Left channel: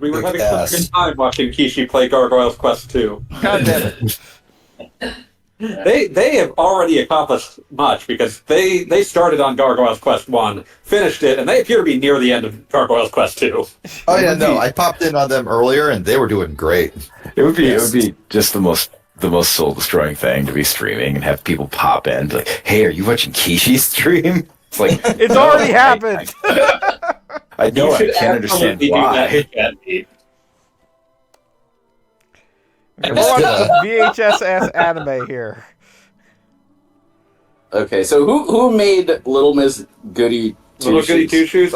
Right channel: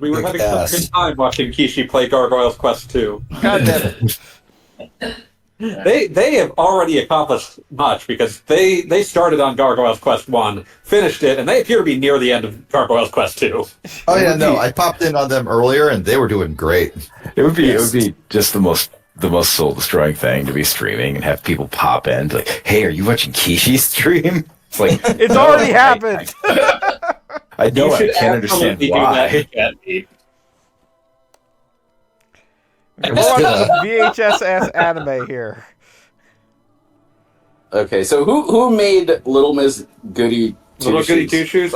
We were having such a good time watching Kishi play Gargoyle's Quest 2. God damn it. They have already accomplished much because they started on Gargoyle's Quest 1, finished it, and they appear to be near the end of Gargoyle's Quest 2. Oh yeah, no, I popped in on them earlier and they were doing great. It would be just the most soul destroying thing to be streaming and have people pop in, be like, "Hey, are you watching Kishi's stream?" It's like It's already happened. I know. I can't understand why. We're watching the VHS anime here. Okay, so who made Little Miss Goody Two Little Shoes? Goody Two Shoes?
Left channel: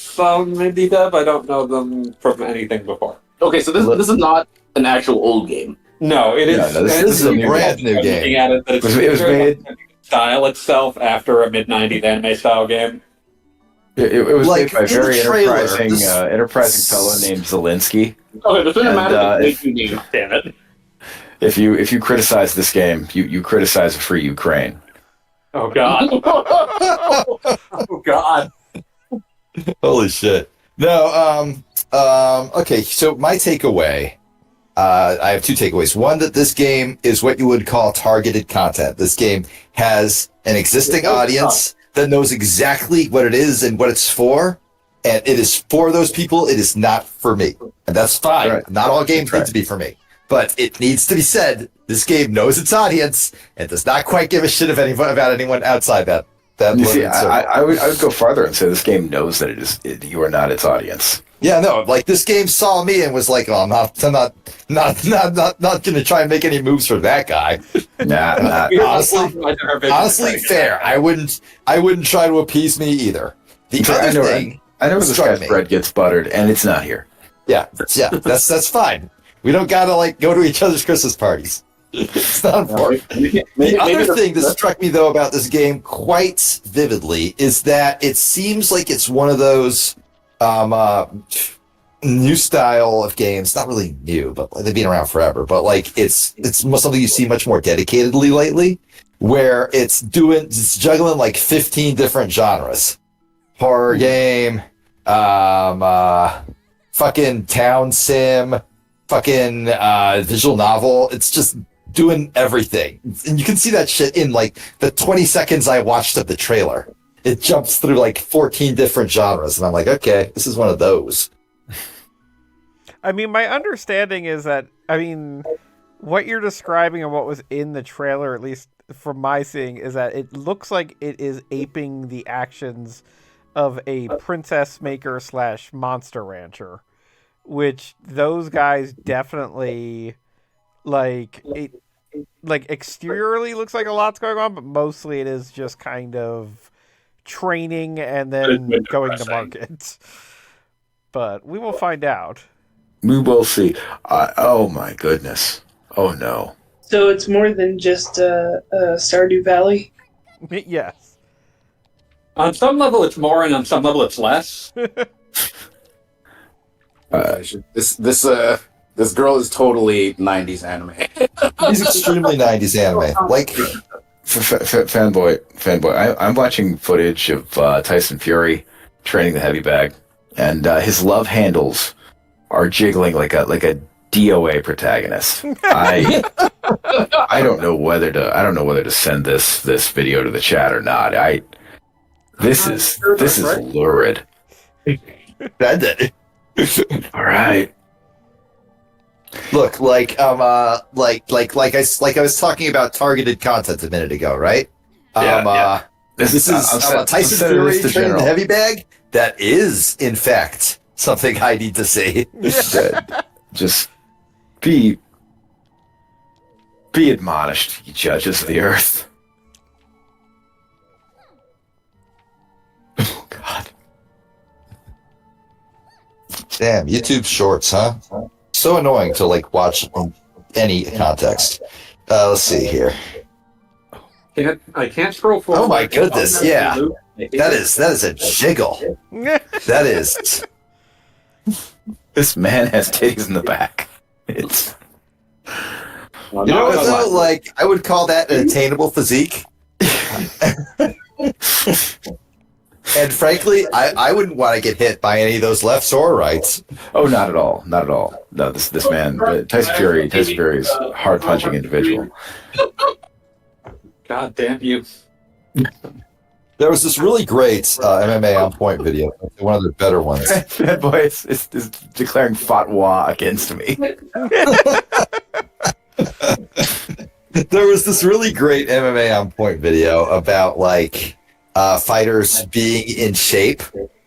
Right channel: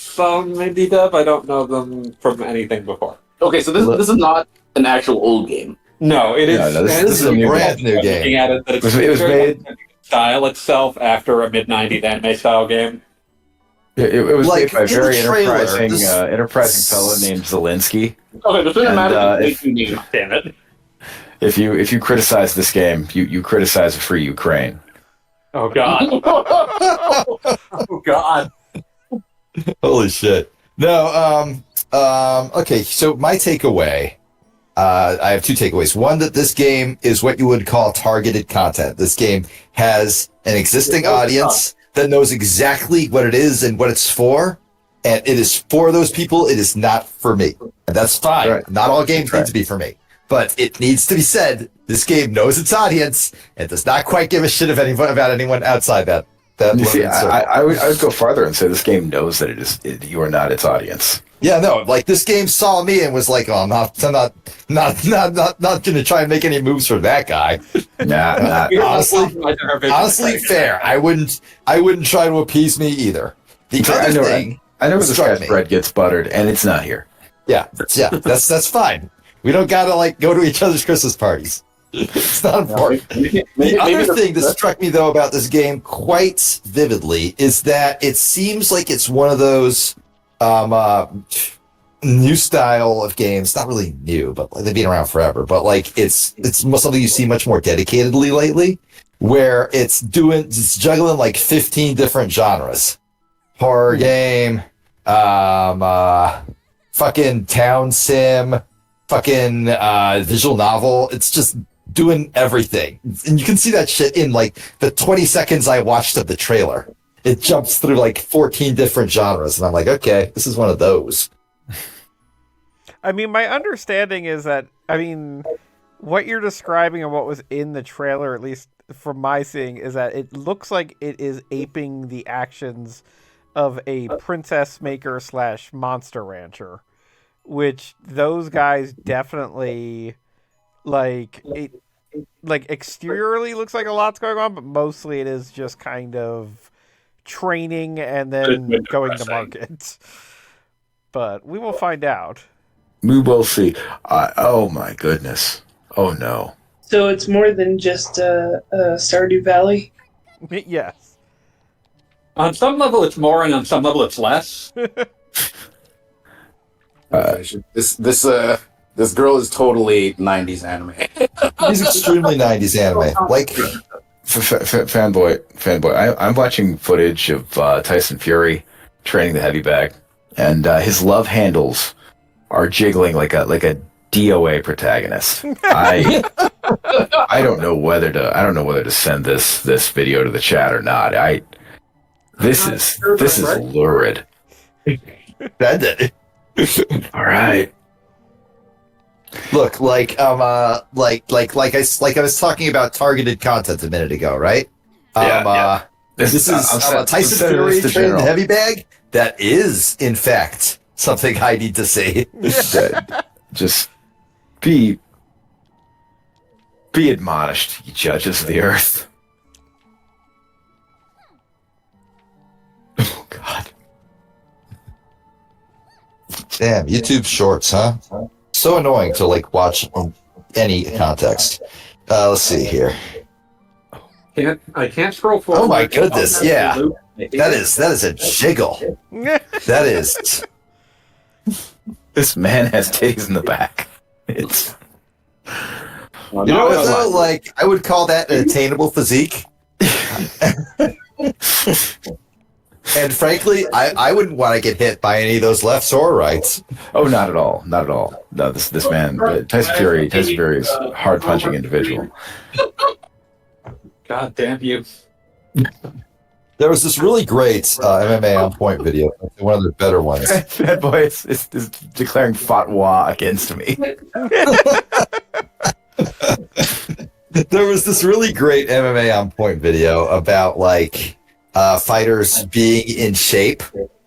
Some maybe dub. I don't know them from anything before. Okay, so this is not an actual old game. No, it is. No, this is a brand new game. Looking at it, that It was made. Style itself after a mid-90s anime style game. It was Like, made by a in the very trailer, enterprising fellow named Zelensky. Okay, the cinematic And, is new name. Damn it! If you criticize this game, you criticize a free Ukraine. Oh god! Oh god! Holy shit. No, okay, so my takeaway, I have two takeaways. One, that this game is what you would call targeted content. This game has an existing audience that knows exactly what it is and what it's for, and it is for those people. It is not for me, and that's fine. Right. Not all games need to be for me, but it needs to be said. This game knows its audience and does not quite give a shit about anyone outside that. You see, limited circle. I would go farther and say this game knows that you are not its audience. Yeah, no, like this game saw me and was like, "Oh, I'm not going to try and make any moves for that guy." Nah. Honestly, fair. I wouldn't try to appease me either. The other thing, I know this struck guy's me. bread gets buttered, and it's not here. Yeah, that's fine. We don't gotta like go to each other's Christmas parties. It's not important. The other thing that struck me though about this game quite vividly is that it seems like it's one of those new style of games. Not really new, but they've been around forever. But like it's something you see much more dedicatedly lately, where it's juggling like 15 different genres: horror game, fucking town sim, fucking visual novel. It's just doing everything. And you can see that shit in like the 20 seconds I watched of the trailer. It jumps through like 14 different genres. And I'm like, okay, this is one of those. I mean, my understanding is that, what you're describing and what was in the trailer, at least from my seeing, is that it looks like it is aping the actions of a princess maker / monster rancher, which those guys definitely exteriorly looks like a lot's going on, but mostly it is just kind of training and then going to market. But we will find out. We will see. Oh my goodness. Oh no. So it's more than just Stardew Valley? Yes. On some level it's more, and on some level it's less. This girl is totally 90s anime. He's extremely 90s anime. Like, fanboy. I'm watching footage of Tyson Fury training the heavy bag, and his love handles are jiggling like a DOA protagonist. I don't know whether to send this video to the chat or not. This is lurid. Send it. All right. Look, like I was talking about targeted content a minute ago, right? Yeah. This is Tyson Fury training the heavy bag. That is, in fact, something I need to see. Just be admonished, you judges of the earth. Oh God. Damn, YouTube Shorts, huh? So annoying to like watch in any context. Let's see here. I can't scroll forward. Oh my goodness, yeah. That is a jiggle. That is. This man has titties in the back. It's. You know what though? Like, I would call that an attainable physique. And frankly, I wouldn't want to get hit by any of those lefts or rights. Oh, not at all. Not at all. No, this man, Tyson Fury is a hard punching individual. God damn you. There was this really great MMA on point video, one of the better ones. That boy is declaring fatwa against me. There was this really great MMA on point video about like fighters being in shape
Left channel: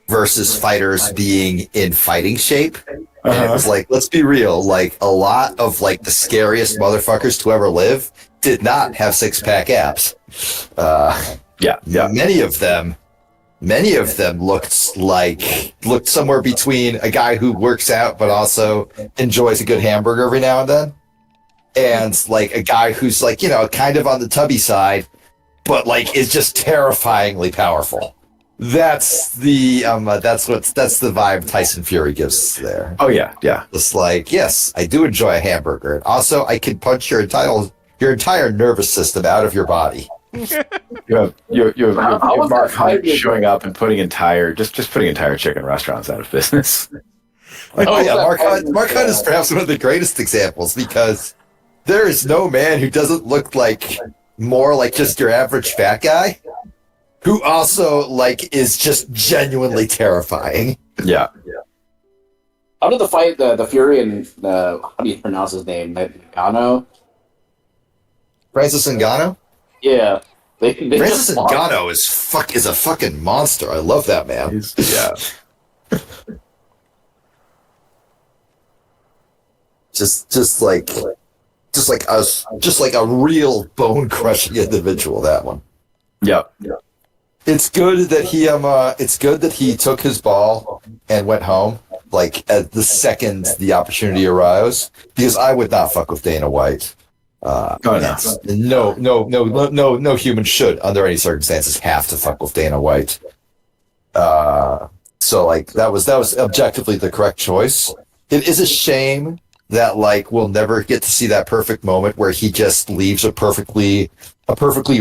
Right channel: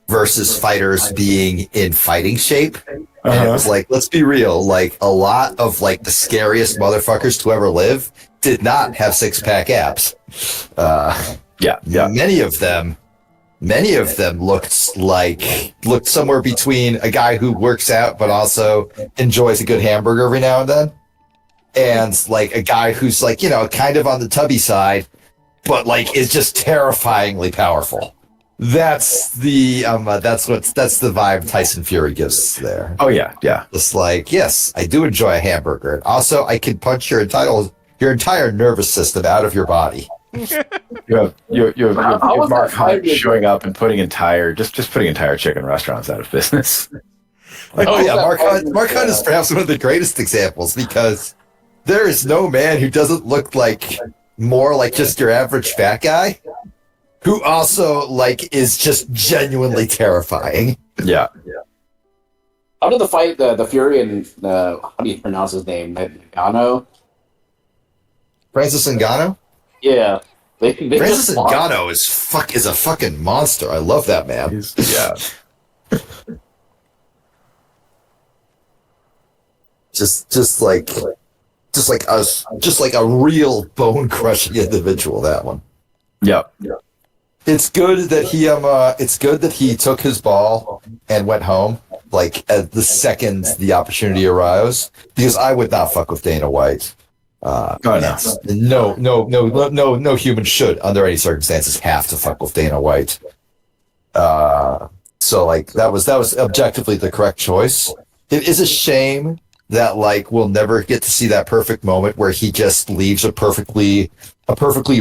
versus fighters being in fighting shape. And it was like, let's be real, like a lot of like the scariest motherfuckers to ever live did not have six-pack abs. Yeah. Many of them looked somewhere between a guy who works out but also enjoys a good hamburger every now and then, and like a guy who's like, you know, kind of on the tubby side, but like is just terrifyingly powerful. That's the vibe Tyson Fury gives there. Oh yeah. It's like, yes, I do enjoy a hamburger. Also, I can punch your entire nervous system out of your body. You have Mark Hunt showing up and putting entire chicken restaurants out of business. Oh yeah, Mark Hunt is perhaps one of the greatest examples, because there is no man who doesn't look like more like just your average fat guy, who also like is just genuinely terrifying. Yeah. How did the fight, the Fury and how do you pronounce his name? Ngannou? Francis Ngannou? Yeah. They Francis just fought. Ngannou is a fucking monster. I love that man. Yeah. Just like a real bone crushing individual, that one. Yeah. It's good that he took his ball and went home, like at the second the opportunity arose, because I would not fuck with Dana White. No human should, under any circumstances, have to fuck with Dana White. So like that was objectively the correct choice. It is a shame that like we'll never get to see that perfect moment where he just leaves a perfectly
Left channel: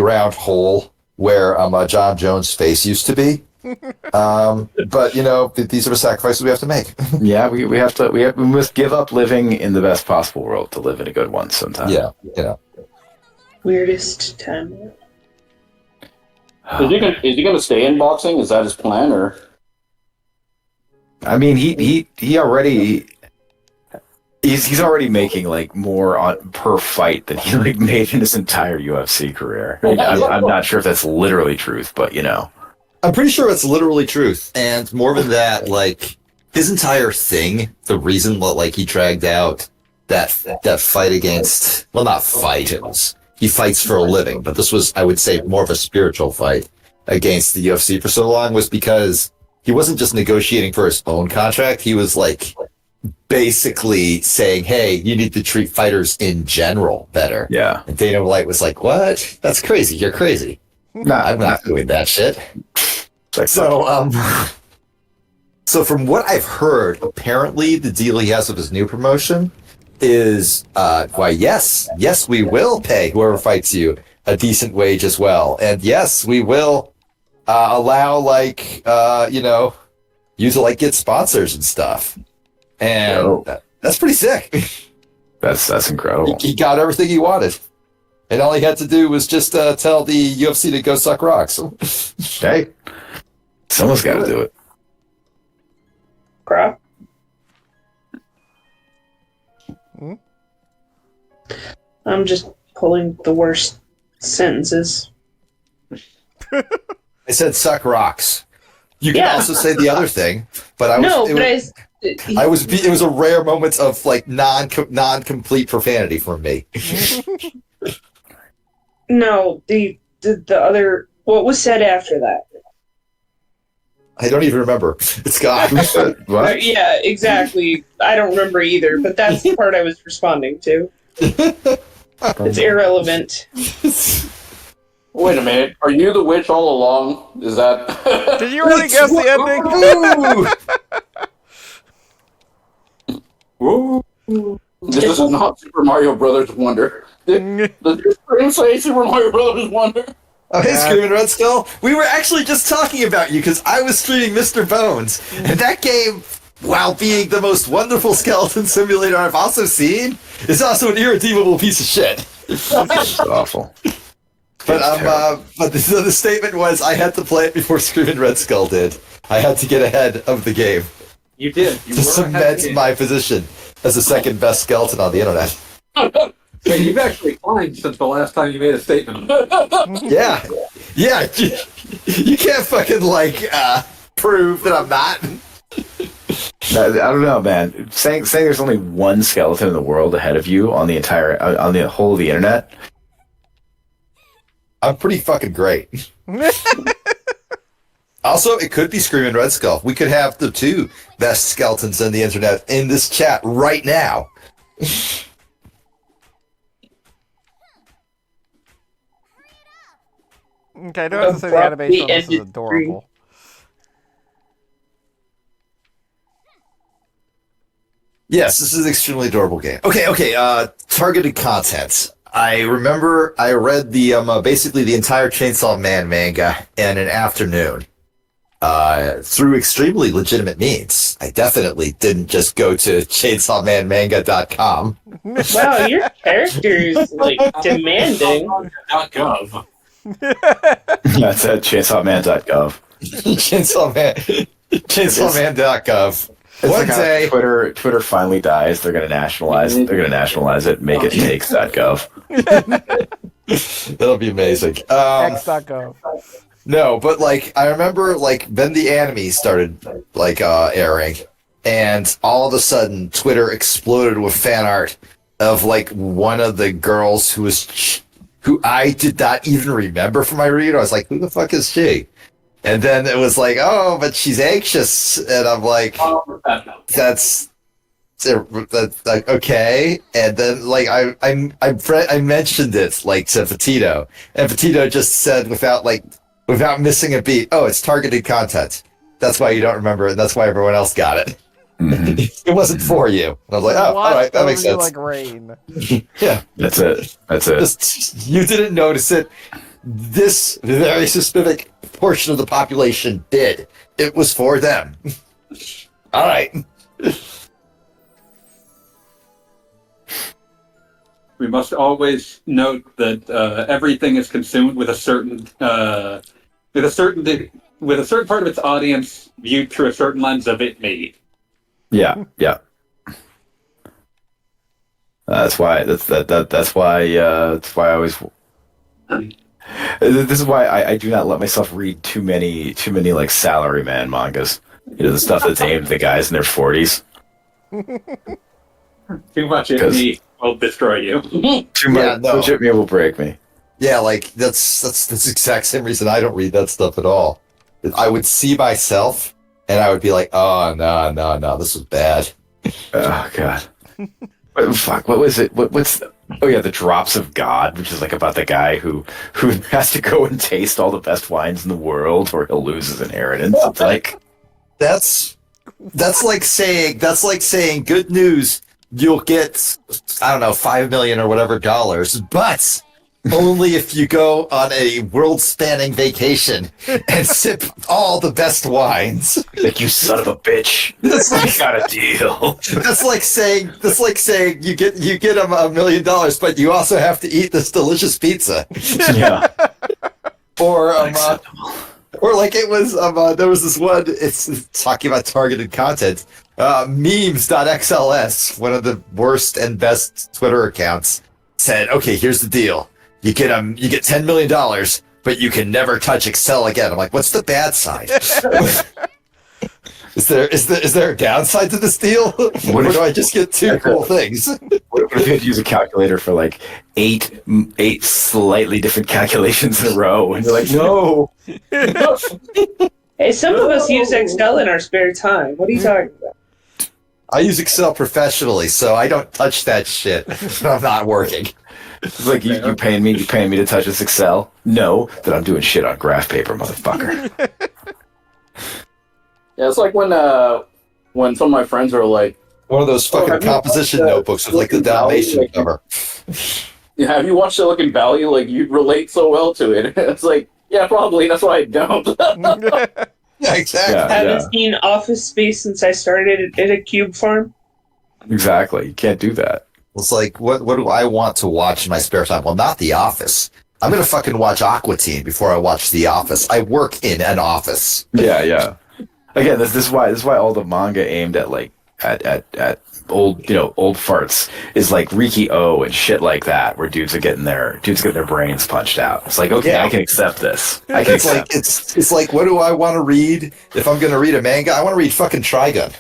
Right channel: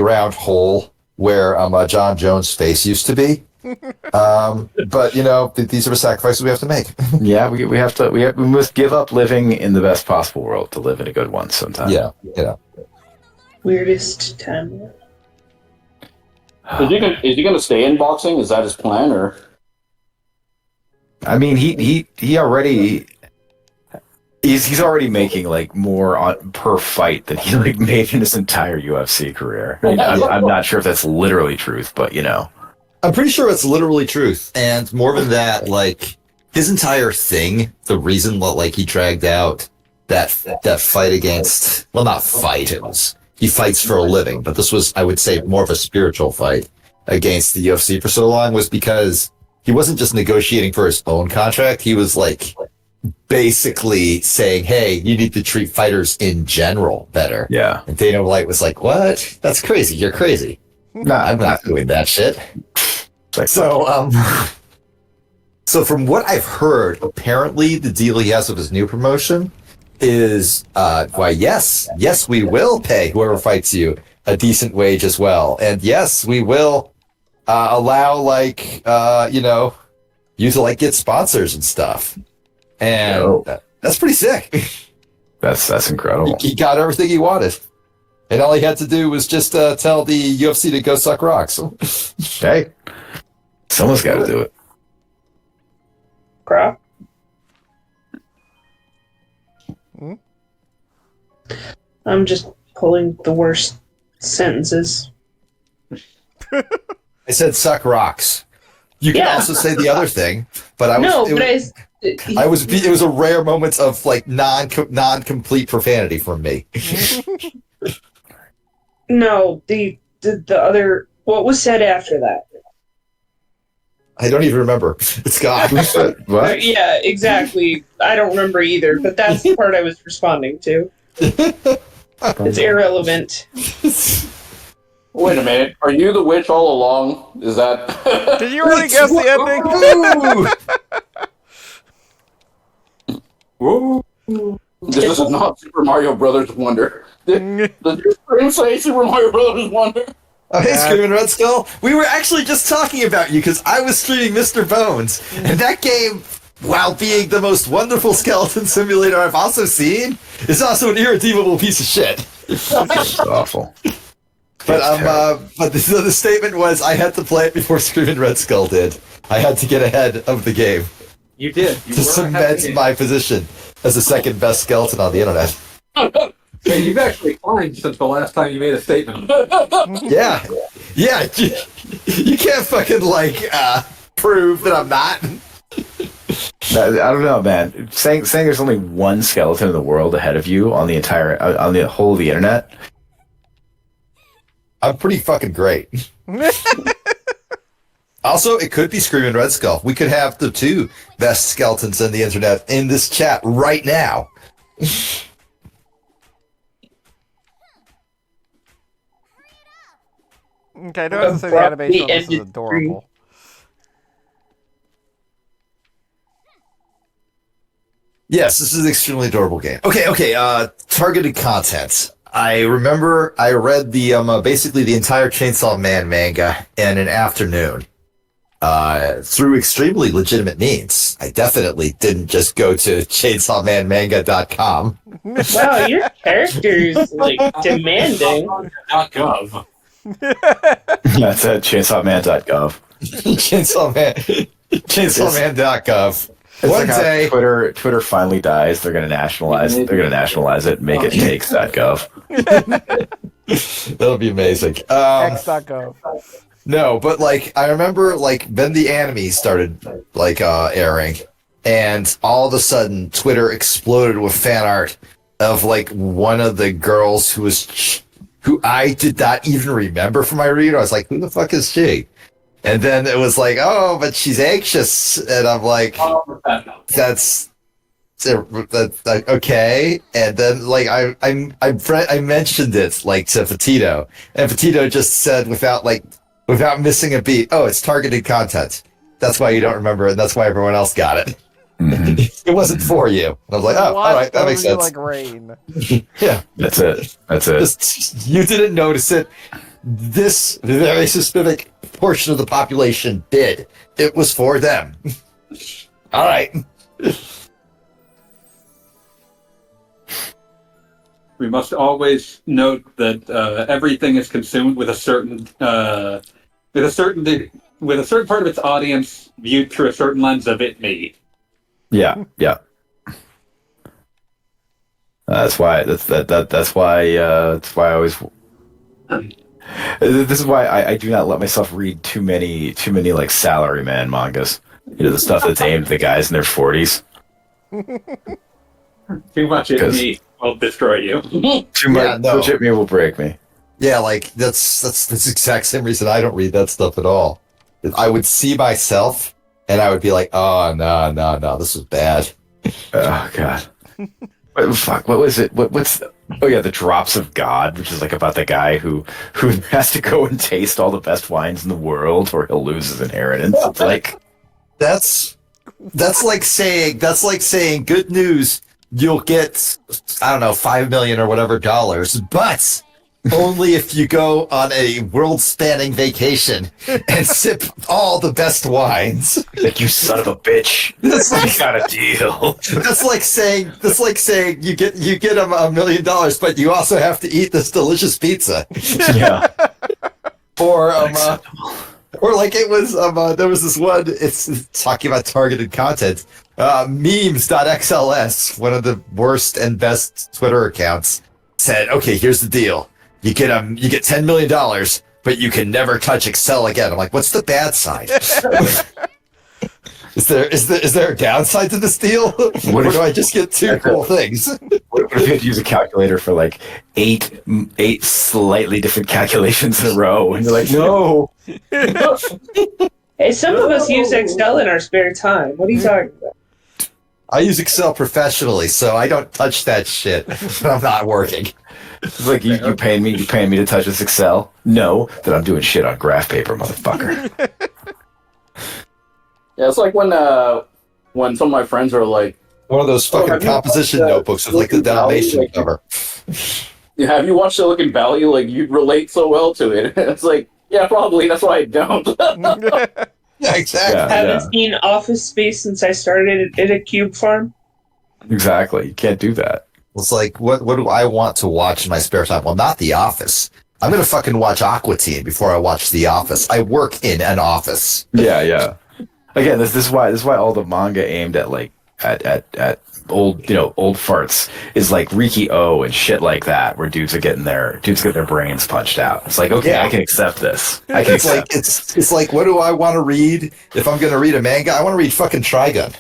round hole where John Jones' face used to be. But you know, these are the sacrifices we have to make. Yeah, we must give up living in the best possible world to live in a good one sometime. Yeah. Weirdest time. Is he gonna stay in boxing? Is that his plan, or? I mean, he already he's already making like more per fight than he like made in his entire UFC career. I'm not sure if that's literally truth, but you know, I'm pretty sure it's literally truth. And more than that, like his entire thing, the reason that like he dragged out that fight against, well, not fight, it was, he fights for a living, but this was, I would say, more of a spiritual fight against the UFC for so long, was because he wasn't just negotiating for his own contract. He was like basically saying, hey, you need to treat fighters in general better. Yeah. And Dana White was like, what? That's crazy. You're crazy. No, I'm not doing that shit. So from what I've heard, apparently the deal he has with his new promotion is, why, yes, we will pay whoever fights you a decent wage as well. And yes, we will allow, like, you to, like, get sponsors and stuff. And that's pretty sick. That's incredible. He got everything he wanted. And all he had to do was just tell the UFC to go suck rocks. Hey, someone's got to do it. Crap. I'm just pulling the worst sentences. I said suck rocks. You can also say the other thing, but it was a rare moment of like non-complete profanity from me. No, the other, what was said after that? I don't even remember. It's gone. What? Yeah, exactly. I don't remember either, but that's the part I was responding to. It's irrelevant. Wait a minute. Are you the witch all along? Is that... Did you already guess the ending? Woo! This is not Super Mario Brothers Wonder. Did your screen say Super Mario Brothers Wonder? Oh, hey, Screaming Red Skull. We were actually just talking about you because I was streaming Mr. Bones, and that game, while being the most wonderful skeleton simulator I've also seen, is also an irredeemable piece of shit. It's awful. But the statement was I had to play it before Screaming Red Skull did. I had to get ahead of the game You did. You to cement my position as the second best skeleton on the internet. Hey, you've actually climbed since the last time you made a statement. Yeah. You can't fucking, prove that I'm not. I don't know, man. Saying there's only one skeleton in the world ahead of you on the whole of the internet. I'm pretty fucking great. Also, it could be Screaming Red Skull. We could have the two best skeletons on the internet in this chat right now. Okay, I do have to say the animation on this is adorable. Yes, this is an extremely adorable game. Okay, targeted content. I remember I read the basically the entire Chainsaw Man manga in an afternoon through extremely legitimate means. I definitely didn't just go to chainsawmanmanga.com. Wow, your character's like demanding. .gov. That's at chainsawman.gov. Chainsawman.gov. It's One like how day, Twitter finally dies. They're gonna nationalize it. Make it takes.gov. that'll be amazing. X.gov. No, but I remember then the anime started airing, and all of a sudden Twitter exploded with fan art of one of the girls who I did not even remember from my read. I was like, who the fuck is she? And then it was oh, but she's anxious, and I'm like, that's okay. And then I mentioned it to Petito, and Petito just said without missing a beat, oh, it's targeted content. That's why you don't remember it, and that's why everyone else got it. Mm-hmm. It wasn't for you. And I was like, oh, all right, that makes sense. Like rain. Yeah, That's it. just, you didn't notice it. This very specific portion of the population did. It was for them. All right. We must always note that everything is consumed with a certain part of its audience viewed through a certain lens of it me. Yeah. That's why I always. This is why I do not let myself read too many salaryman mangas. The stuff that's aimed at the guys in their 40s. Too much in me will destroy you. Too much at me will break me. Yeah, that's the exact same reason I don't read that stuff at all. I would see myself, and I would be like, oh, no, this is bad. Oh, God. Fuck, what was it? The Drops of God, which is about the guy who has to go and taste all the best wines in the world or he'll lose his inheritance. It's that's like saying good news, you'll get, I don't know, $5 million or whatever dollars, but only if you go on a world-spanning vacation and sip all the best wines. you son of a bitch. I got a deal. That's like saying you get $1 million, but you also have to eat this delicious pizza. Yeah. Or it was there was this one. It's talking about targeted content. Memes.xls, one of the worst and best Twitter accounts, said, "Okay, here's the deal. You get $10 million, but you can never touch Excel again." I'm like, what's the bad side? Is there a downside to this deal? Or do I just get two cool things? What if you had to use a calculator for eight slightly different calculations in a row? And you're like, no. Hey, some of us use Excel in our spare time. What are you talking about? I use Excel professionally, so I don't touch that shit when I'm not working. It's like you paying me to touch this Excel? No, that I'm doing shit on graph paper, motherfucker. Yeah, it's like when some of my friends are like, One of those fucking composition notebooks with the Dalmatian cover. have you watched Silicon Valley? Like, you relate so well to it. It's like, yeah, probably. That's why I don't. Yeah, exactly. Yeah. Haven't seen Office Space since I started at a cube farm. Exactly. You can't do that. It's like, what do I want to watch in my spare time? Well, not The Office. I'm going to fucking watch Aqua Teen before I watch The Office. I work in an office. Yeah. Again, this is why all the manga aimed at like at old farts is like Riki O and shit like that, where dudes get their brains punched out. It's like, okay, Yeah. I can accept this. I can It's like it's like, what do I want to read? If I'm going to read a manga, I want to read fucking Trigun.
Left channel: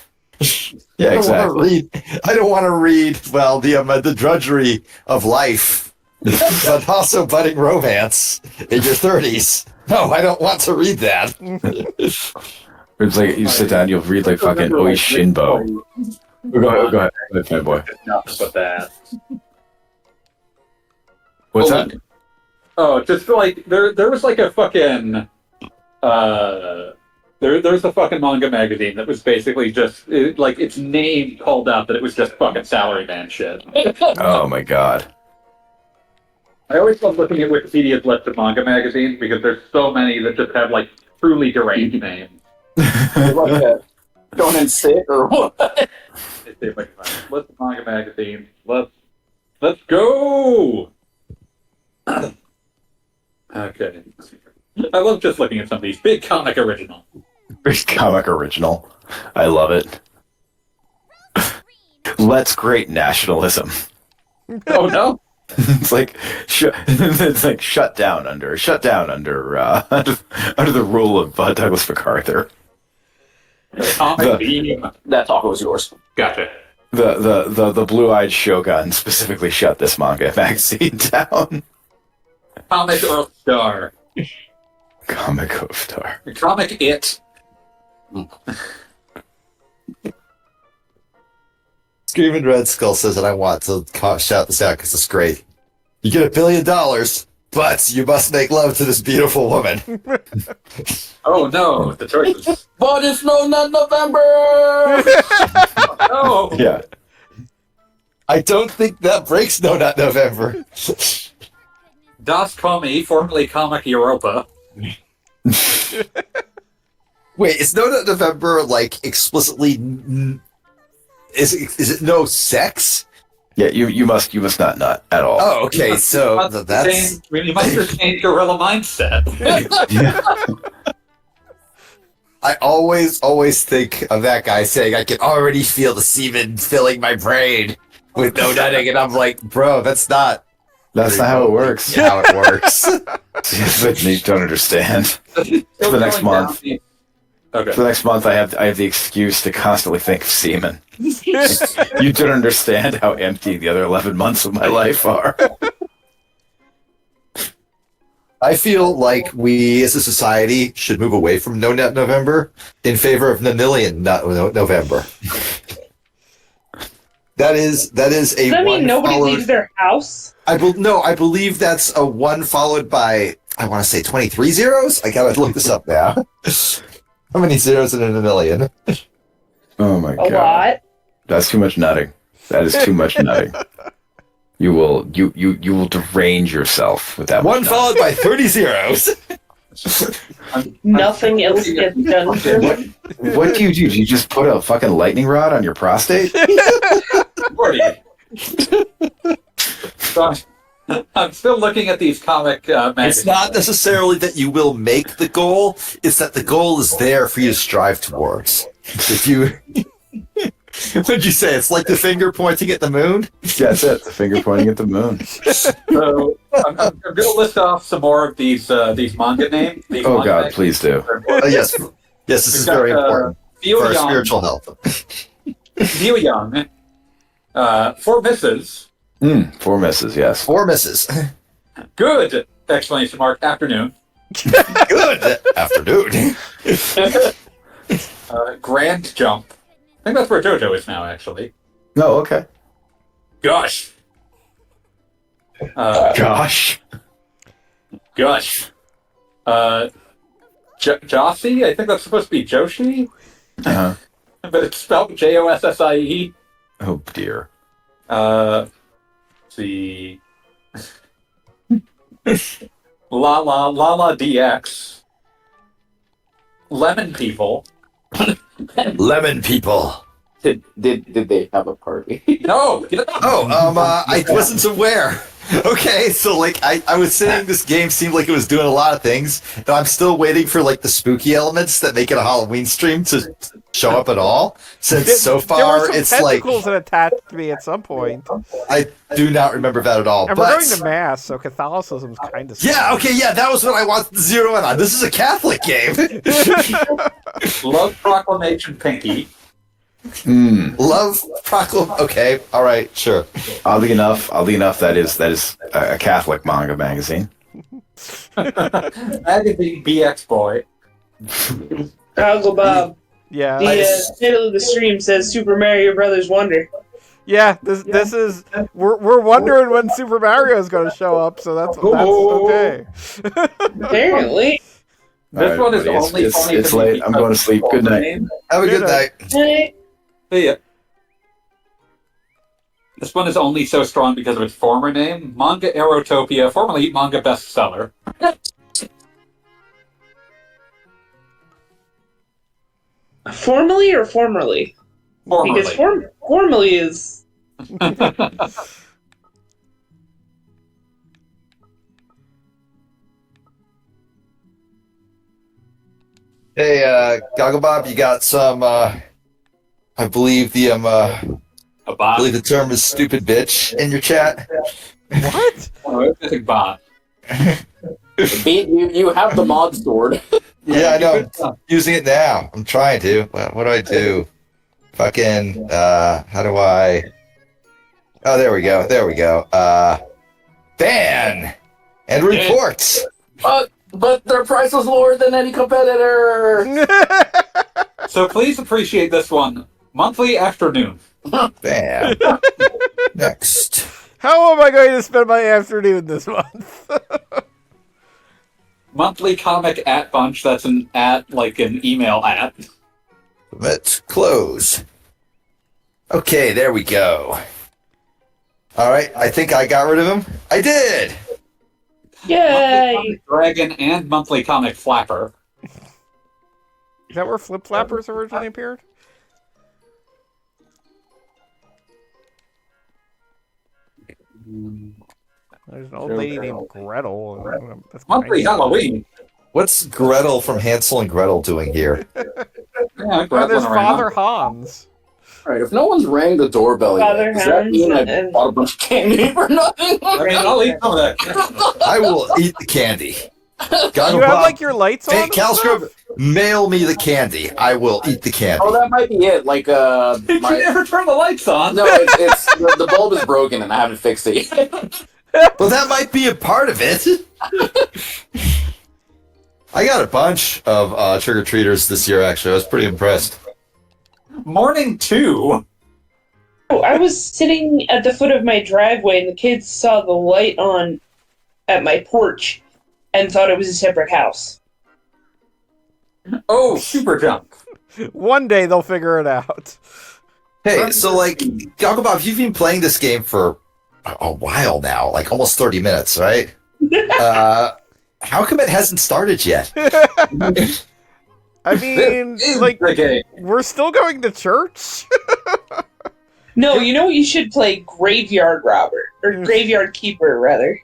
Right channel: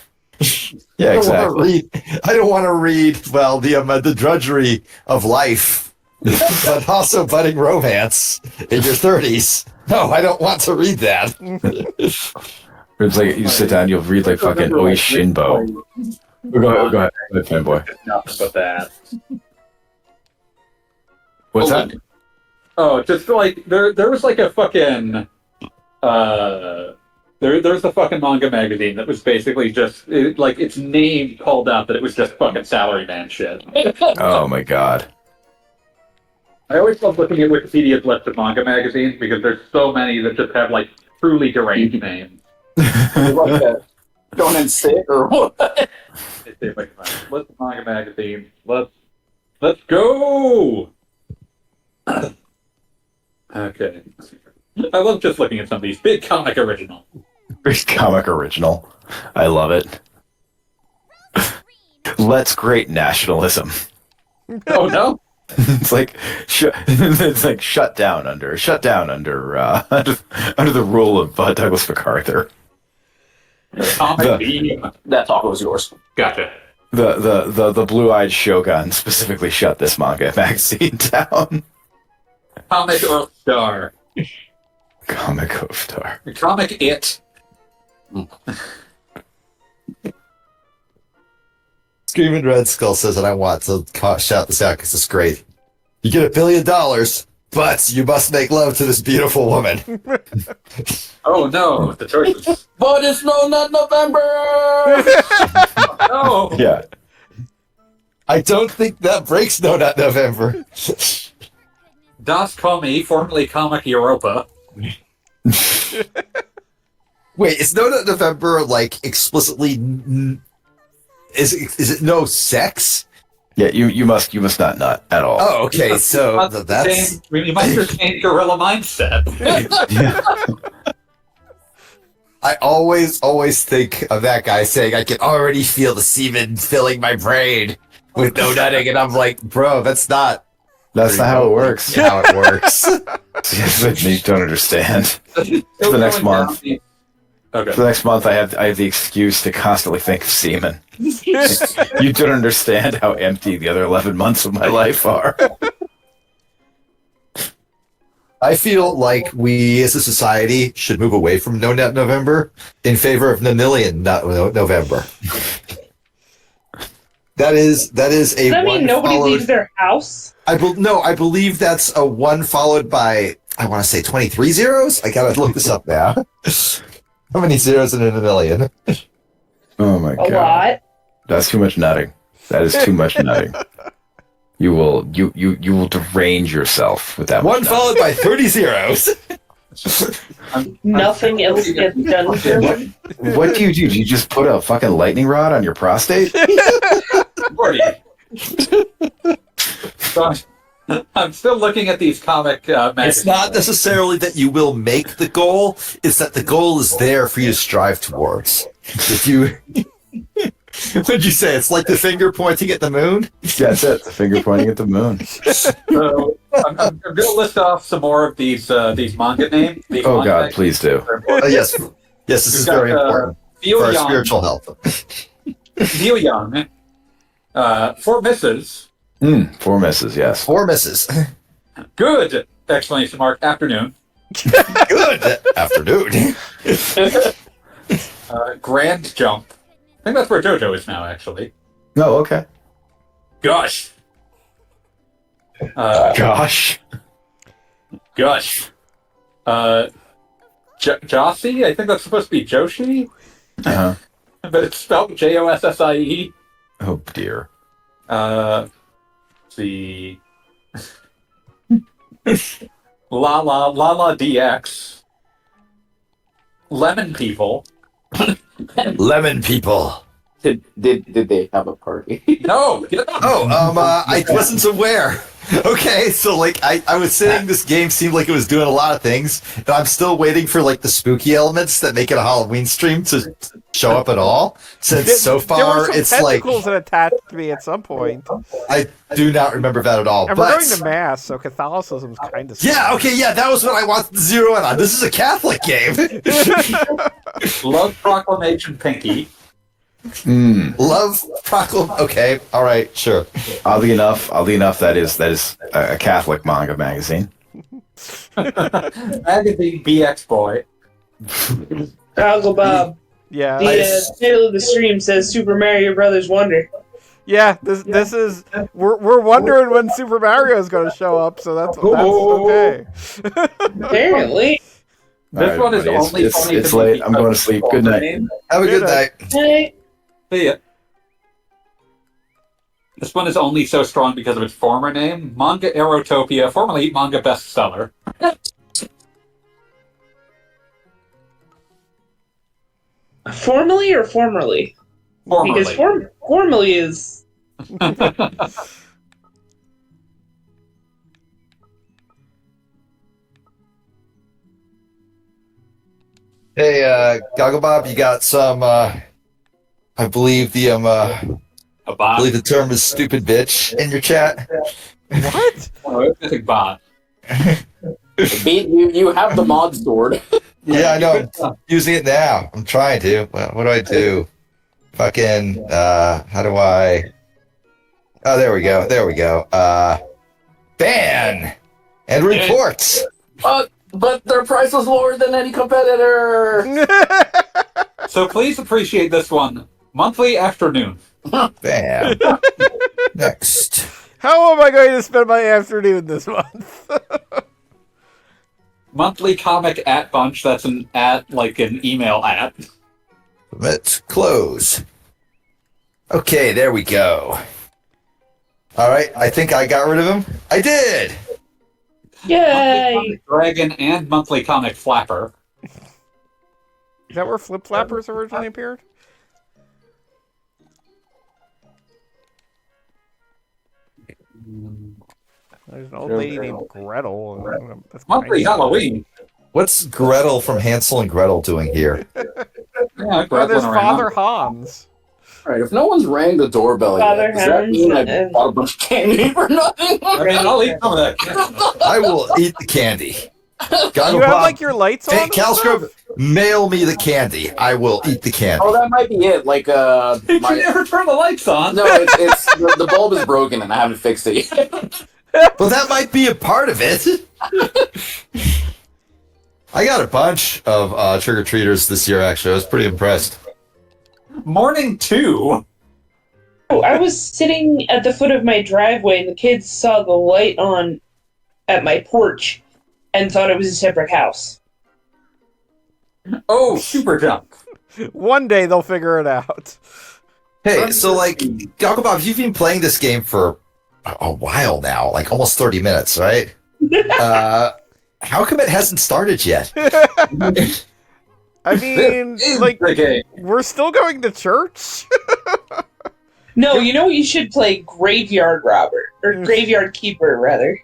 yeah, I exactly. don't want to read well the drudgery of life, but also budding romance in your 30s. No, I don't want to read that. It's like you sit down, you'll read like fucking Oishinbo. Go ahead, fanboy. Nothing but that. What's that? Oh, just like there was like a fucking there's a fucking manga magazine that was basically just like its name called out that it was just fucking salaryman shit. Oh my god. I always love looking at Wikipedia's list of manga magazines because there's so many that just have like truly deranged names. Like that. Going in sick or what? Let's see if I can find it. List of manga magazines. Let's go. Okay. I love just looking at some of these big comic original. Big comic original. I love it. Let's great nationalism. Oh no. It's like shut down under under the rule of Douglas MacArthur. Comic beam. That taco is yours. Gotcha. The blue-eyed shogun specifically shut this manga magazine down. Comic Earth Star. Comic Hofstar. Comic It. Screaming Red Skull says that I want to shout this out because it's great. You get $1 billion, but you must make love to this beautiful woman. Oh no, the choices. But it's not November! No. Yeah. I don't think that breaks No Not November. Das Comi, formerly Comic Europa. Wait, is No Not November like explicitly? Is it no sex? Yeah, you must not nut at all. Oh, okay. So that's You must retain gorilla mindset. I always think of that guy saying, "I can already feel the semen filling my brain with no nutting," and I'm like, "Bro, that's not how it works. how it works." You don't understand. For the next month. Okay. For the next month, I have the excuse to constantly think of semen. You don't understand how empty the other 11 months of my life are. I feel like we, as a society, should move away from No Nut November in favor of Nonillion November. That is a. Does that mean nobody leaves their house? I believe that's a one followed by, I want to say 23 zeros. I gotta look this up now. How many zeros in a million? Oh my god. A lot. That's too much nutting. That is too much nutting. You will derange yourself with that. One much followed by 30 zeros. Nothing else gets done for me. What do? Do you just put a fucking lightning rod on your prostate? So I'm still looking at these comic magazines. It's not necessarily that you will make the goal, it's that the goal is there for you to strive towards. If you... What'd you say? It's like the finger pointing at the moon? That's it. The finger pointing at the moon. So I'm going to list off some more of these manga names. These Oh manga god, names. please do. Yes, this is very important for our spiritual health. Neil Young. 4 misses. 4 misses, yes. 4 misses. Good! Exclamation mark. Afternoon. Good afternoon. Grand Jump. I think that's where JoJo is now, actually. No, okay. Gosh. Gosh. Gosh. Jossie? I think that's supposed to be Joshi, Uh-huh. but it's spelled Jossie. Oh dear. Let's see. La DX. Lemon People. Lemon people. Did they have a party? No. I wasn't aware. Okay, so like I was saying this game seemed like it was doing a lot of things, and I'm still waiting for like the spooky elements that make it a Halloween stream to show up at all. Since so there were far some it's like tentacles that attached to me at some point. I do not remember that at all. And but we're going to mass, so Catholicism's kind of yeah, okay, yeah, that was what I wanted to zero in on. This is a Catholic game. Love Proclamation Pinky. Love Proclam. Okay, all right, sure. Oddly enough, that is a Catholic manga magazine. Magazine BX Boy. Uncle Bob. Yeah. The title of the stream says Super Mario Brothers Wonder. Yeah, this is we're wondering when Super Mario is going to show up, so that's okay. Apparently. This one is only it's late. I'm going to sleep. Good night. Have a good night. Hey. See ya. This one is only so strong because of its former name, Manga Aerotopia, formerly manga bestseller. Formally or formerly? Formerly. Because formally is... Hey, Goggle Bob, you got some I believe the A bot. I believe the term is stupid bitch in your chat. What? Oh, it's a bot. You have the mod sword. Yeah, I know. I'm using it now. I'm trying to. What do I do? Fucking how do I Oh, there we go. There we go. Ban and reports. But their price was lower than any competitor. So please appreciate this one. Monthly afternoon. Bam. Next. How am I going to spend my afternoon this month? Monthly comic at bunch. That's an at, like an email at. Let's close. Okay, there we go. All right, I think I got rid of him. I did. Yay! Monthly Dragon and monthly comic flapper. Is that where Flip Flappers originally appeared? There's an old lady named Gretel. That's Monthly kinda- Halloween. What's Gretel from Hansel and Gretel doing here? Yeah, Oh, grab there's one around. Father Hans. All right, if no one's rang the doorbell Father yet, does that Hans mean I and- bought a bunch of candy for nothing? I mean, I'll eat some of that. I will eat the candy. Goggle You have Bob, like your lights on? hey, and Caliscrub, stuff? mail me the candy. I will eat the candy. Oh, that might be it. Like, You never turn the lights on. no, it's the bulb is broken and I haven't fixed it yet. Well, that might be a part of it. I got a bunch of trick-or-treaters this year, actually. I was pretty impressed. Morning 2. Oh, I was sitting at the foot of my driveway and the kids saw the light on at my porch and thought it was a separate house. Oh, super jump. One day they'll figure it out. Hey, so, like, Goggle Bob, you've been playing this game for a while now, like almost 30 minutes, right? How come it hasn't started yet? I mean, This is like, the game. we're still going to church? No, you know what you should play? Graveyard Robber. Or Graveyard Keeper, rather.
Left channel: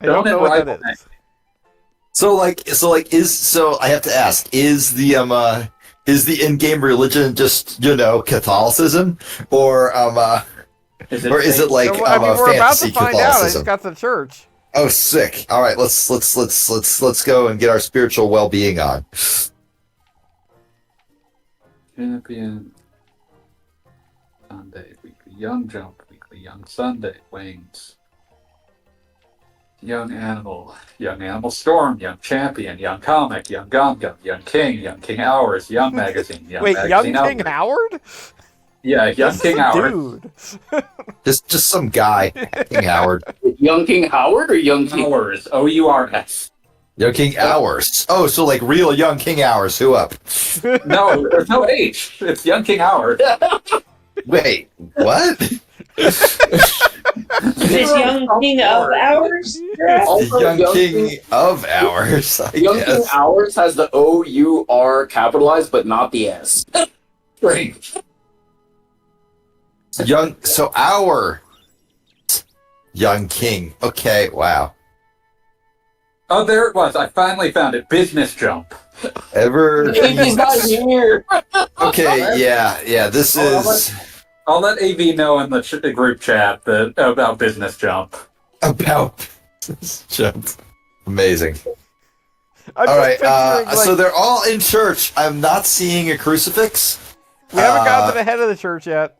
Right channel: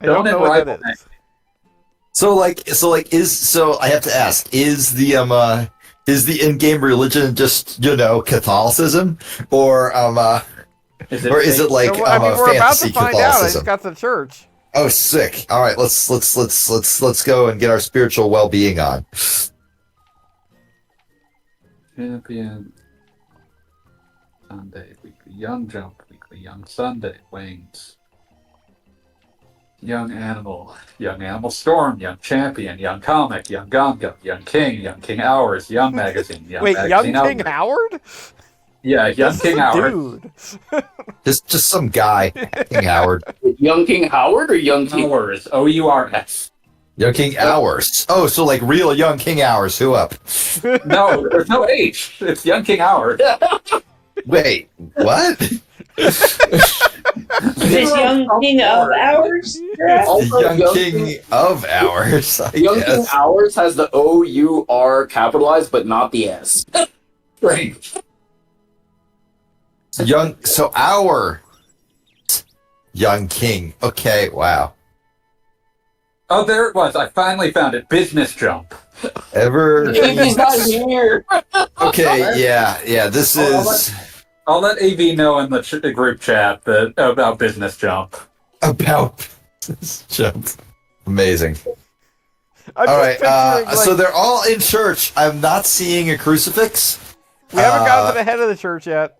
I don't know what that Don't is. So I have to ask, is the in-game religion just, Catholicism? Or is it like I mean, we're about to fantasy find out. I Catholicism? just got to church. Oh, sick. All right, let's go and get our spiritual well-being on. Champion. Sunday, weekly young jump, weekly young Sunday, wings. Young animal storm, young champion, young comic, young Gum Gum, young king hours, young magazine, young Wait, magazine Young King outlet. Howard? Yeah, young This is King a Howard. dude. Just some guy, King Howard. Young King Howard or Young King? Hours, OURS. Young King Hours. Oh, so like real Young King Hours. Who up? No, there's no H. It's young King Howard. Wait, what? This young king of ours? Giraffe? Also, Young King of Ours. I Young King guess. Ours has the O-U-R capitalized, but not the S. Great. So our Young King. Okay, wow. Oh, there it was. I finally found it. Business jump. He's not here. Okay, yeah. This is I'll let AV know in the group chat that about business jump. about this jump. Amazing. I'm All just right, picturing, like, so they're all in church. I'm not seeing a crucifix. we haven't gotten to the head of the church yet.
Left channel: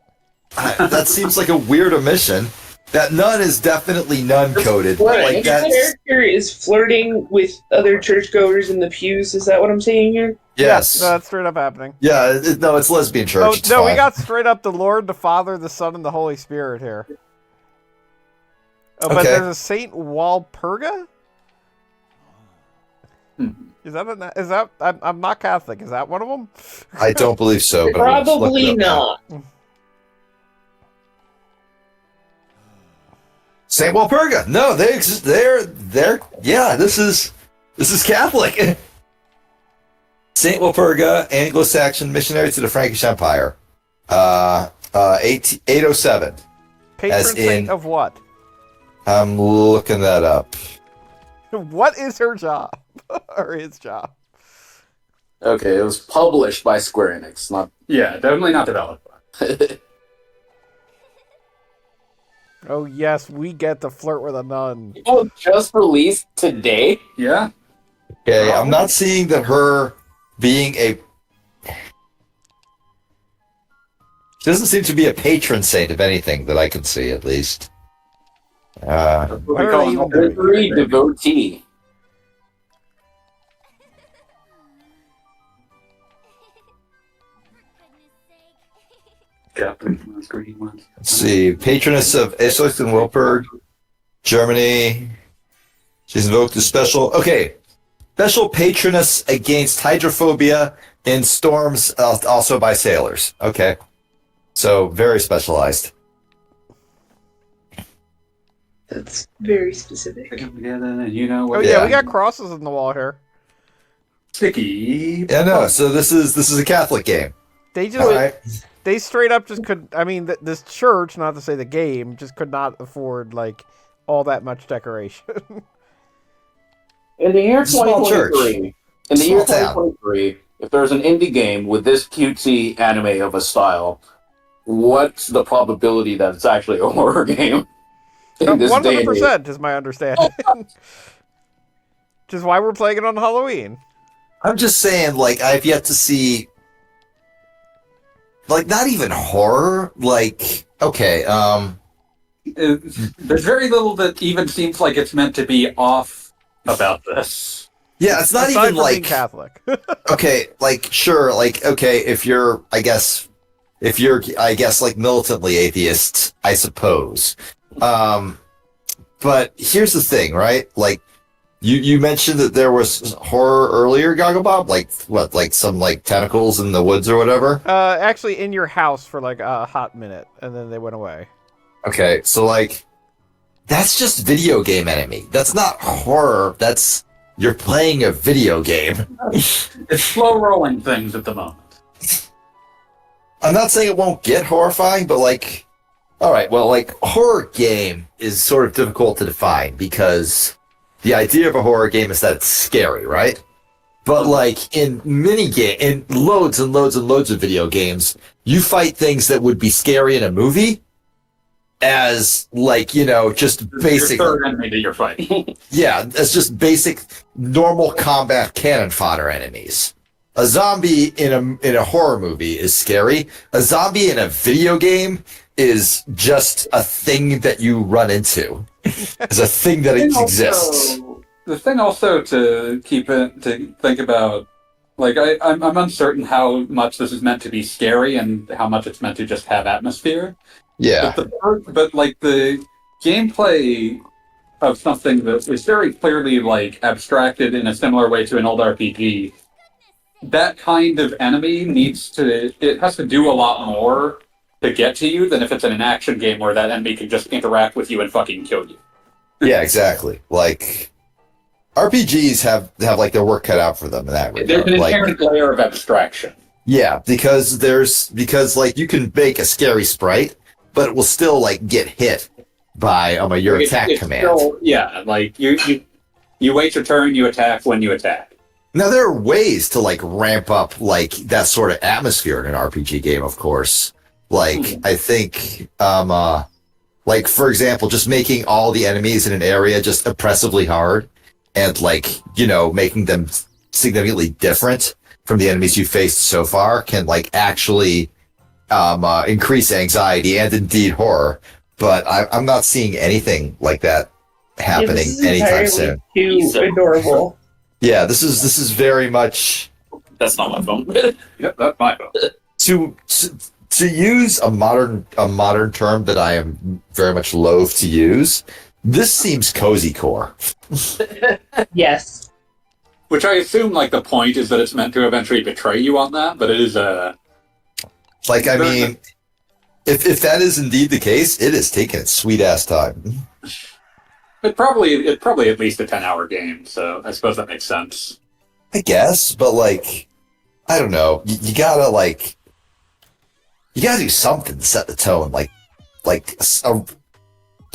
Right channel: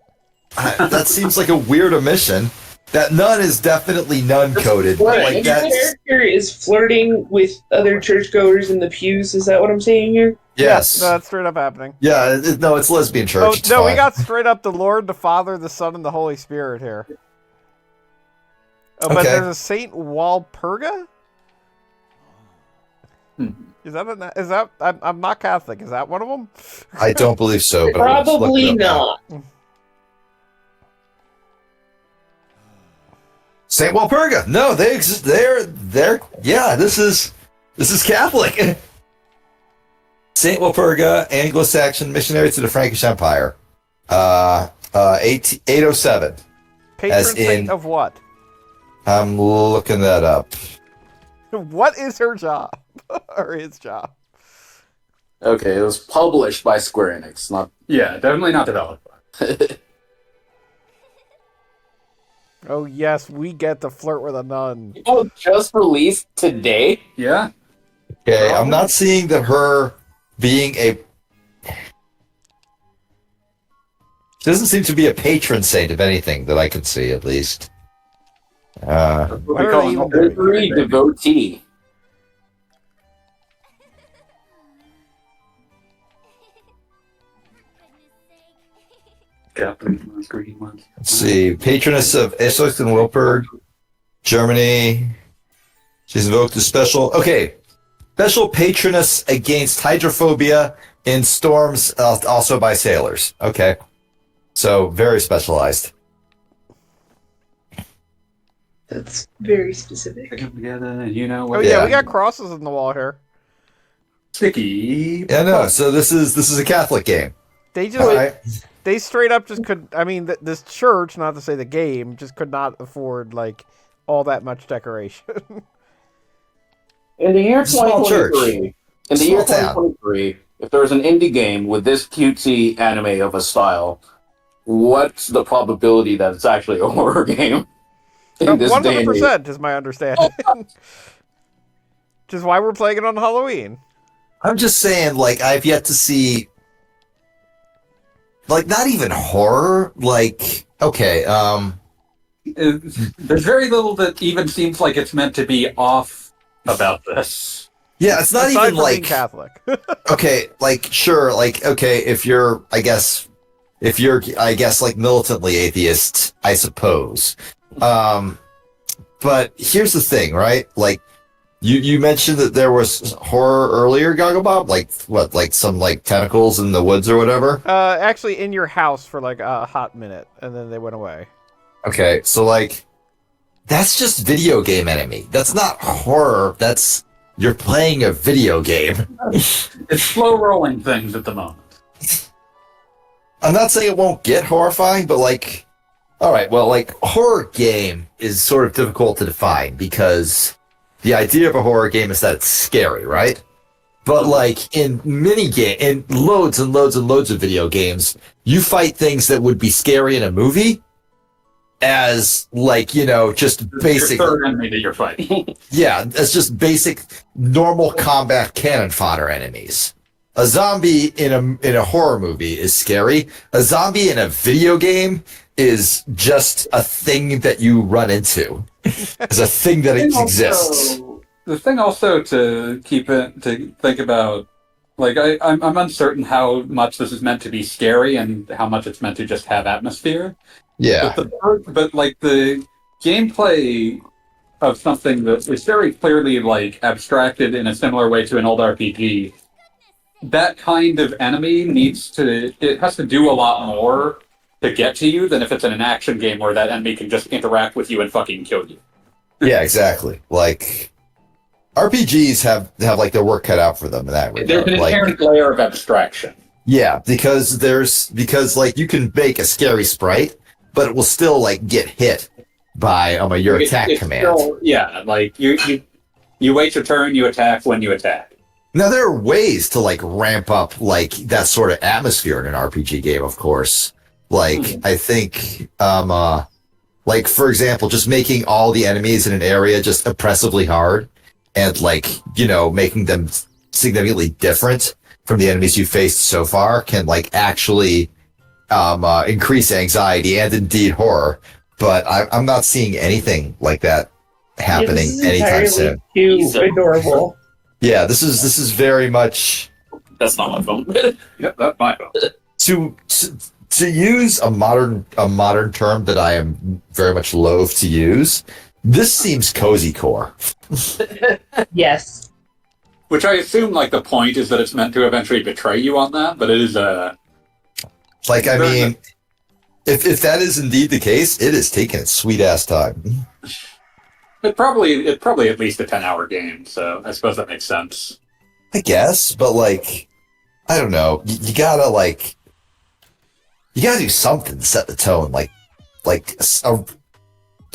That seems like a weird omission. That nun is definitely nun coded. Right, Like your that's character is flirting with other churchgoers in the pews. Is that what I'm saying here? yes. Yeah, no, that's straight up happening. Yeah, no, it's lesbian church. Oh It's no, we fine. got straight up the Lord, the Father, the Son, and the Holy Spirit here. Oh, but Okay. there's a Saint Walpurga. Hmm. Is that? I'm not Catholic. Is that one of them? I don't believe so. But let's look Probably it up now. not. Saint Walpurga. No, they exist. They're. Yeah, this is Catholic. Saint Walpurga, Anglo-Saxon missionary to the Frankish Empire. 807. Patron As saint in- of what? I'm looking that up. What is her job or his job? Okay, it was published by Square Enix, not. Yeah, definitely not developed. Oh yes, we get to flirt with a nun. Oh, just released today? Yeah. Okay, I'm not seeing that her being a. She doesn't seem to be a patron saint of anything that I can see, at least. What are they even doing? Every devotee. Catholic ones, green ones. Let's see. Patroness of Essex and Wilpurg, Germany. She's invoked a special. Okay. Special patroness against hydrophobia in storms, also by sailors. Okay. So, very specialized. That's very specific. They come together, and you know Oh what? yeah, Yeah. we got crosses in the wall here. Sticky. Yeah, no. So, this is a Catholic game. They just All right. they straight up just could. I mean, this church, not to say the game, just could not afford like all that much decoration. In the year Small church. 2023, in the year Small town. 2023, if there's an indie game with this cutesy anime of a style, what's the probability that it's actually a horror game? In this day and age? 100% is my understanding. Which is why we're playing it on Halloween. I'm just saying, like, I've yet to see, like, not even horror. Like, okay, There's very little that even seems like it's meant to be off about this. yeah, it's not Aside even from being like, Catholic. okay, like, sure, like, okay, if you're, I guess, like, militantly atheist, I suppose. But here's the thing, right? Like, you mentioned that there was horror earlier, Gogglebob? Like, what, like some, like, tentacles in the woods or whatever? Actually, in your house for like a hot minute, and then they went away. Okay, so, like, that's just video game enemy. That's not horror. That's, you're playing a video game. It's slow rolling things at the moment. I'm not saying it won't get horrifying, but like, all right, well, like, horror game is sort of difficult to define because the idea of a horror game is that it's scary, right? But like in in loads and loads and loads of video games, you fight things that would be scary in a movie as like, you know, just basic. Your third enemy that you're fighting. Yeah, as just basic normal combat cannon fodder enemies. A zombie in a horror movie is scary. A zombie in a video game is just a thing that you run into. It's a thing that exists. The thing also to think about, like I'm uncertain how much this is meant to be scary and how much it's meant to just have atmosphere. Yeah. But like the gameplay of something that is very clearly like abstracted in a similar way to an old RPG, that kind of enemy it has to do a lot more to get to you than if it's in an action game where that enemy can just interact with you and fucking kill you. Yeah, exactly. Like RPGs have like their work cut out for them in that regard. There's an inherent layer of abstraction. Yeah, because like you can make a scary sprite, but it will still like get hit by your attack command. Still, yeah, like you wait your turn, you attack when you attack. Now there are ways to like ramp up like that sort of atmosphere in an RPG game, of course. Like I think like for example, just making all the enemies in an area just oppressively hard and like, making them significantly different from the enemies you faced so far can like actually increase anxiety and indeed horror. But I'm not seeing anything like that happening anytime soon. Too adorable. Yeah, this is very much. That's not my phone. Yep, that's my phone. To use a modern term that I am very much loath to use, this seems cozy core. Yes. Which I assume, like, the point is that it's meant to eventually betray you on that, but it is like, I mean, if that is indeed the case, it is taking its sweet ass time. It's probably at least a 10-hour game, so I suppose that makes sense. I guess, but like, I don't know. You gotta do something to set the tone,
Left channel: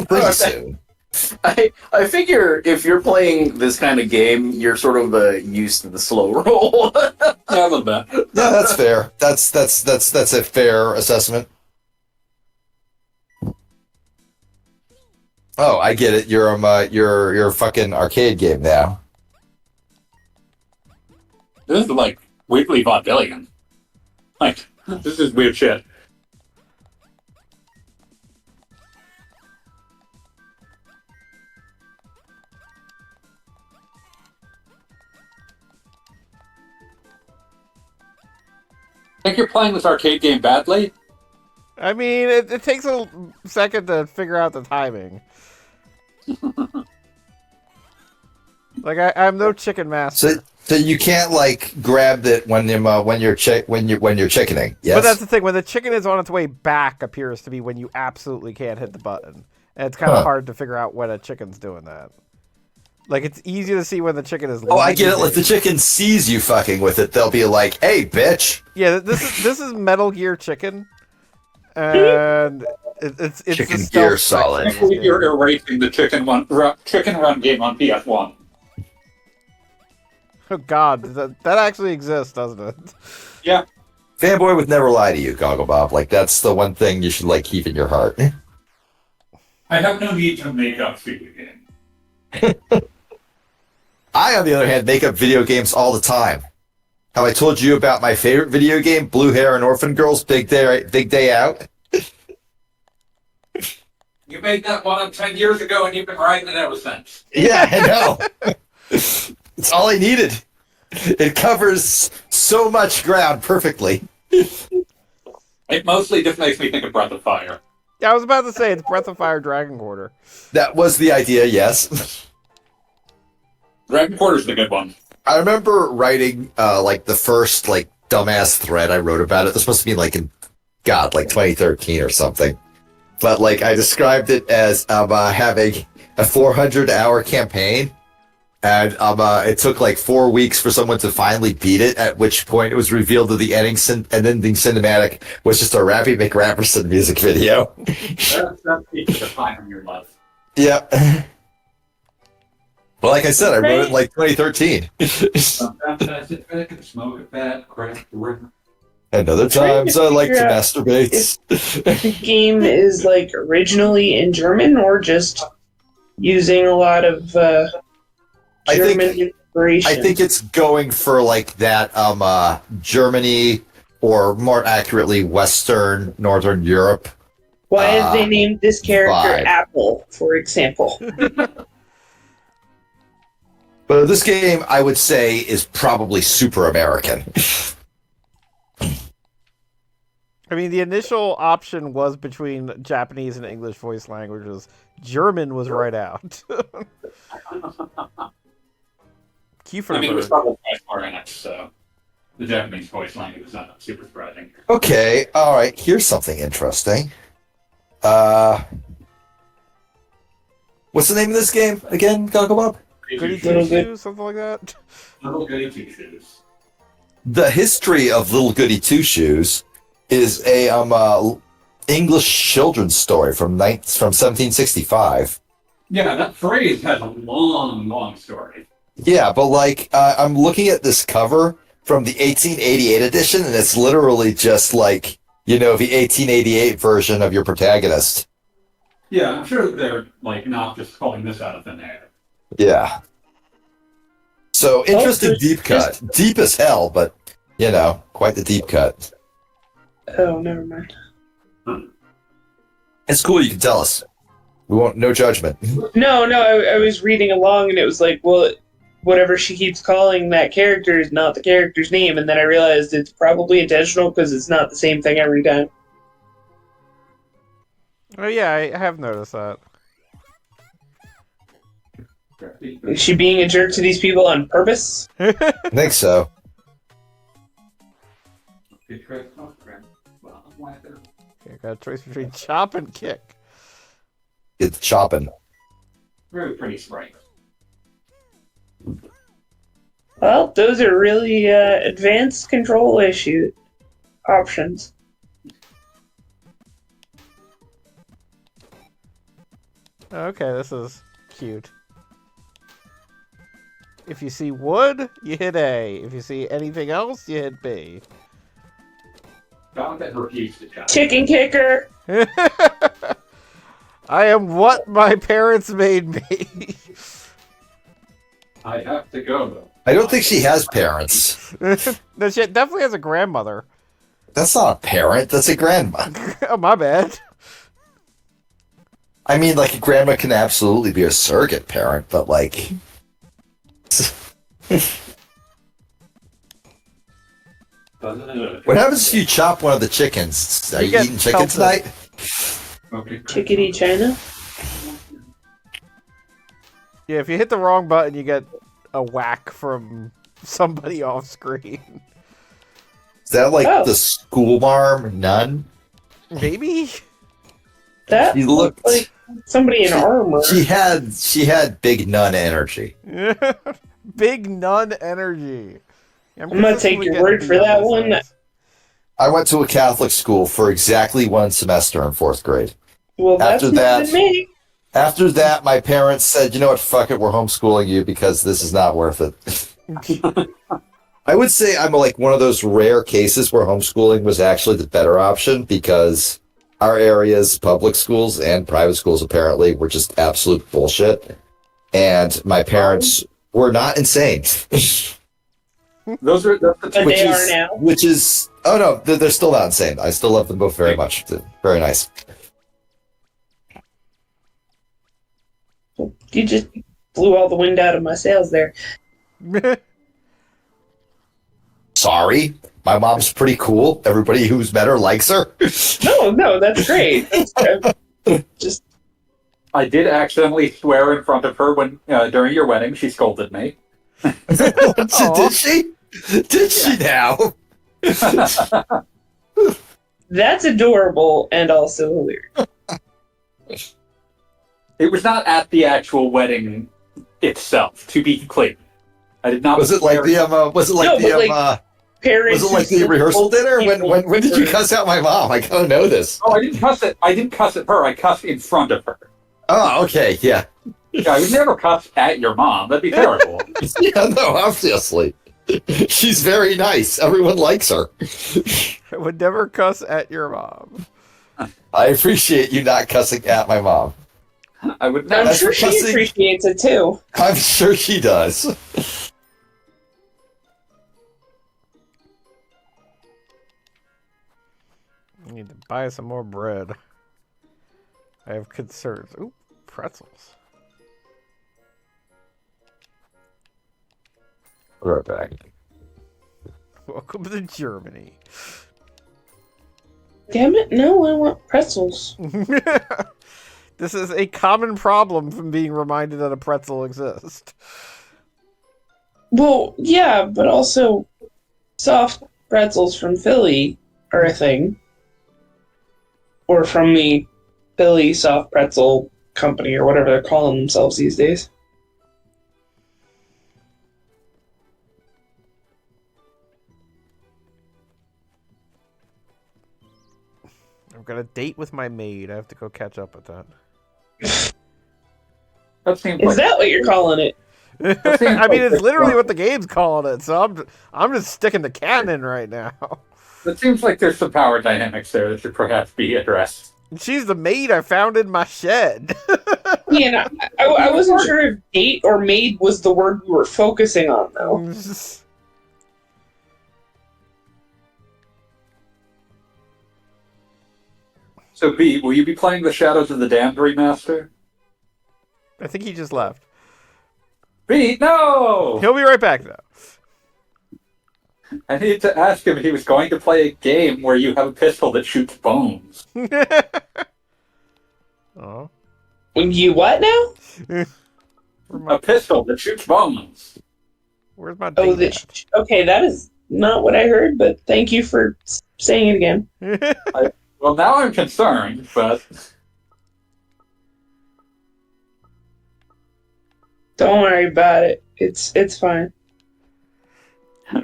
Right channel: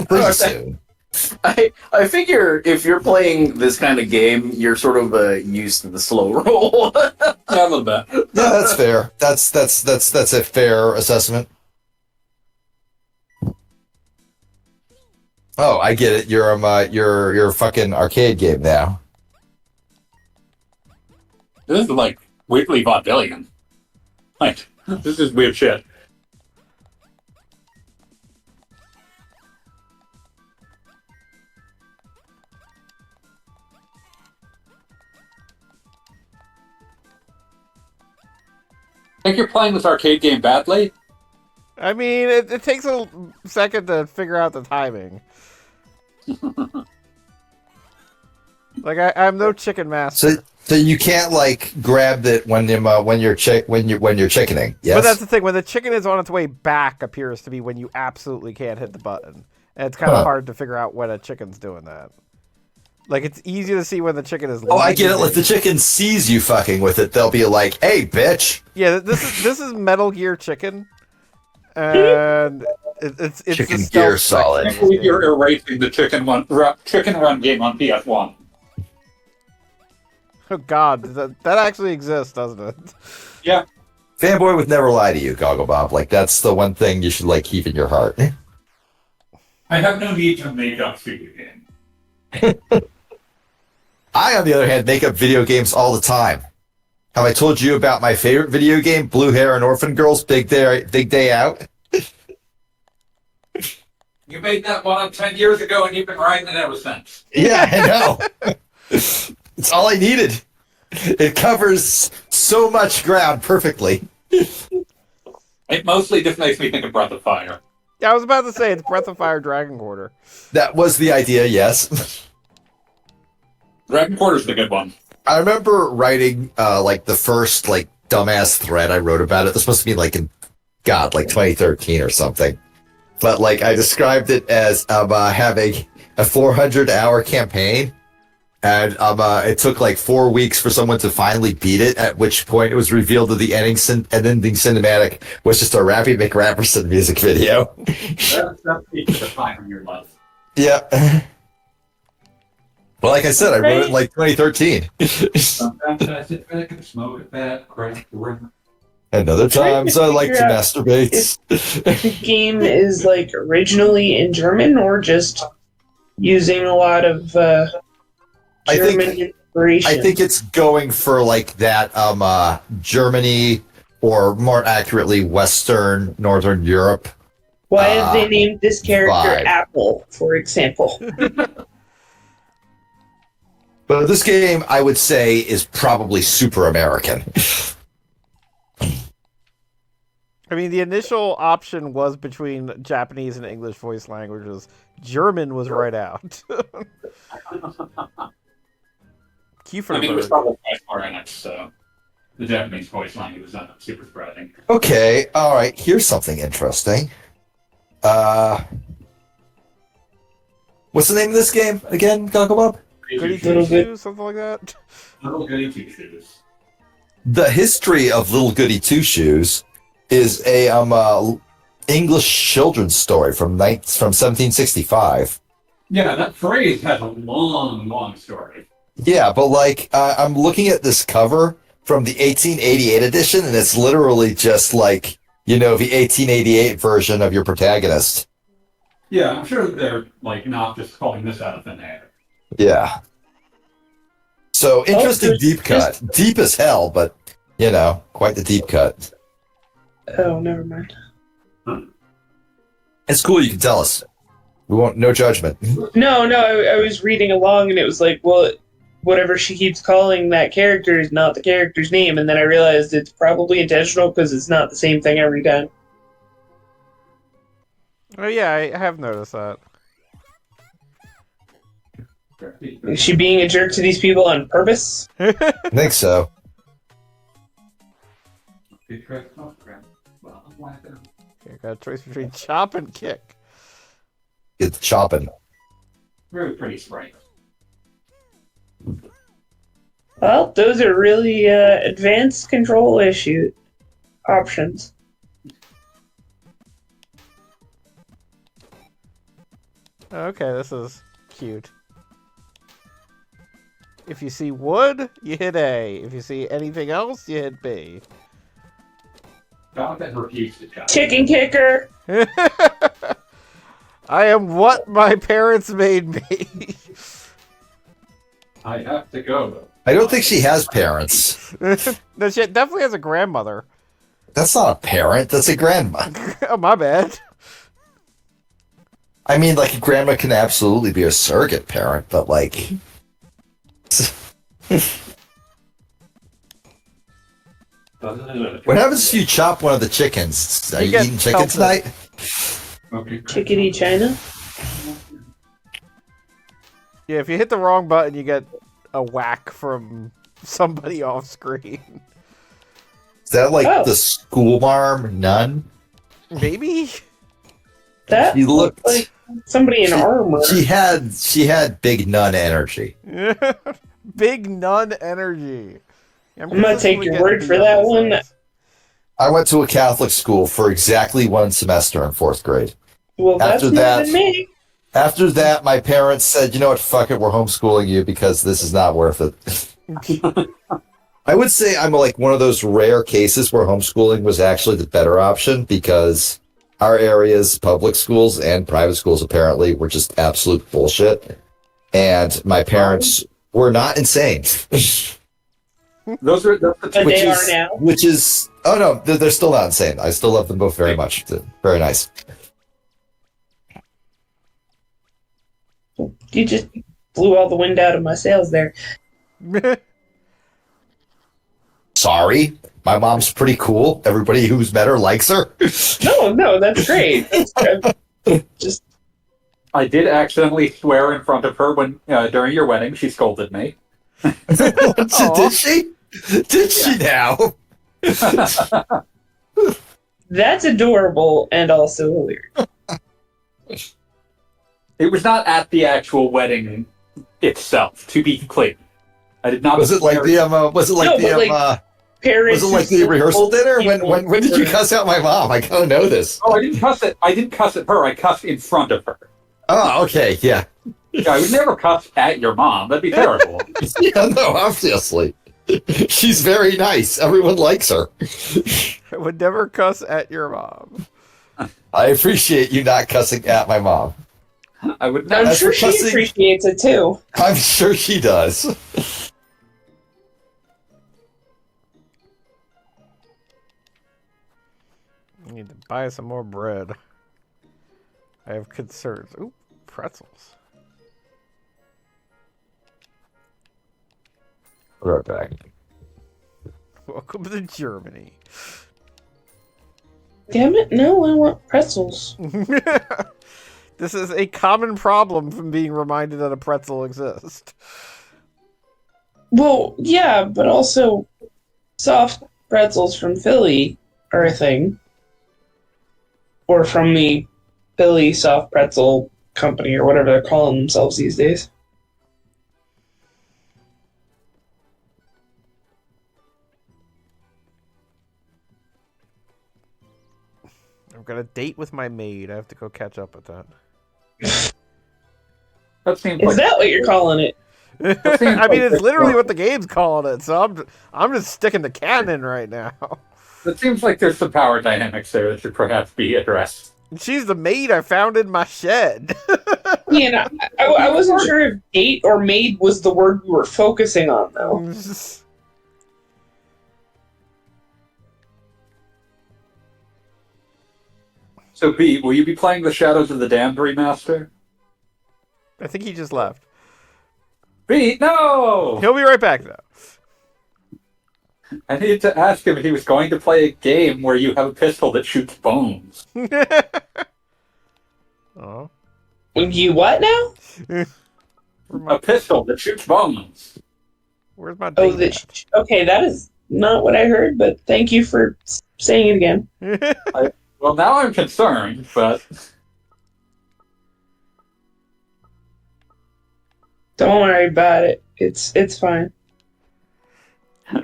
pretty soon. I figure if you're playing this kind of game, you're sort of used to the slow roll. Yeah, a little bit. Yeah, that's fair. That's a fair assessment. Oh, I get it. You're a fucking arcade game now. This is like weirdly vaudevillian. Like, this is weird shit. Think you're playing this arcade game badly? I mean, it takes a second to figure out the timing. Like I'm no chicken master. So you can't like grab it when you're chickening. Yes? But that's the thing. When the chicken is on its way back, appears to be when you absolutely can't hit the button, and it's kind of hard to figure out when a chicken's doing that. Like it's easy to see when the chicken is. Oh, I get it. If the chicken sees you fucking with it, they'll be like, "Hey, bitch!" Yeah, this is Metal Gear Chicken, and it's Chicken the Gear stealth Solid. section of this You're game. erasing the Chicken Run game on PS1. Oh God, that actually exists, doesn't it? Yeah. Fanboy would never lie to you, Gogglebob. Like that's the one thing you should like keep in your heart. I have no need to make up for you game. I, on the other hand, make up video games all the time. Have I told you about my favorite video game, Blue Hair and Orphan Girls, Big Day Out? You made that one up 10 years ago and you've been writing it ever since. Yeah, I know. It's all I needed. It covers so much ground perfectly. It mostly just makes me think of Breath of Fire. Yeah, I was about to say it's Breath of Fire Dragon Quarter. That was the idea, yes. Dragon Quarter's the good one. I remember writing like the first like dumbass thread I wrote about it. This must have been like in 2013 or something. But like I described it as having a 400-hour campaign, and it took like 4 weeks for someone to finally beat it. At which point it was revealed that the ending cinematic was just a Rappy McRapperson music video. That's the define of your life. Yeah. Well, like I said, I wrote it in like 2013. Sometimes I sit back and smoke a fat, crack the rim. And other times I like to masturbate. The game is like originally in German or just using a lot of German inspiration. I think it's going for like that Germany, or more accurately Western Northern Europe. Why have they named this character vibe. Apple, for example? But this game, I would say, is probably super American. I mean, the initial option was between Japanese and English voice languages. German was right out. I mean, it was probably more in it, so. the Japanese voice line was super surprising. Okay, all right. Here's something interesting. What's the name of this game again, Gogglebob? Goody Two Shoes, something like that. Little Goody Two Shoes. The history of Little Goody Two Shoes is a English children's story from 1765. Yeah, that phrase has a long story. Yeah, but like I'm looking at this cover from the 1888 edition, and it's literally just like, you know, the 1888 version of your protagonist. Yeah, I'm sure they're like not just calling this out of thin air. Yeah. So interesting deep cut. Deep as hell, but you know, quite the deep cut. Oh, never mind. It's cool, you can tell us. We won't, no judgment. No, I was reading along and it was like, well, whatever she keeps calling that character is not the character's name, and then I realized it's probably intentional because it's not the same thing every time. Oh yeah, I have noticed that. Is she being a jerk to these people on purpose? I think so. Okay, I got a choice between chop and kick. It's chopping. Really pretty sprite. Well, those are really advanced control options. Okay, this is cute. If you see wood, you hit A. If you see anything else, you hit B. Jonathan refused to jump. Chicken kicker! I am what my parents made me. I have to go, though. I don't think she has parents. No, she definitely has a grandmother. That's not a parent, that's a grandma. Oh, my bad. I mean, like, a grandma can absolutely be a surrogate parent, but, like... What happens if you chop one of the chickens? Are You you get eating chicken pelted. tonight? Okay. Chickadee China? Yeah, if you hit the wrong button, you get a whack from somebody off screen. Is that like Oh. the school marm nun? Maybe? That She looked looked like somebody in armor. She had big nun energy. Big nun energy. I'm gonna take your word for that one. I went to a Catholic school for exactly one semester in 4th grade. Well, that's After more that- than me. After that, my parents said, you know what, fuck it, we're homeschooling you because this is not worth it. I would say I'm like one of those rare cases where homeschooling was actually the better option because our area's public schools and private schools apparently were just absolute bullshit. And my parents were not insane. That's the But Which they is- are now. Which is, oh no, they're still not insane. I still love them both very much. They're very nice. You just blew all the wind out of my sails there. Sorry, my mom's pretty cool. Everybody who's met her likes her. No, that's great. Just I did accidentally swear in front of her when during your wedding. She scolded me. Did she? Did she now? that's adorable and also hilarious. It was not at the actual wedding itself, to be clear. I did not. Was it like the was it like No, the but, like, Parents was it like who the rehearsal dinner? When did you were- cuss out my mom? I gotta know this. Oh, I didn't cuss it. I didn't cuss at her. I cussed in front of her. Oh, okay, yeah. Yeah, I would never cuss at your mom. That'd be terrible. Yeah, no, obviously. She's very nice. Everyone likes her. I would never cuss at your mom. I appreciate you not cussing at my mom. I would I'm never. As sure for she cussing- appreciates it too. I'm sure she does. I need to buy some more bread. I have concerns. Ooh, pretzels. Right back. Welcome to Germany. Damn it! No, I want pretzels. This is a common problem from being reminded that a pretzel exists. Well, yeah, but also soft pretzels from Philly are a thing. Or from the Philly Soft Pretzel Company, or whatever they're calling themselves these days. I've got a date with my maid. I have to go catch up with that. That seems Is like that what you're calling it? I mean, it's literally what the game's calling it, so I'm just sticking the canon right now. it seems like there's some power dynamics there that should perhaps be addressed. She's the maid I found in my shed. Yeah, I wasn't sure if date or maid was the word we were focusing on, though. So, B, will you be playing the Shadows of the Damned remaster? I think he just left. B, no! He'll be right back, though. I needed to ask him if he was going to play a game where you have a pistol that shoots bones. Oh. You what now? A pistol that shoots bones. Where's my Oh, date okay, that is not what I heard, but thank you for saying it again. at? Well, now I'm concerned, but Don't worry about it. It's fine.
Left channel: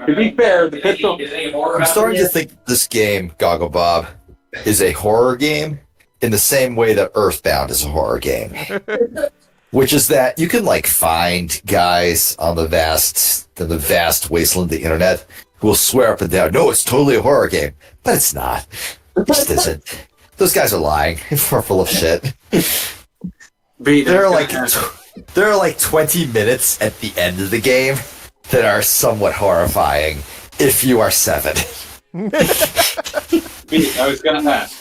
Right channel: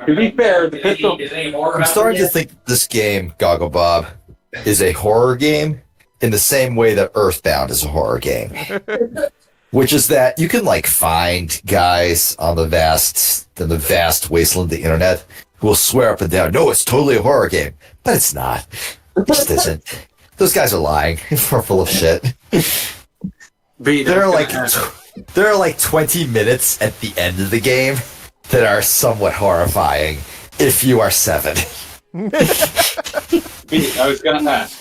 to be fair, the pistol... I'm starting to think this game, Goggle Bob, is a horror game in the same way that Earthbound is a horror game. Which is that you can like find guys on the vast wasteland of the internet who will swear up and down, no, it's totally a horror game. But it's not. It just isn't. Those guys are lying. They're full of shit. There are like 20 minutes at the end of the game that are somewhat horrifying if you are 7. B, I was going to ask.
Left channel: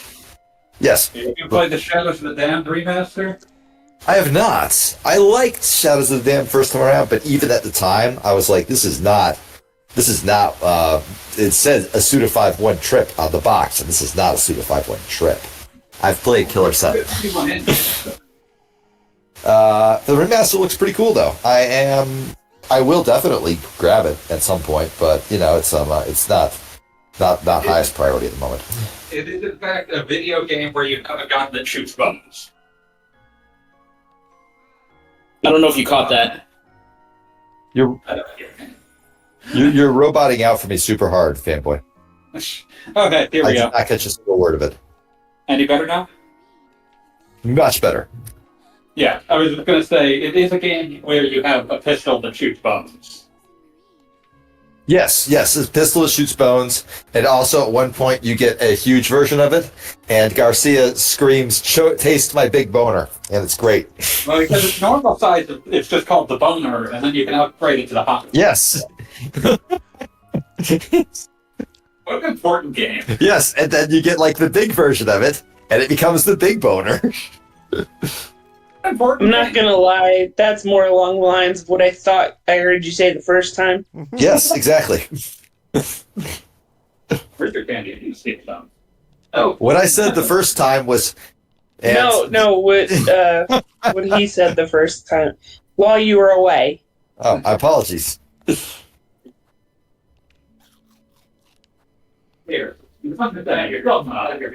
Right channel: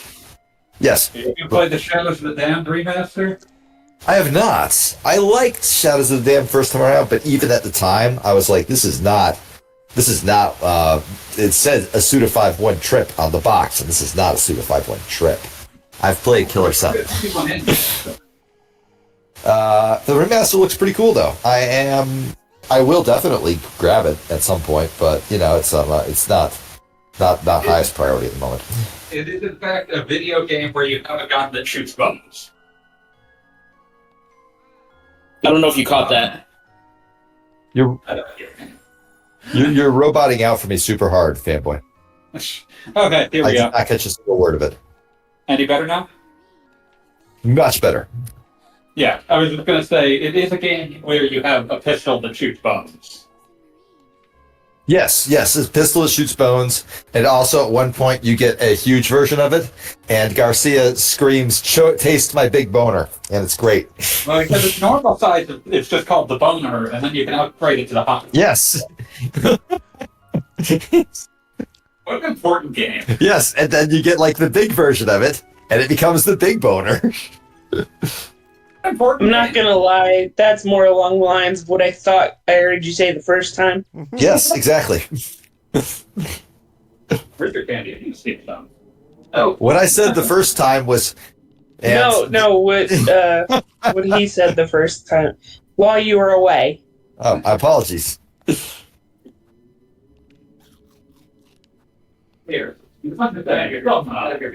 Yes. Have you played the Shadows of the Damned remaster? I have not. I liked Shadows of the Damned first time around, but even at the time, I was like, this is not, it said a Suda 5-1 trip on the box, and this is not a Suda 5-1 trip. I've played Killer 7. The remaster looks pretty cool, though. I will definitely grab it at some point, but, you know, it's not highest priority at the moment. It is, in fact, a video game where you have a gun that shoots bones. I don't know if you caught that. You're roboting out for me super hard, fanboy. Okay, here we I go. did not catch a single word of it. Any better now? Much better. Yeah, I was just going to say, it is a game where you have a pistol that shoots bones. Yes, this pistol that shoots bones, and also at one point you get a huge version of it, and Garcia screams, taste my big boner, and it's great. Well, because it's normal size, it's just called the boner, and then you can upgrade it to the hot. Yes. What an important game. Yes, and then you get like the big version of it, and it becomes the big boner. I'm not gonna lie, that's more along the lines of what I thought I heard you say the first time. Yes, exactly. Where's your candy? You see it down. Oh, What I said the first time was... no, what he said the first time while you were away. Oh, my apologies. Here. You're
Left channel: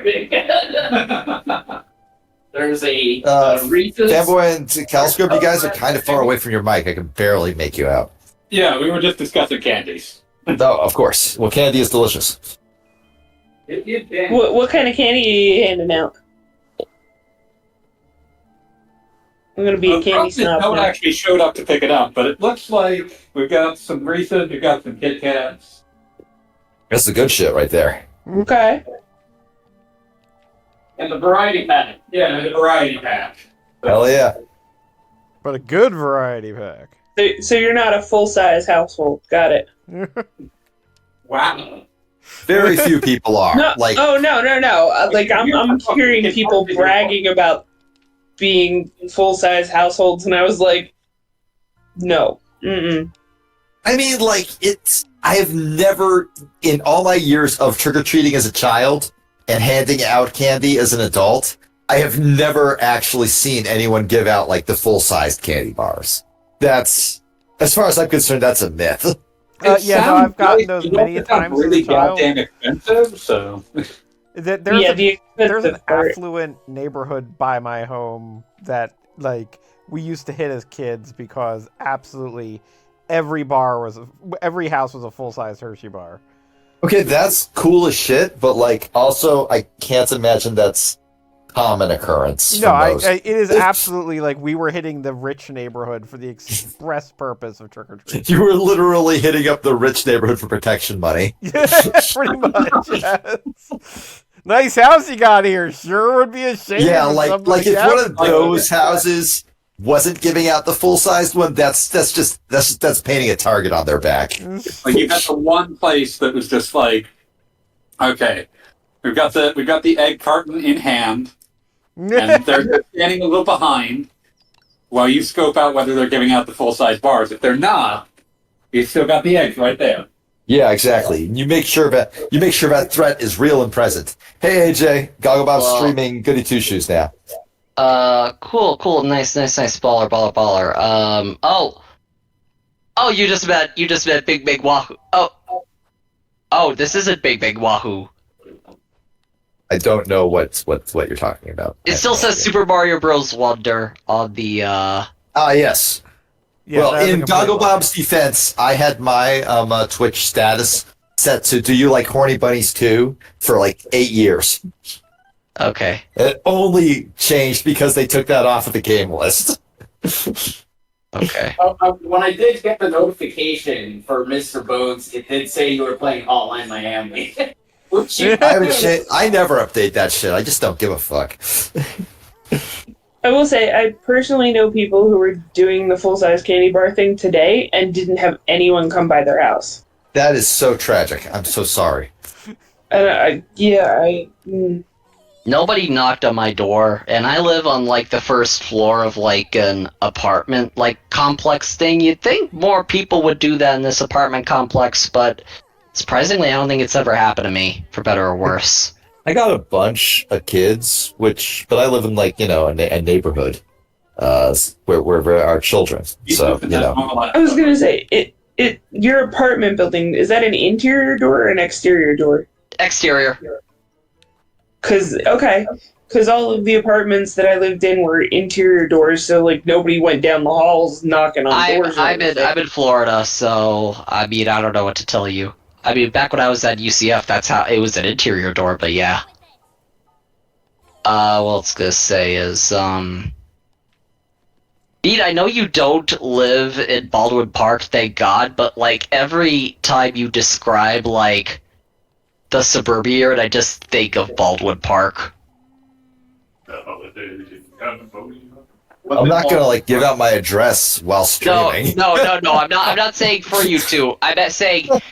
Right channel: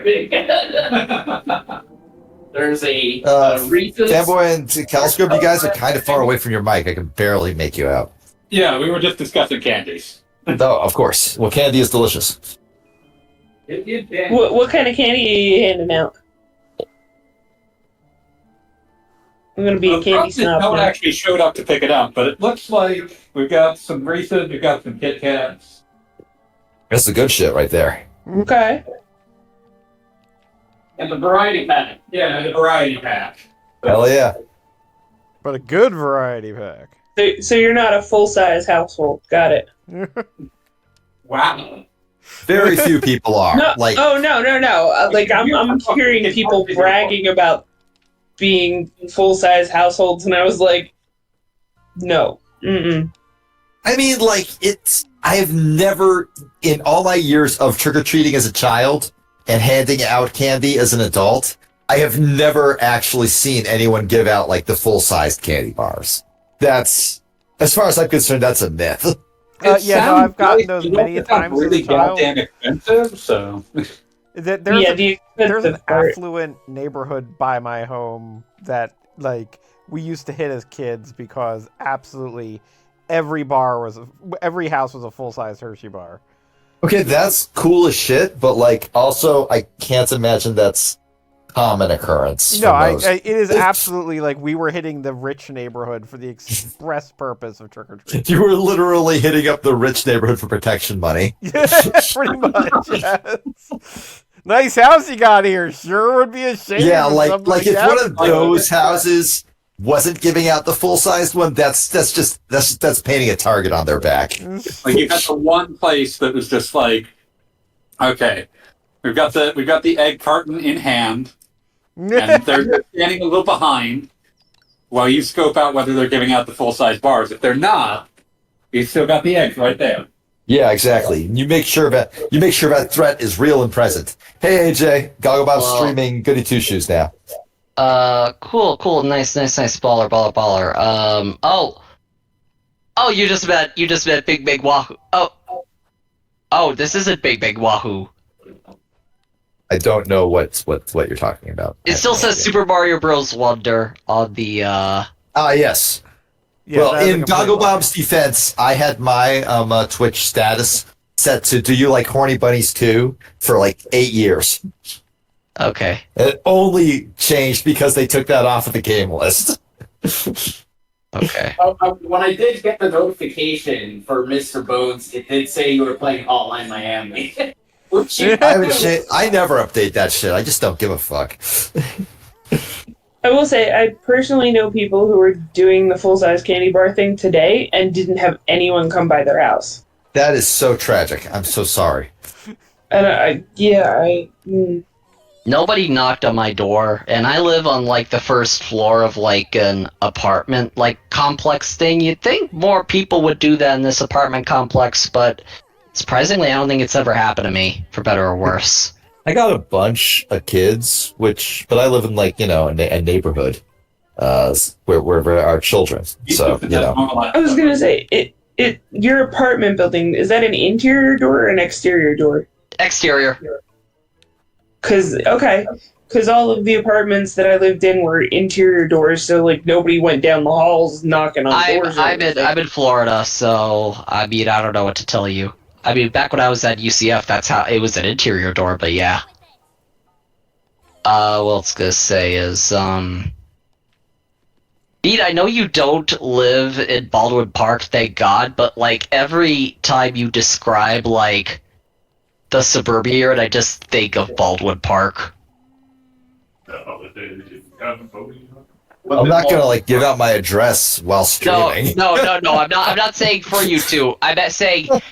big. There's a Reese's. Fanboy and Caliscrub, you guys are kind of far away from your mic. I can barely make you out. Yeah, we were just discussing candies. Oh, of course. Well, candy is delicious. What kind of candy are you handing out? I'm gonna be a candy snob. No one now. actually showed up to pick it up, but it looks like we've got some Reese's, we've got some Kit Kats. That's the good shit right there. Okay. And the variety pack. Yeah, the variety pack. Hell yeah. But a good variety pack. So you're not a full-size household. Got it. Wow. Very few people are. No, Like, no. Like I'm hearing people bragging about being full-size households, and I was like, no. Mm-mm. I mean, like, I have never, in all my years of trick-or-treating as a child and handing out candy as an adult, I have never actually seen anyone give out, like, the full-sized candy bars. That's, as far as I'm concerned, that's a myth. Yeah, no, sounds I've gotten nice, those but it many also sounds times as a really child. goddamn expensive. So There's Yeah, a the there's an expensive part. affluent neighborhood by my home that like we used to hit as kids because absolutely every house was a full size Hershey bar. Okay, that's cool as shit, but like also I can't imagine that's common occurrence No, for most. it is absolutely like we were hitting the rich neighborhood for the express purpose of trick or treat. You were literally hitting up the rich neighborhood for protection money. Pretty much. Yes. Nice house you got here. Sure would be a shame. Yeah, if like somebody if one of happened to it. those houses wasn't giving out the full sized one, that's painting a target on their back. like you had the one place that was just like, okay, we've got the egg carton in hand, and they're just standing a little behind while you scope out whether they're giving out the full size bars. If they're not, you still got the eggs right there. Yeah, exactly. You make sure that threat is real and present. Hey AJ, Gogglebob's streaming Goody Two Shoes now. Cool, nice, baller. You just met Big Wahoo. This isn't Big Wahoo. I don't know what you're talking about. It still says Super Mario Bros. Wonder on the, yes. Yeah, well, that's a in complete lie. Gogglebob's defense, I had my Twitch status set to "Do you like horny bunnies too?" for like 8 years. Okay. It only changed because they took that off of the game list. Okay. When I did get the notification for Mr. Bones, it did say you were playing Hotline Miami. Which I never update that shit. I just don't give a fuck. I will say, I personally know people who are doing the full-size candy bar thing today and didn't have anyone come by their house. That is so tragic. I'm so sorry. And Nobody knocked on my door, and I live on, like, the first floor of, like, an apartment, like, complex thing. You'd think more people would do that in this apartment complex, but surprisingly, I don't think it's ever happened to me, for better or worse. I got a bunch of kids, but I live in like, a neighborhood, where there are children. So, I was gonna say, your apartment building, is that an interior door or an exterior door? Exterior. Because all of the apartments that I lived in were interior doors, so like nobody went down the halls knocking on doors. I'm in Florida, so I mean I don't know what to tell you. I mean, back when I was at UCF, that's how it was an interior door, but yeah. What I was gonna say is, Pete, I know you don't live in Baldwin Park, thank God, but like every time you describe like the suburbia area, I just think of Baldwin Park. I'm not gonna like give out my address while streaming. No. I'm not saying for you to. I'm saying what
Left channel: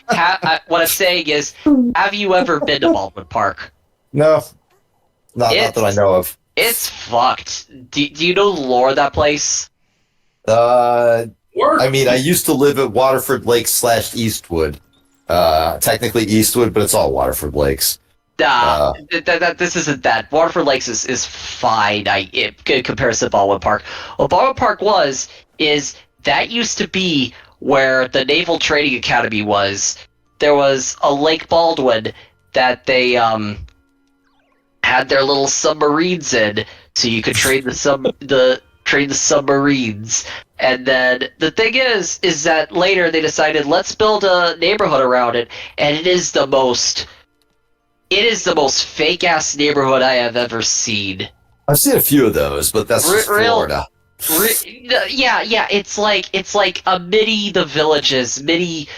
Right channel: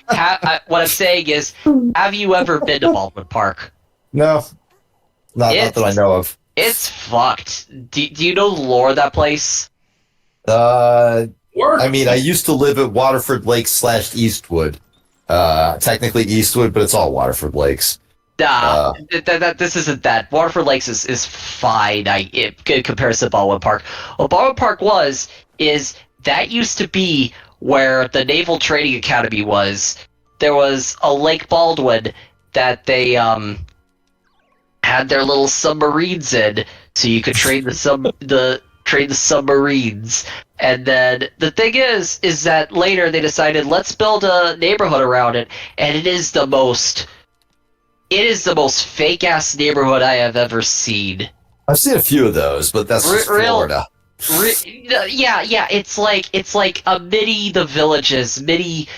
I'm saying is, have you ever been to Baldwin Park? No, not that I know of. It's fucked. Do you know the lore of that place? I mean, I used to live at Waterford Lakes / Eastwood. Technically Eastwood, but it's all Waterford Lakes. Nah, this isn't that. Waterford Lakes is fine. In comparison to Baldwin Park. What Baldwin Park is that used to be where the Naval Training Academy was. There was a Lake Baldwin that they had their little submarines in, so you could train the submarines. And then the thing is that later they decided let's build a neighborhood around it, and it is the most fake ass neighborhood I have ever seen. I've seen a few of those, but that's just Florida. Yeah. It's like a mini The Villages, mini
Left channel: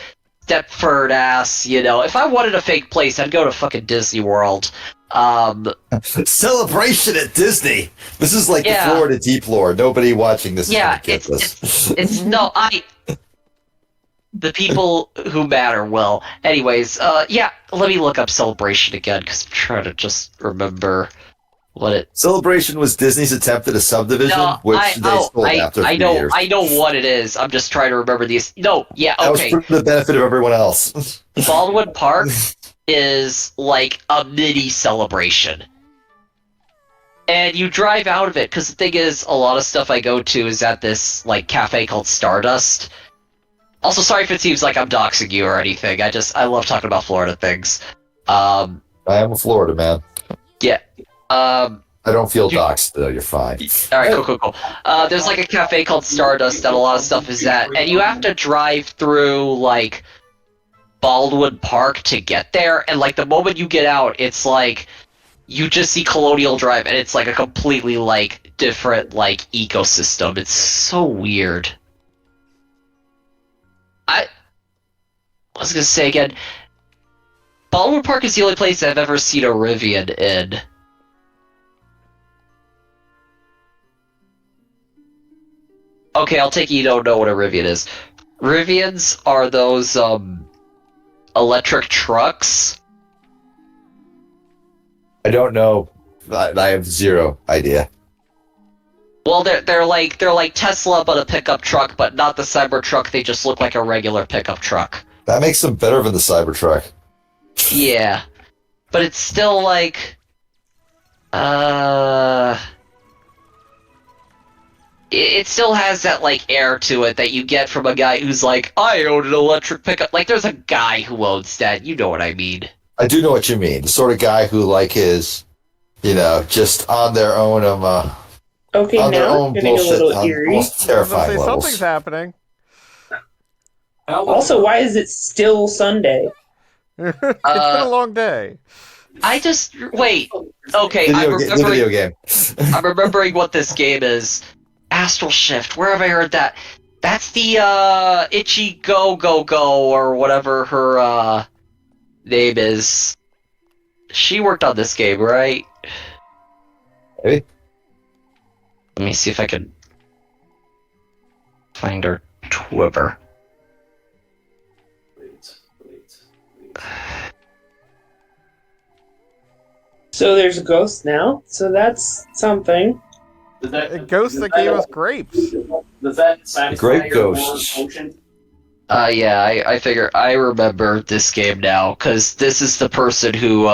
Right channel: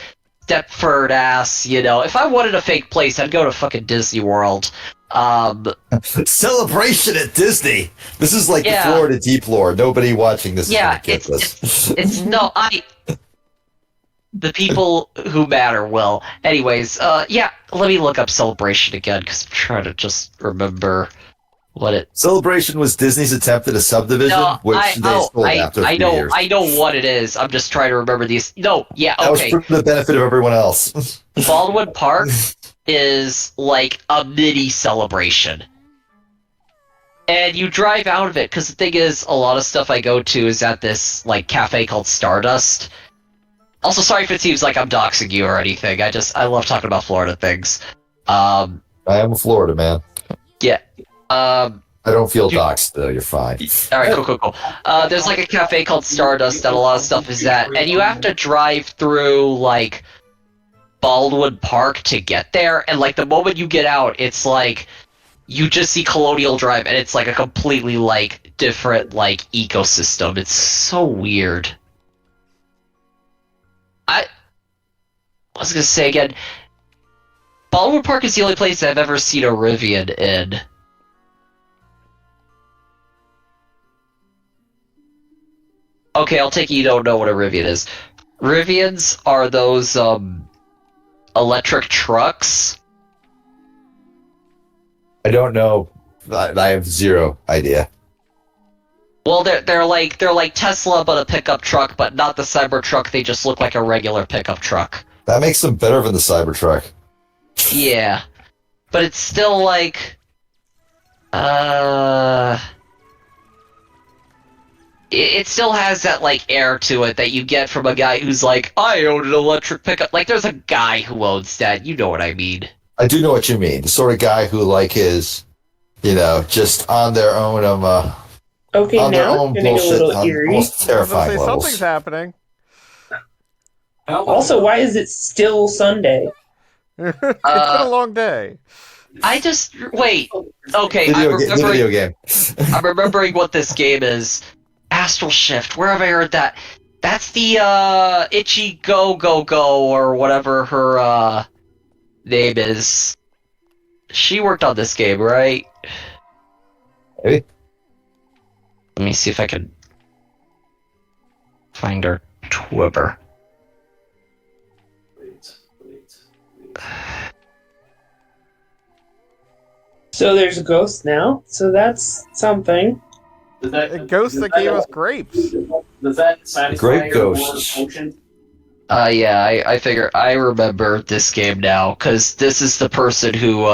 Stepford ass. If I wanted a fake place, I'd go to fucking Disney World. Celebration at Disney. This is like the Florida Deep Lore. Nobody watching this is gonna get this. It's no, the people who matter will. Anyways, let me look up Celebration again, because I'm trying to just remember what it... Celebration was Disney's attempt at a subdivision, which they sold after a few years. I know what it is. I'm just trying to remember these. No, yeah, That okay. was for the benefit of everyone else. Baldwin Park is like a mini Celebration. And you drive out of it, because the thing is, a lot of stuff I go to is at this like cafe called Stardust. Also, sorry if it seems like I'm doxing you or anything. I love talking about Florida things. I am a Florida man. Yeah. I don't feel doxed though. You're fine. All right, cool. There's like a cafe called Stardust that a lot of stuff is at, and you have to drive through like Baldwin Park to get there. And like the moment you get out, it's like you just see Colonial Drive, and it's like a completely like different like ecosystem. It's so weird. I was gonna say again, Baldwin Park is the only place I've ever seen a Rivian in. Okay, I'll take it you don't know what a Rivian is. Rivians are those electric trucks. I don't know. I have zero idea. Well, they're like Tesla, but a pickup truck, but not the Cybertruck. They just look like a regular pickup truck. That makes them better than the Cybertruck. Yeah, but it's still like, it still has that like air to it that you get from a guy who's like, I own an electric pickup. Like, there's a guy who owns that. You know what I mean? I do know what you mean. The sort of guy who like is, just on their own Okay, on their now own it's getting a bullshit, little on eerie. most I was terrifying gonna say levels. something's happening. Also, why is it still Sunday? It's been a long day. Wait. Okay, The video game. I'm remembering what this game is. Astral Shift. Where have I heard that? That's the Itchy Go Go Go or whatever her name is. She worked on this game, right? Maybe. Let me see if I can find her Twitter. So there's a ghost now, so that's something. A ghost that gave us grapes. Does that satisfy Grape your ghosts. war potion? Yeah, I figure I remember this game now, because this is the person who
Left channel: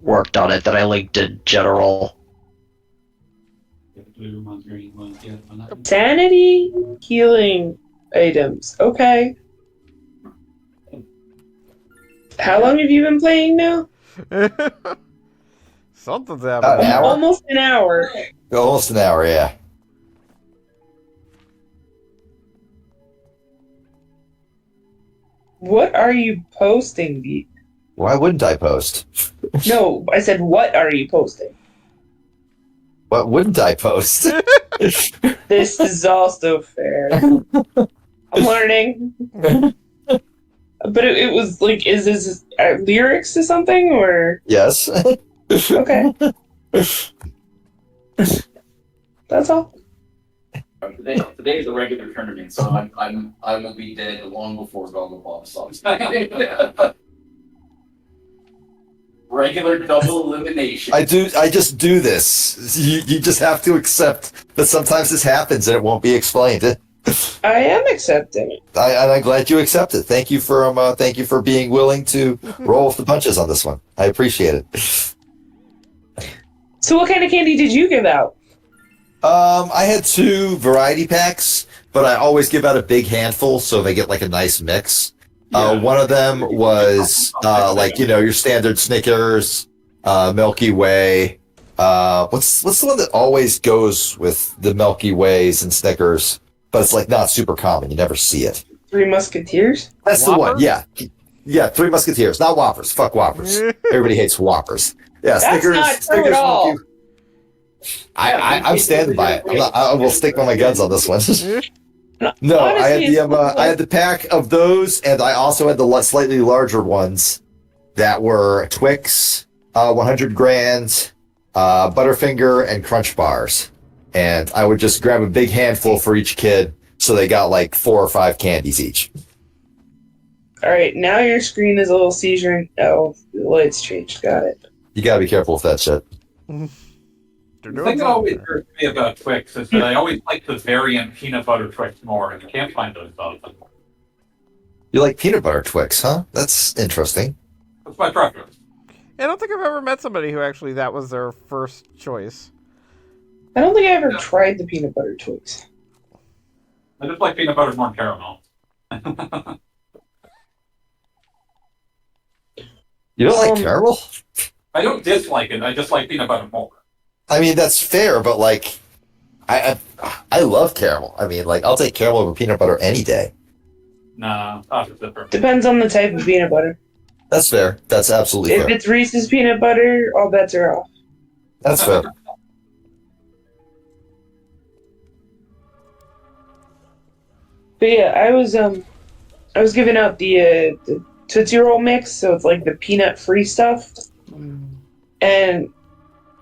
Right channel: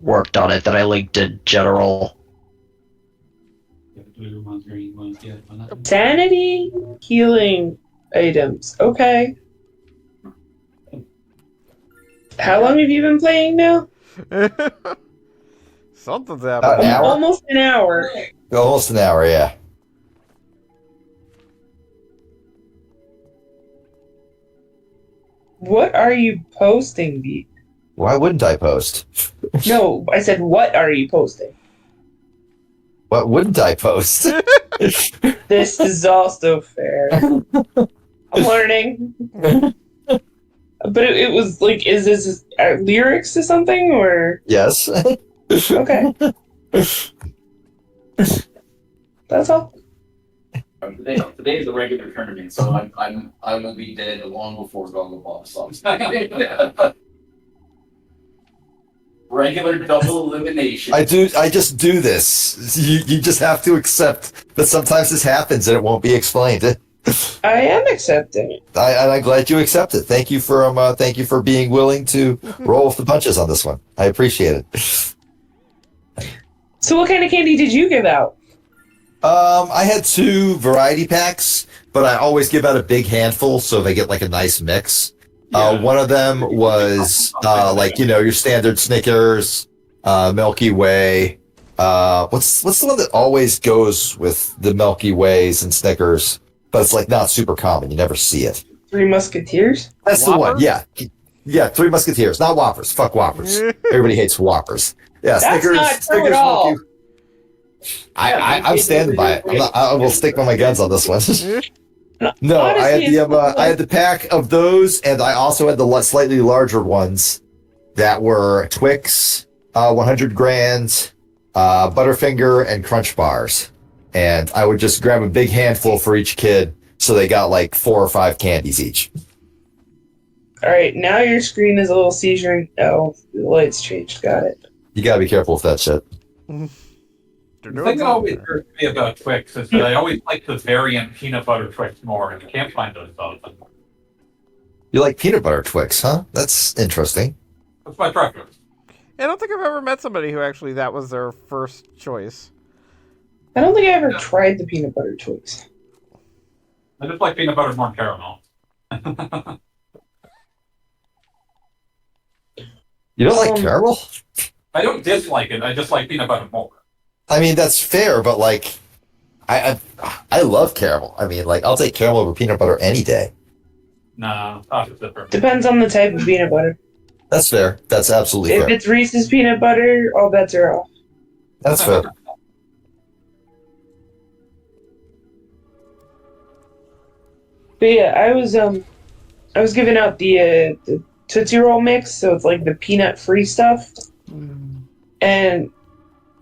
worked on it that I linked in general. Sanity healing items. Okay. How long have you been playing now? Something's An happening. hour? Almost an hour. Almost an hour, yeah. What are you posting, Beat? Why wouldn't I post? No, I said, what are you posting? What wouldn't I post? This is also fair. I'm learning. But it was like, is this lyrics to something or? Yes. Okay. That's all. Today is a regular tournament, so I will be dead long before Goggleball stops. Regular double elimination. I just do this. You just have to accept that sometimes this happens and it won't be explained. I am accepting it. I'm glad you accept it. Thank you for being willing to roll with the punches on this one. I appreciate it. So what kind of candy did you give out? I had 2 variety packs, but I always give out a big handful so they get like a nice mix. One of them was your standard Snickers, Milky Way. What's the one that always goes with the Milky Ways and Snickers, but it's like not super common. You never see it. 3 Musketeers? That's Whopper? the one. Yeah. 3 Musketeers, not Whoppers. Fuck Whoppers. Everybody hates Whoppers. Yeah, That's Snickers. not true Snickers, at all. Milky. I'm standing by it. I will stick by my guns on this one. No, Honestly, I had the pack of those, and I also had the slightly larger ones that were Twix, 100 grand, Butterfinger, and Crunch bars. And I would just grab a big handful for each kid, so they got like 4 or 5 candies each. All right, now your screen is a little seizure. Oh, the lights changed. Got it. You gotta be careful with that shit. They're The doing thing that always something. hurts me about Twix is that I always like the variant peanut butter Twix more, and you can't find those often. You like peanut butter Twix, huh? That's interesting. That's my preference. I don't think I've ever met somebody who actually that was their first choice. I don't think I ever tried the peanut butter Twix. I just like peanut butter more caramel. You don't like caramel? I don't dislike it. I just like peanut butter more. I mean, that's fair, but like, I love caramel. I mean, like, I'll take caramel over peanut butter any day. No, opposite for me. Depends on the type of peanut butter. That's fair. That's absolutely If fair. it's Reese's peanut butter, all bets are off. That's fair. But yeah, I was giving out the Tootsie Roll mix, so it's like the peanut-free stuff. And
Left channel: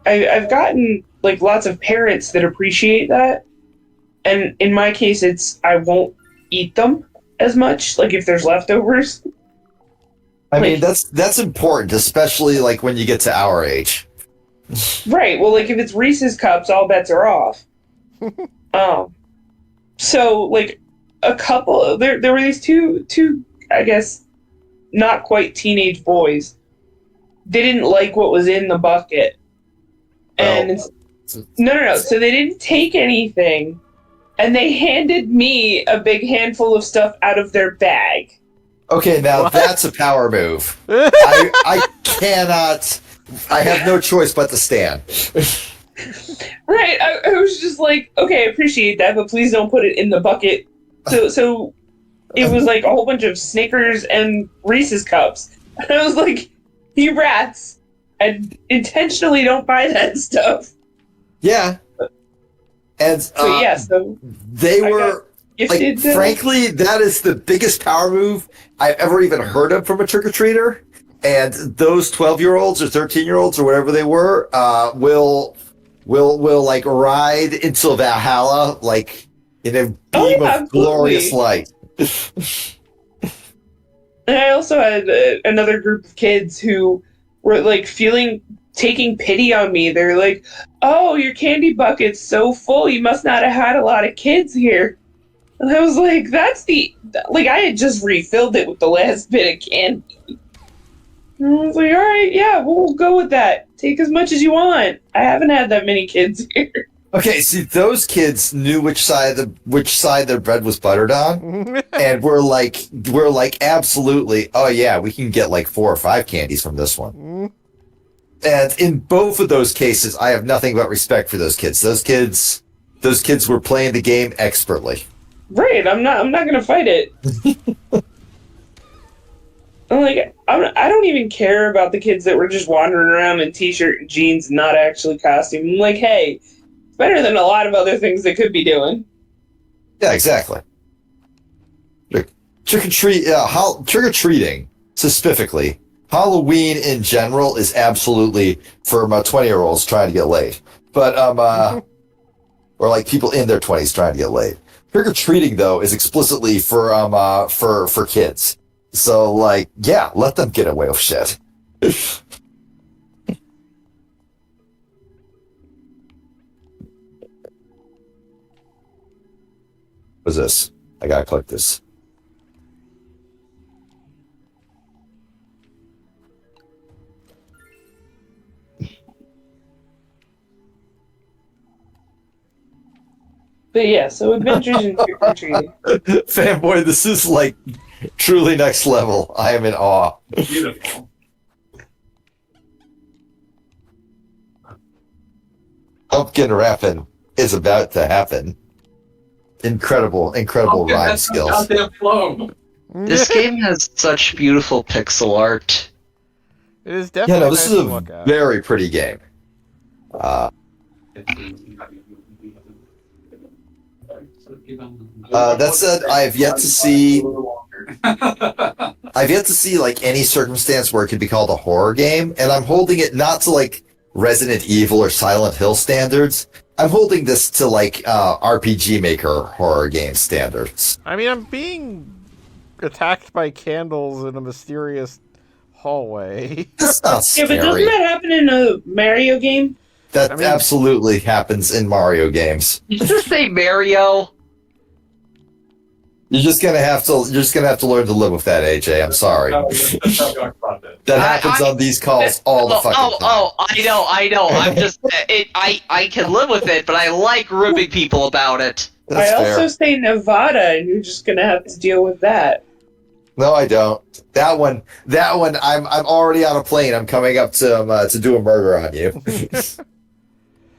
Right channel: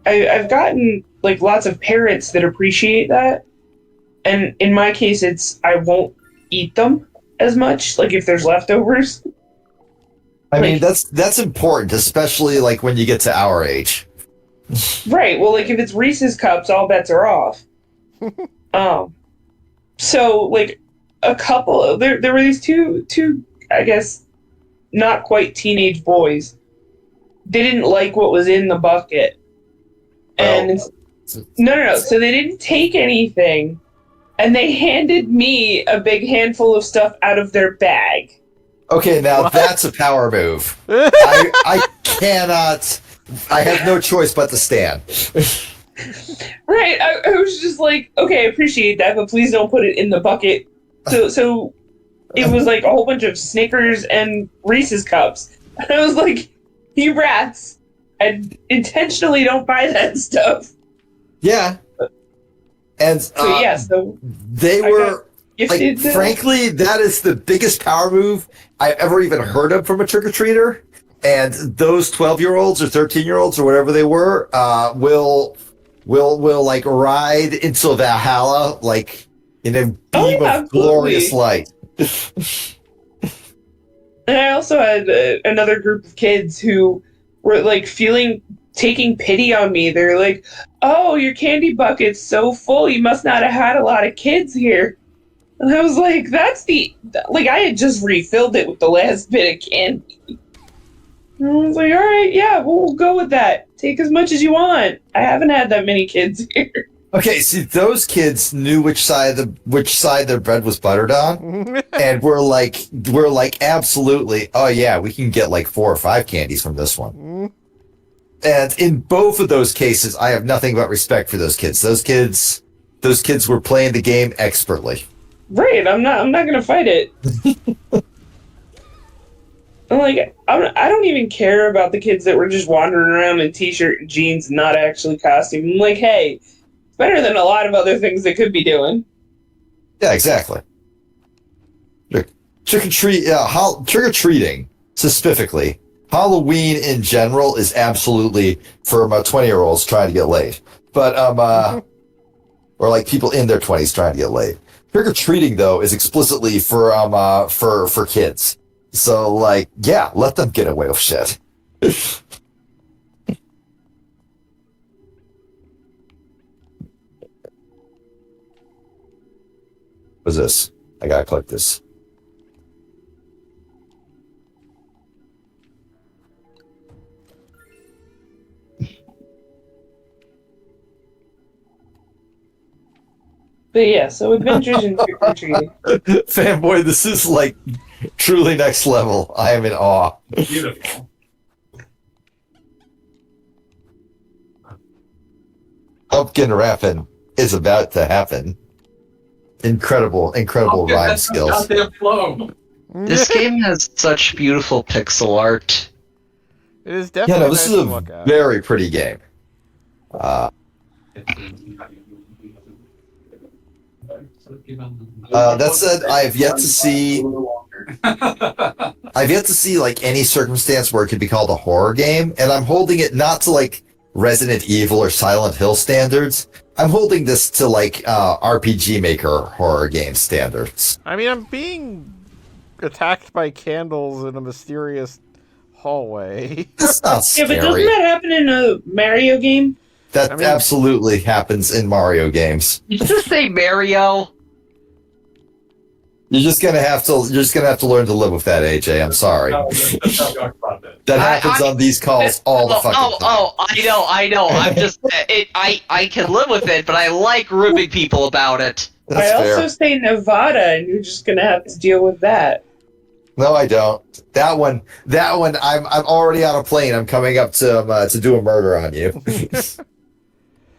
I've gotten like lots of parents that appreciate that. And in my case, it's I won't eat them as much, like if there's leftovers. I mean, that's important, especially like when you get to our age. Right. Well, like if it's Reese's cups, all bets are off. So like a couple there were these two I guess not quite teenage boys. They didn't like what was in the bucket. And no. So they didn't take anything, and they handed me a big handful of stuff out of their bag. Okay, now that's a power move. I cannot. I have no choice but to stand. Right. I was just like, okay, I appreciate that, but please don't put it in the bucket. So it was like a whole bunch of Snickers and Reese's cups. And I was like, you rats, I intentionally don't buy that stuff. Yeah. And so they were like, frankly, that is the biggest power move I've ever even heard of from a trick-or-treater. And those 12-year-olds or 13-year-olds or whatever they were will like ride into Valhalla like in a beam of glorious light. And I also had another group of kids who were like taking pity on me. They're like, "Oh, your candy bucket's so full. You must not have had a lot of kids here." And I was like, I had just refilled it with the last bit of candy. And I was like, all right, yeah, we'll go with that. Take as much as you want. I haven't had that many kids here. Okay, see, those kids knew which side their bread was buttered on, and we're like, absolutely, oh yeah, we can get like 4 or 5 candies from this one. And in both of those cases, I have nothing but respect for those kids. Those kids were playing the game expertly. Right, I'm not gonna fight it. I'm like, I don't even care about the kids that were just wandering around in t-shirt and jeans, not actually costume. I'm like, hey, it's better than a lot of other things they could be doing. Yeah, exactly. Trick-or-treating, specifically, Halloween in general is absolutely for 20-year-olds trying to get laid. But, or like people in their 20s trying to get laid. Trick-or-treating, though, is explicitly for kids. So, like, yeah, let them get away with shit. What's this? I gotta click this. But yeah, so adventures in trick-or-treating. Fanboy, this is like truly next level. I am in awe. Beautiful. Pumpkin rapping is about to happen. Incredible rhyme skills. Goddamn flow. This game has such beautiful pixel art. It is definitely Yeah, no, this nice is to a look at. very pretty game. That said, I've yet to see like any circumstance where it could be called a horror game, and I'm holding it not to like Resident Evil or Silent Hill standards. I'm holding this to like RPG Maker horror game standards. I mean, I'm being attacked by candles in a mysterious hallway. That's not Yeah, but doesn't scary. that happen in a Mario game? That I mean- absolutely happens in Mario games. Did you just say Mario? You're just gonna have to learn to live with that, AJ. I'm sorry. That happens on these calls all the fucking time. I know. I'm just, I can live with it, but I like ribbing people about it. That's I also fair. say Nevada, and you're just gonna have to deal with that. No, I don't. That one. I'm already on a plane. I'm coming up to do a murder on you.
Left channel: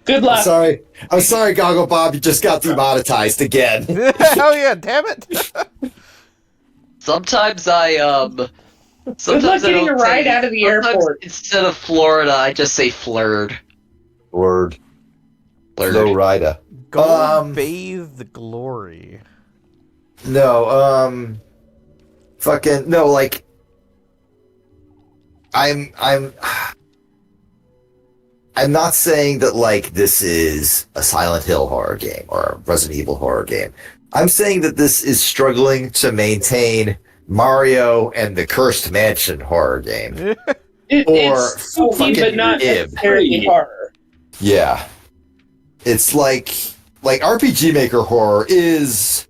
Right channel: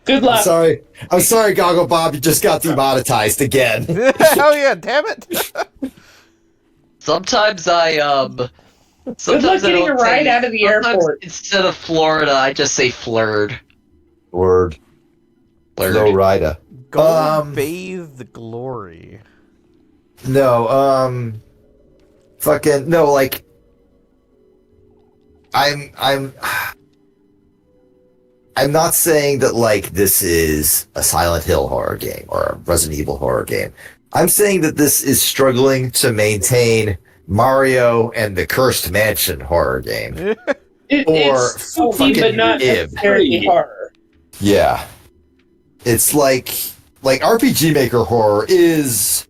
Good I'm luck. sorry. I'm sorry, Goggle Bob. You just got demonetized again. Hell yeah, damn it. Sometimes I Good luck sometimes I getting a don't ride say, out of the sometimes airport. instead of Florida, I just say flirred. Word. Flirred. Flow rider. Gold bathe the glory. No. Fucking no. Like. I'm not saying that like this is a Silent Hill horror game or a Resident Evil horror game. I'm saying that this is struggling to maintain Mario and the Cursed Mansion horror game. Or It's spooky, fucking but not Ib. necessarily horror. Yeah. It's like RPG Maker horror is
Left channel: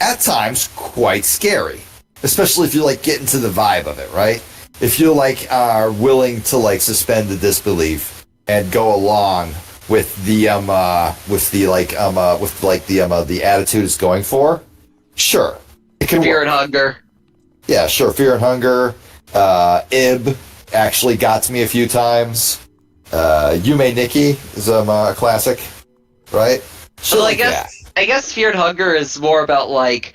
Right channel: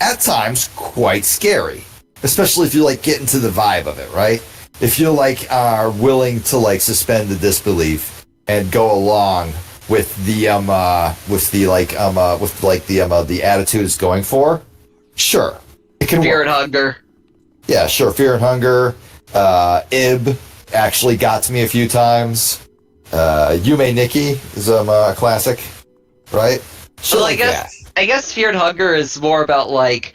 at times quite scary, especially if you like get into the vibe of it, right? If you like are willing to like suspend the disbelief and go along with the attitude it's going for, sure, it can Fear work. and hunger. Yeah, sure. Fear and Hunger. Ib actually got to me a few times. Yume Nikki is a classic, right? Shit Well, I like that. guess Fear and Hunger is more about like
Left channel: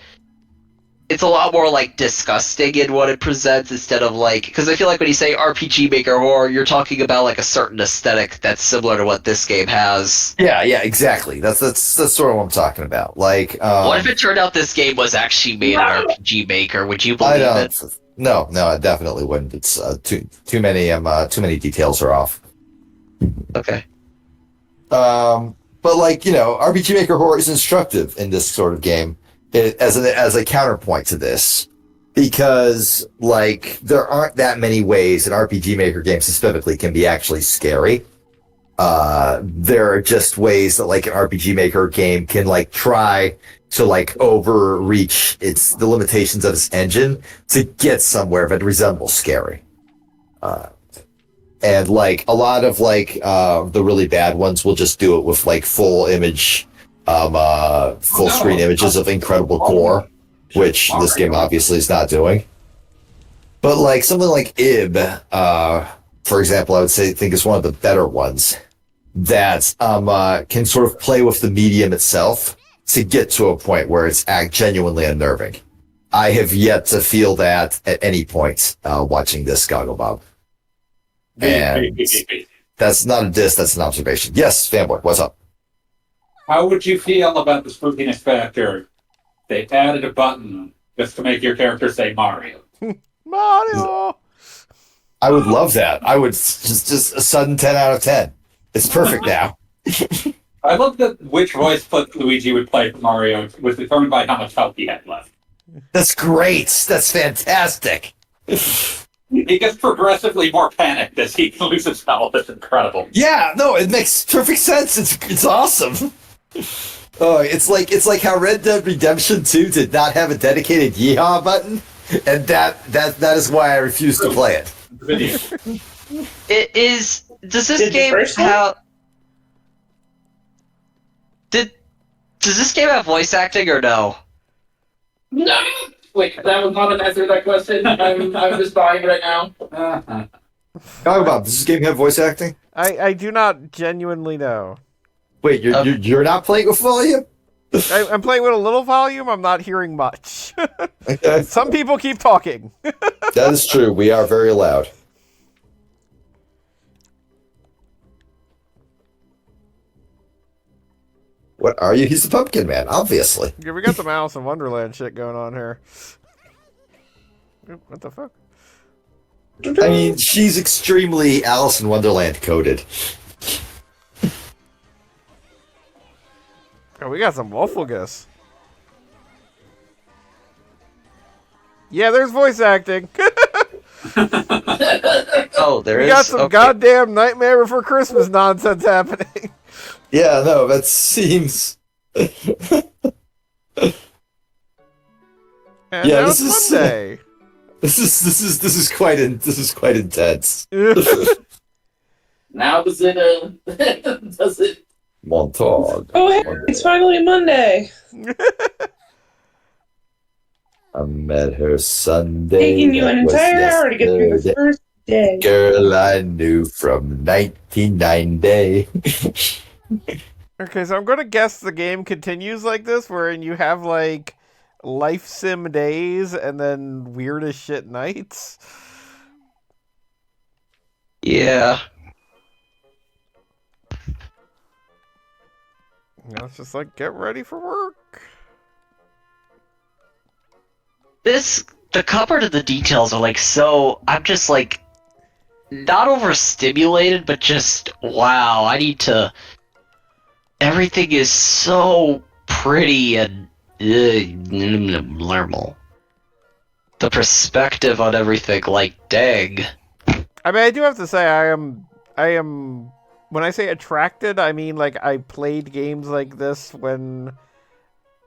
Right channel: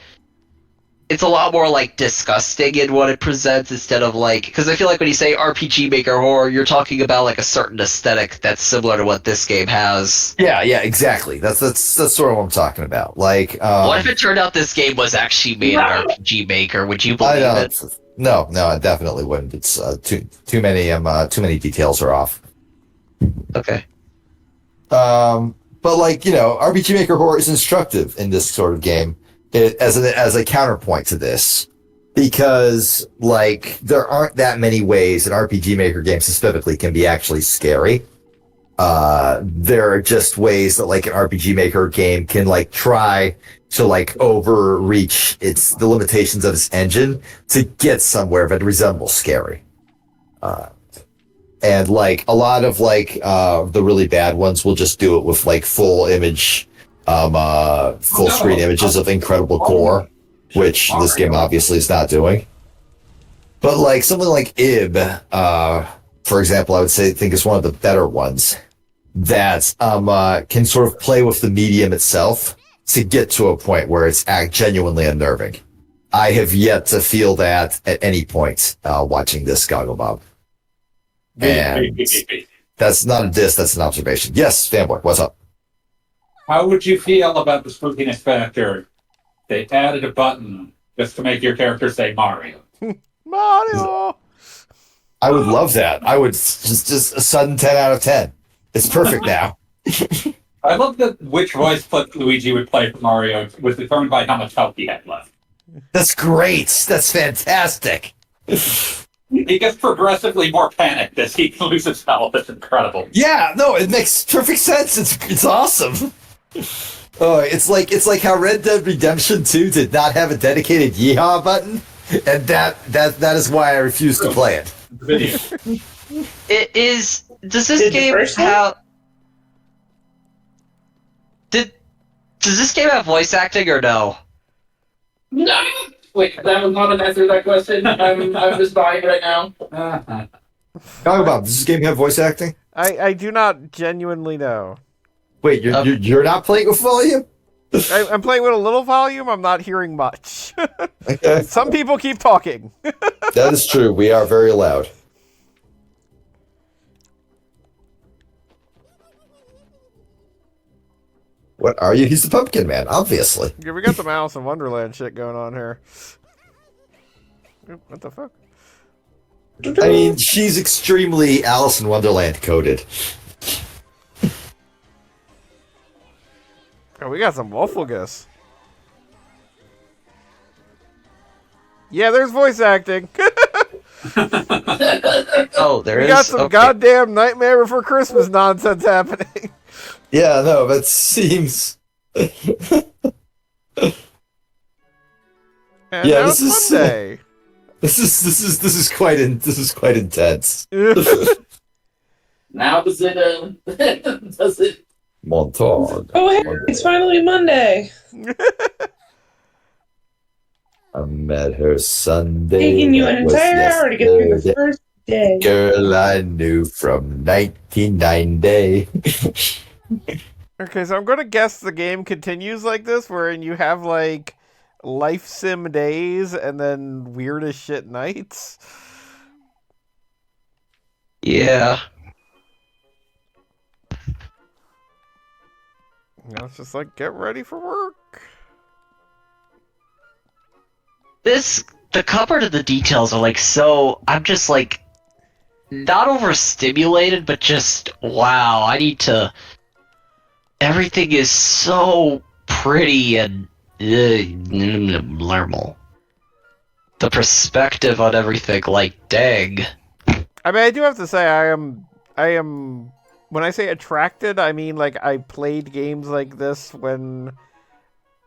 it's a lot more like disgusting in what it presents instead of like because I feel like when you say RPG Maker horror, you're talking about like a certain aesthetic that's similar to what this game has. Yeah, exactly. That's sort of what I'm talking about. Like, What if it turned out this game was actually made in RPG Maker? Would you I believe don't. it? No, I definitely wouldn't. It's too many details are off. Okay. But like RPG Maker horror is instructive in this sort of game as a counterpoint to this, because like there aren't that many ways an RPG Maker game specifically can be actually scary. There are just ways that like an RPG Maker game can like try to like overreach the limitations of its engine to get somewhere that resembles scary. And like a lot of like the really bad ones will just do it with like full screen images of incredible gore, which this game obviously is not doing. But like something like Ib, for example, I would think is one of the better ones that can sort of play with the medium itself to get to a point where it's genuinely unnerving. I have yet to feel that at any point watching this Goggle Bob. And that's not a diss, that's an observation. Yes, fanboy, what's up? How would you feel about the spookiness factor? They added a button just to make your character say Mario. Mario! I would love that. I would just a sudden 10 out of 10. It's perfect now. I love that which voice Luigi would play for Mario was determined by how much health he had left. That's great. That's fantastic. He gets progressively more panicked as he loses health. It's incredible. Yeah, no, it makes perfect sense. It's awesome. Oh, it's like how Red Dead Redemption 2 did not have a dedicated yeehaw button, and that is why I refuse to play it. Video. It is. Does this Did the game first one? have? Does this game have voice acting or no? No! Wait, that was not an answer to that question. I'm just buying right now. Goggle Bob, does this game have voice acting? I do not genuinely know. Wait, you're not playing with volume? I'm playing with a little volume. I'm not hearing much. Okay. Some people keep talking. That is true. We are very loud. What are you? He's the Pumpkin Man, obviously. Yeah, we got some Alice in Wonderland shit going on here. Oop, what the fuck? I mean, she's extremely Alice in Wonderland coded. Oh, we got some Wolfulgus. Yeah, there's voice acting. Oh, there We is. got some Okay. goddamn Nightmare Before Christmas nonsense happening. Yeah, no, that seems. And Yeah, now this it's is- Monday. This is quite intense. Now does it Montauk. Oh, hey, it's finally Monday. I met her Sunday. Taking you an that was entire hour to get through the yesterday. first day. Girl I knew from 1990. Okay, so I'm gonna guess the game continues like this, wherein you have like life sim days and then weird as shit nights. Yeah. Now it's just like get ready for work. The cover to the details are like so. I'm just like not overstimulated, but just wow. I need to. Everything is so pretty and normal. The perspective on everything, like, dang. I mean, I do have to say, I am. When I say attracted, I mean like I played games like this when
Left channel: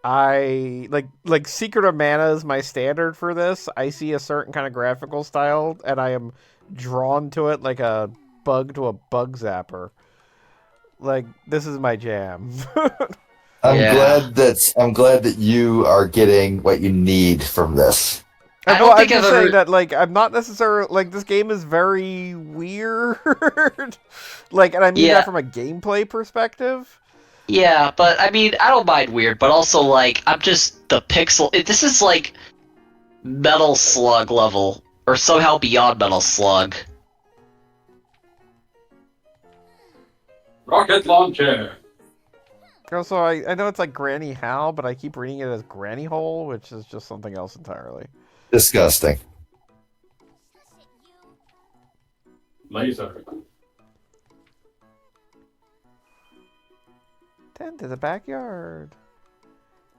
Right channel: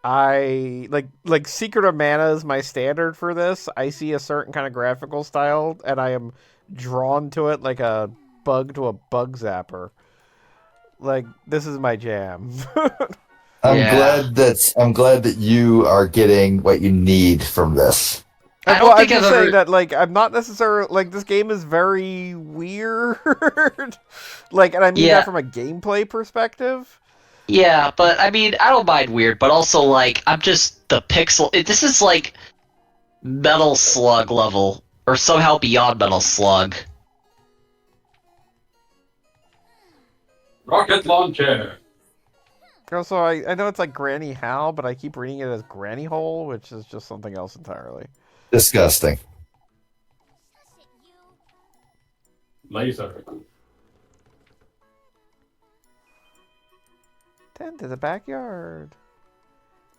I like Secret of Mana is my standard for this. I see a certain kind of graphical style, and I am drawn to it like a bug to a bug zapper. Like, this is my jam. I'm Yeah. glad that you are getting what you need from this. I don't I'm think just I've saying ever- that, like, I'm not necessarily like this game is very weird. Like, and I mean Yeah. that from a gameplay perspective. Yeah, but I mean, I don't mind weird, but also like I'm just the pixel. This is like Metal Slug level, or somehow beyond Metal Slug. Rocket launcher. Also, I know it's like Granny Hal, but I keep reading it as Granny Hole, which is just something else entirely. Disgusting. Laser. Tend to the backyard.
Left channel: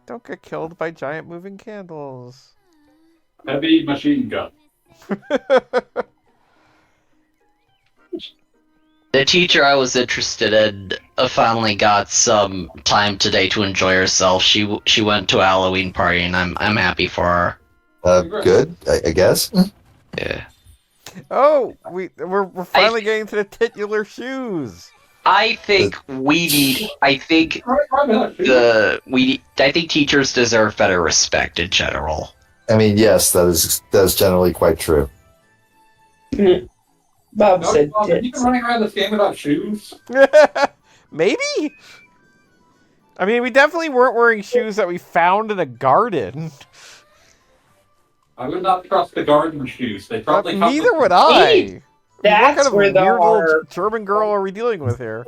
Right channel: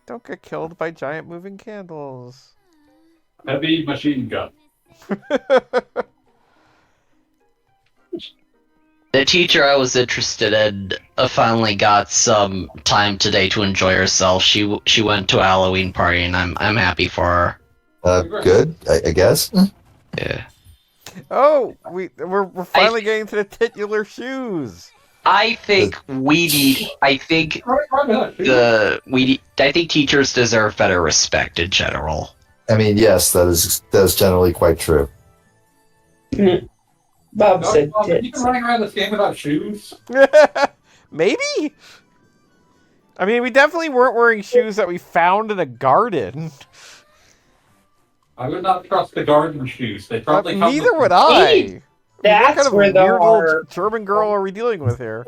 Don't get killed by giant moving candles. Heavy machine gun. The teacher I was interested in finally got some time today to enjoy herself. She went to a Halloween party, and I'm happy for her. Good, I guess. Yeah. Oh, we're finally getting to the titular shoes. I think we need. I think I think teachers deserve better respect in general. I mean, yes, that is generally quite true. Bob said Have you tits. been running around this game without shoes? Maybe? I mean, we definitely weren't wearing shoes that we found in a garden. I would not trust the garden shoes. They probably come Neither with- would I. Hey, What That's kind of where the weird horror. little German girl are we dealing with here?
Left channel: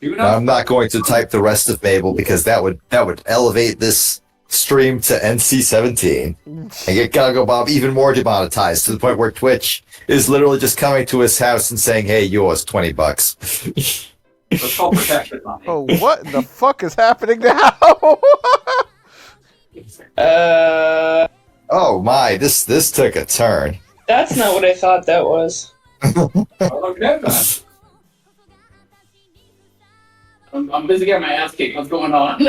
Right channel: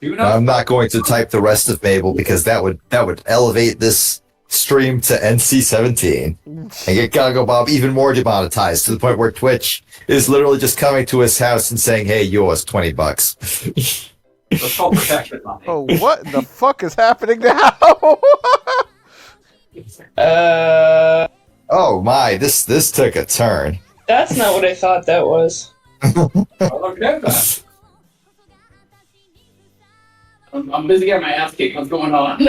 Do not I'm not going to type the rest of Mabel because that would elevate this stream to NC-17 and get Gago Bob even more demonetized to the point where Twitch is literally just coming to his house and saying, "Hey, yours, $20." Let's call protection money. Oh, what in the fuck is happening now? Oh my, this took a turn. That's not what I thought that was. Okay, then. I'm busy getting my ass kicked. What's going on?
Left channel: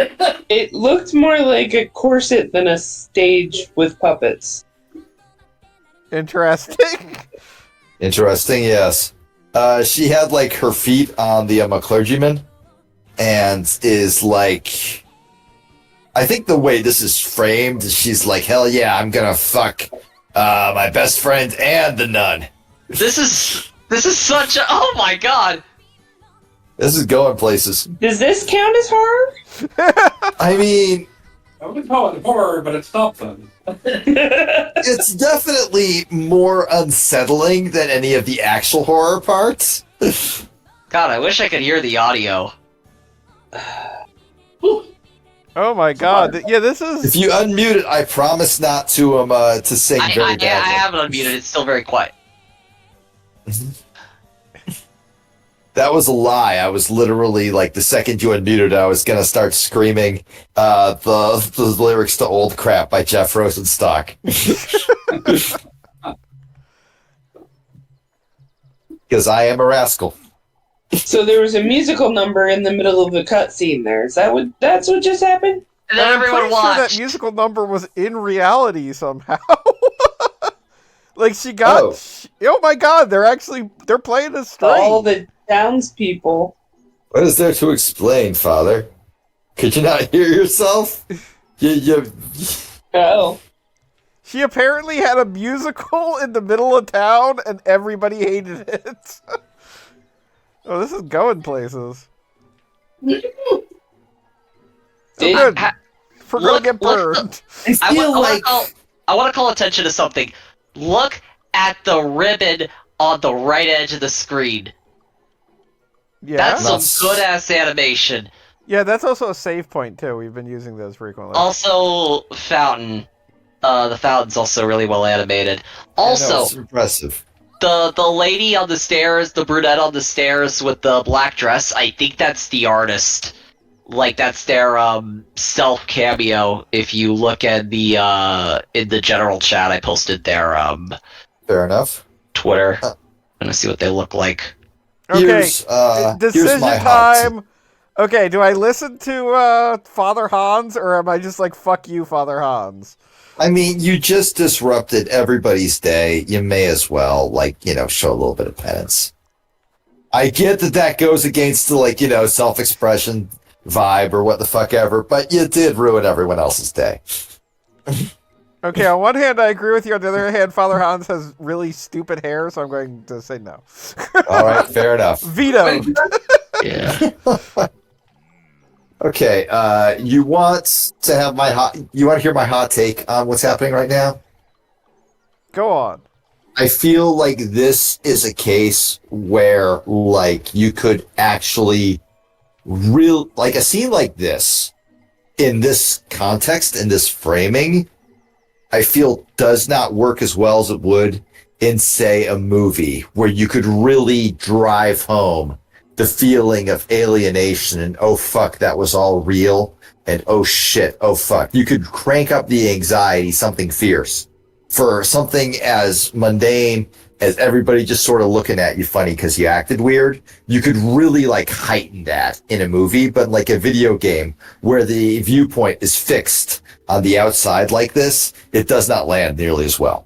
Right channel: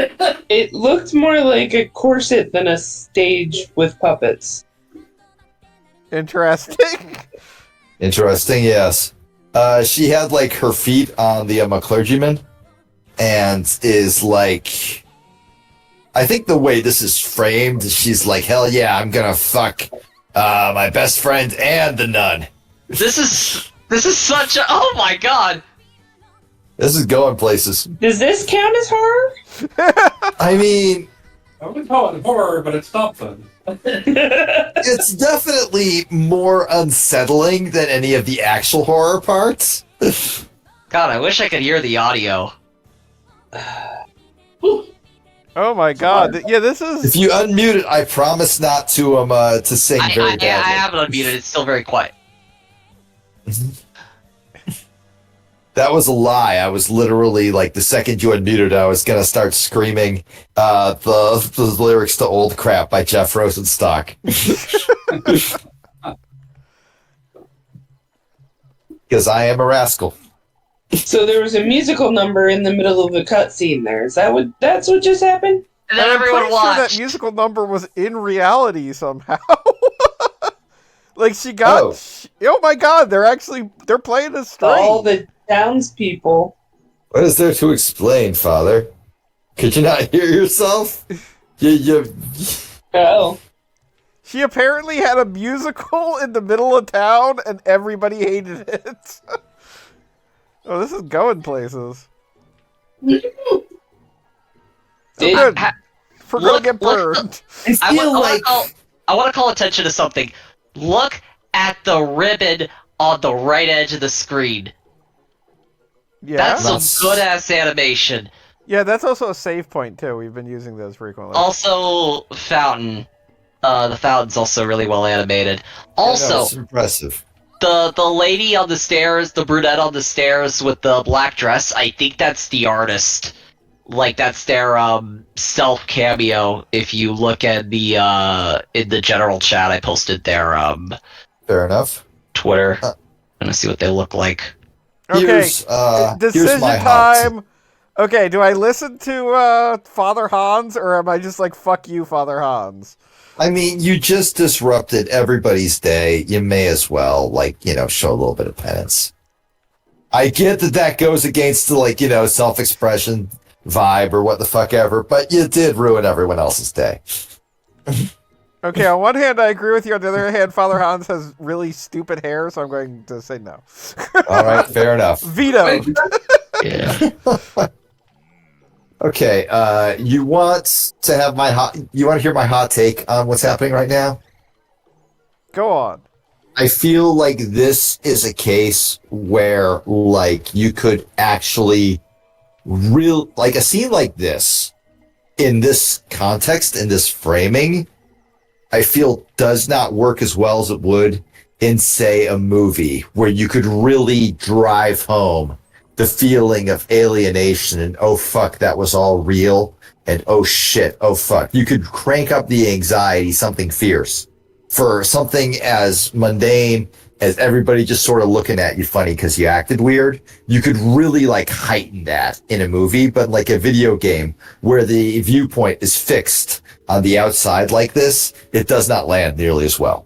It looked more like a corset than a stage with puppets. Interesting. Interesting, yes. She had like her feet on the a clergyman, and is like, I think the way this is framed, she's like, hell yeah, I'm gonna fuck my best friend and the nun. This is such a. Oh my god. This is going places. Does this count as horror? I mean, I wouldn't call it horror, but it's something. it's definitely more unsettling than any of the actual horror parts. God, I wish I could hear the audio. Oh my god. Yeah, this is... If you unmute it, I promise not to sing very I badly. haven't unmuted. It's still very quiet. That was a lie. I was literally like, the second you unmuted, I was gonna start screaming the lyrics to "Old Crap" by Jeff Rosenstock. Because I am a rascal. So there was a musical number in the middle of the cutscene there. That's what just happened? And then I'm everyone pretty sure that watched. musical number was in reality somehow. Like, she got... Oh. Oh my god, they're playing this straight. All the townspeople. What is there to explain, Father? Could you not hear yourself? You... Oh. She apparently had a musical in the middle of town, and everybody hated it. Oh, this is going places. Oh, good. We're gonna get burned. I want to call attention to something. Look at the ribbon on the right edge of the screen. Yeah, That's some good-ass animation. Yeah, that's also a save point, too. We've been using those frequently. Also, fountain. The fountain's also really well animated. Also, it's impressive. the lady on the stairs, the brunette on the stairs with the black dress, I think that's the artist. Like, that's their self cameo. If you look at the in the general chat, I posted their Fair enough. Twitter. I'm gonna see what they look like. Okay, decision my time. Okay, do I listen to Father Hans, or am I just like, fuck you, Father Hans? I mean, you just disrupted everybody's day. You may as well, show a little bit of penance. I get that goes against the, self-expression vibe or what the fuck ever, but you did ruin everyone else's day. Okay, on one hand, I agree with you. On the other hand, Father Hans has really stupid hair, so I'm going to say no. All right, fair enough. Vetoed. Yeah. Okay, you want to hear my hot take on what's happening right now? Go on. I feel like this is a case where, you could actually a scene like this, in this context, in this framing, I feel does not work as well as it would in, say, a movie where you could really drive home the feeling of alienation and, oh, fuck, that was all real, and, oh, shit, oh, fuck. You could crank up the anxiety, something fierce, for something as mundane as everybody just sort of looking at you funny because you acted weird. You could really, heighten that in a movie, but like a video game where the viewpoint is fixed on the outside like this, it does not land nearly as well.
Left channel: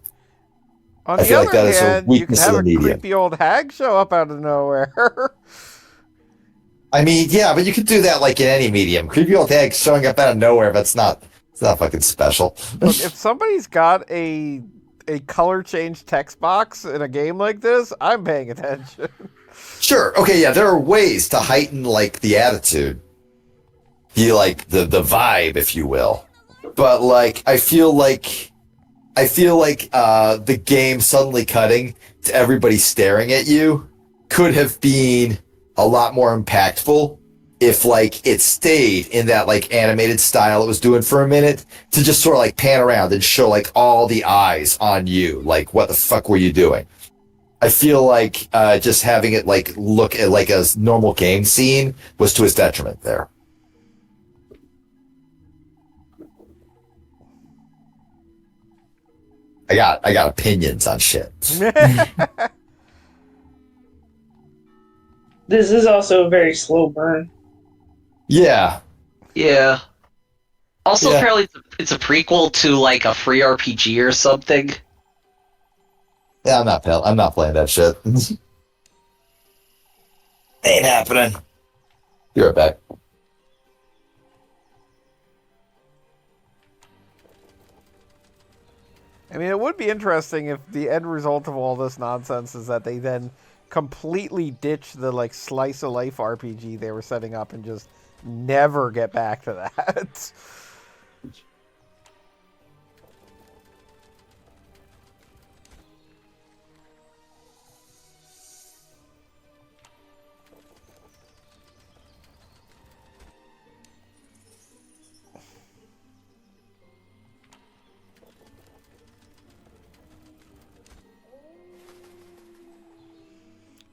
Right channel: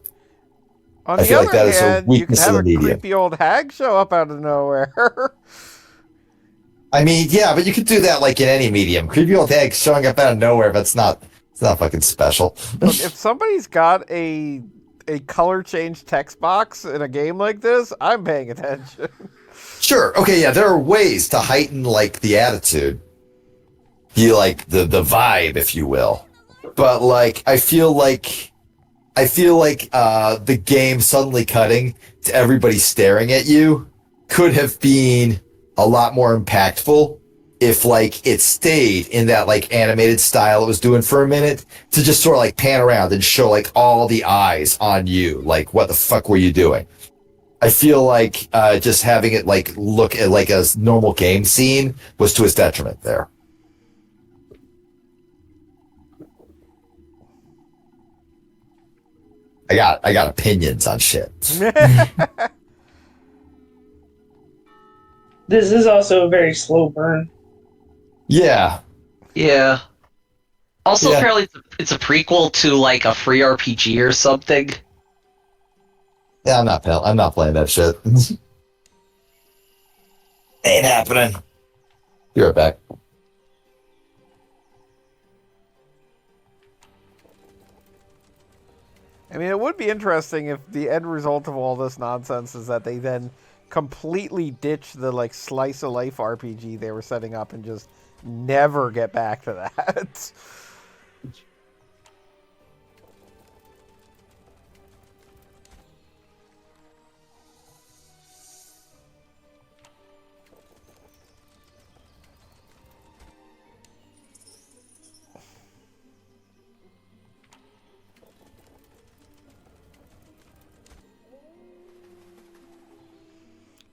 On the other hand, you could have a creepy old hag show up out of nowhere. I mean, yeah, but you could do that in any medium. Creepy old hag showing up out of nowhere, but it's not fucking special. Look, if somebody's got a color change text box in a game like this, I'm paying attention. Sure. Okay, yeah, there are ways to heighten the attitude. The the vibe, if you will. But I feel like the game suddenly cutting to everybody staring at you could have been a lot more impactful if it stayed in that animated style it was doing for a minute, to just sort of pan around and show all the eyes on you. What the fuck were you doing? I feel just having it look at a normal game scene was to his detriment there. I got opinions on shit. This is also a very slow burn. Yeah. Yeah. Also, apparently, it's a prequel to a free RPG or something. Yeah, I'm not playing that shit. Ain't happening. Be right back. I mean, it would be interesting if the end result of all this nonsense is that they then completely ditch the slice of life RPG they were setting up and just never get back to that.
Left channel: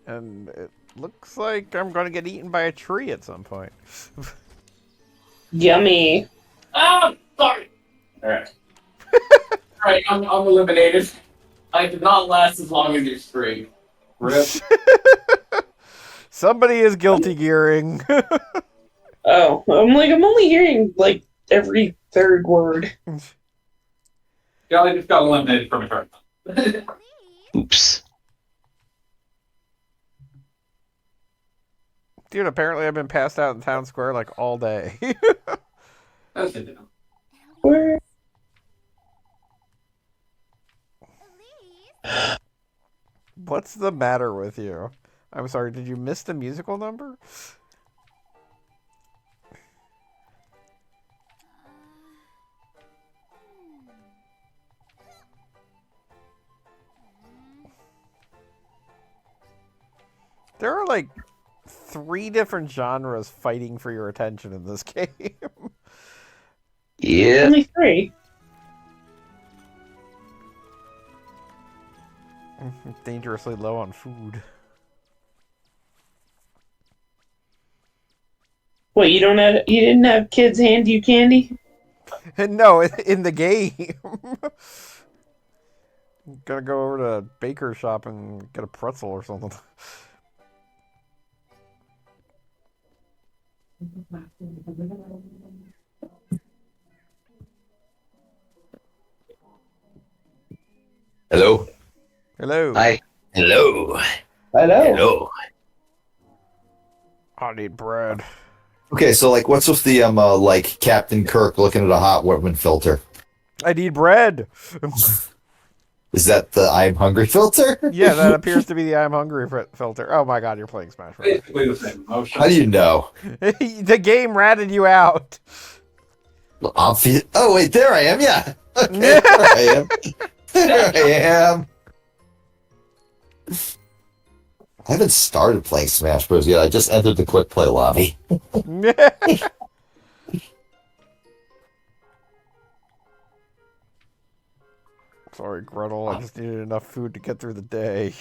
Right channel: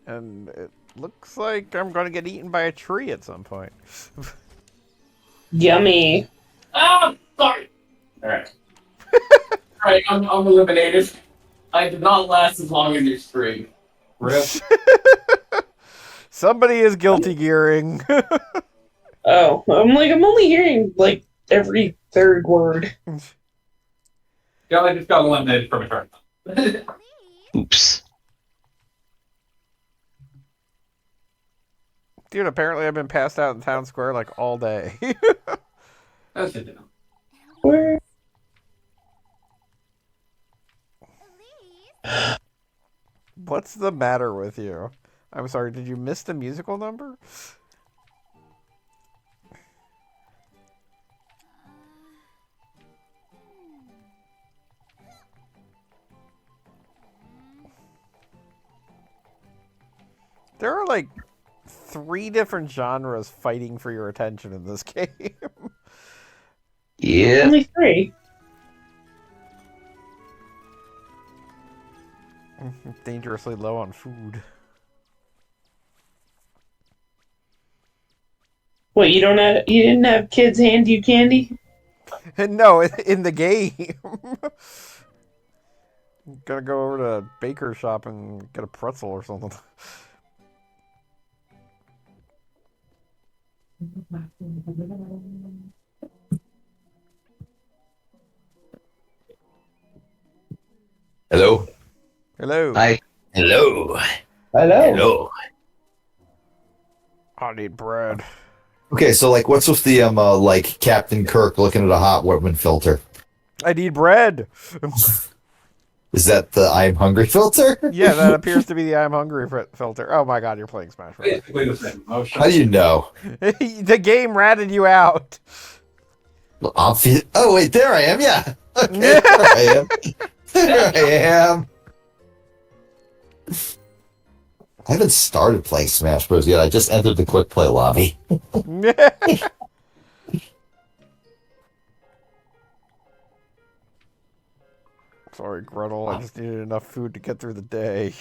And it looks like I'm going to get eaten by a tree at some point. Yummy. Ah, sorry. All right. All right, I'm eliminated. I did not last as long as your stream. Rip. Somebody is guilty gearing. Oh, I'm only hearing every third word. Yeah, I just got eliminated from a tournament. Oops. Dude, apparently I've been passed out in town square like all day. That's good to know. Where? What's the matter with you? I'm sorry, did you miss the musical number? There are like 3 different genres fighting for your attention in this game. Yeah. Only 3. Dangerously low on food. What, you didn't have kids hand you candy? No, in the game. Gotta go over to a baker shop and get a pretzel or something. Hello. Hello. Hi. Hello. Hello. Hello. I need bread. Okay, so like, what's with the like Captain Kirk looking at a hot woman filter? I need bread. Is that the I'm hungry filter? Yeah, that appears to be the I'm hungry filter. Oh my god, you're playing Smash Bros. Basically the same emotion. How do you know? The game ratted you out. Oh wait, there I am. Yeah. Okay, there I am. There I am. I haven't started playing Smash Bros. Yet. I just entered the quick play lobby. Sorry, Gretel. I just needed enough food to get through the day.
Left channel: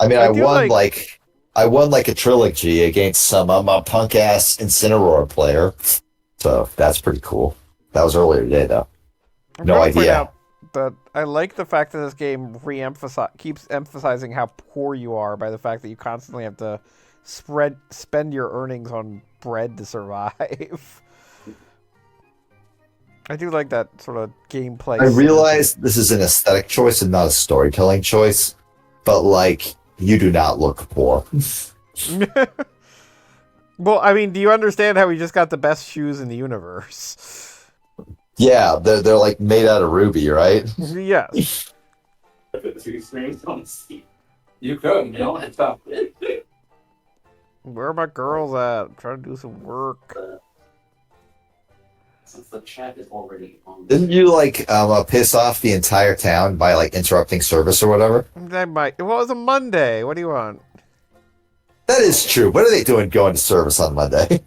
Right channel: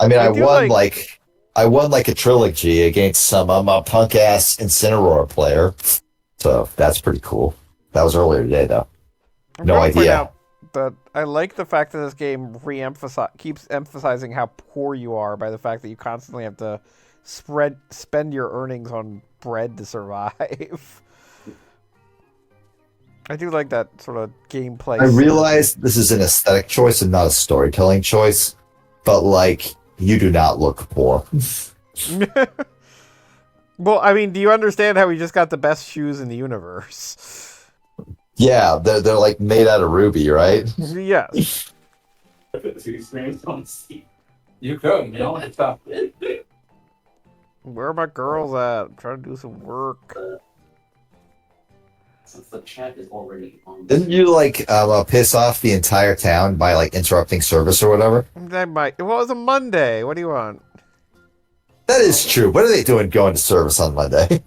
I mean, I I do won like- I won like a trilogy against some punk ass Incineroar player, so that's pretty cool. That was earlier today, though. I'm No gonna point idea. out that I like the fact that this game keeps emphasizing how poor you are by the fact that you constantly have to spend your earnings on bread to survive. I do like that sort of gameplay. I realize this is an aesthetic choice and not a storytelling choice, but like, you do not look poor. Well, I mean, do you understand how we just got the best shoes in the universe? Yeah, they're like made out of ruby, right? Yes. You could, you know, it's tough. Where are my girls at? I'm trying to do some work. Since the chat is already on. Didn't you like piss off the entire town by like interrupting service or whatever? That might. Well, it was a Monday. What do you want? That is true. What are they doing going to service on Monday?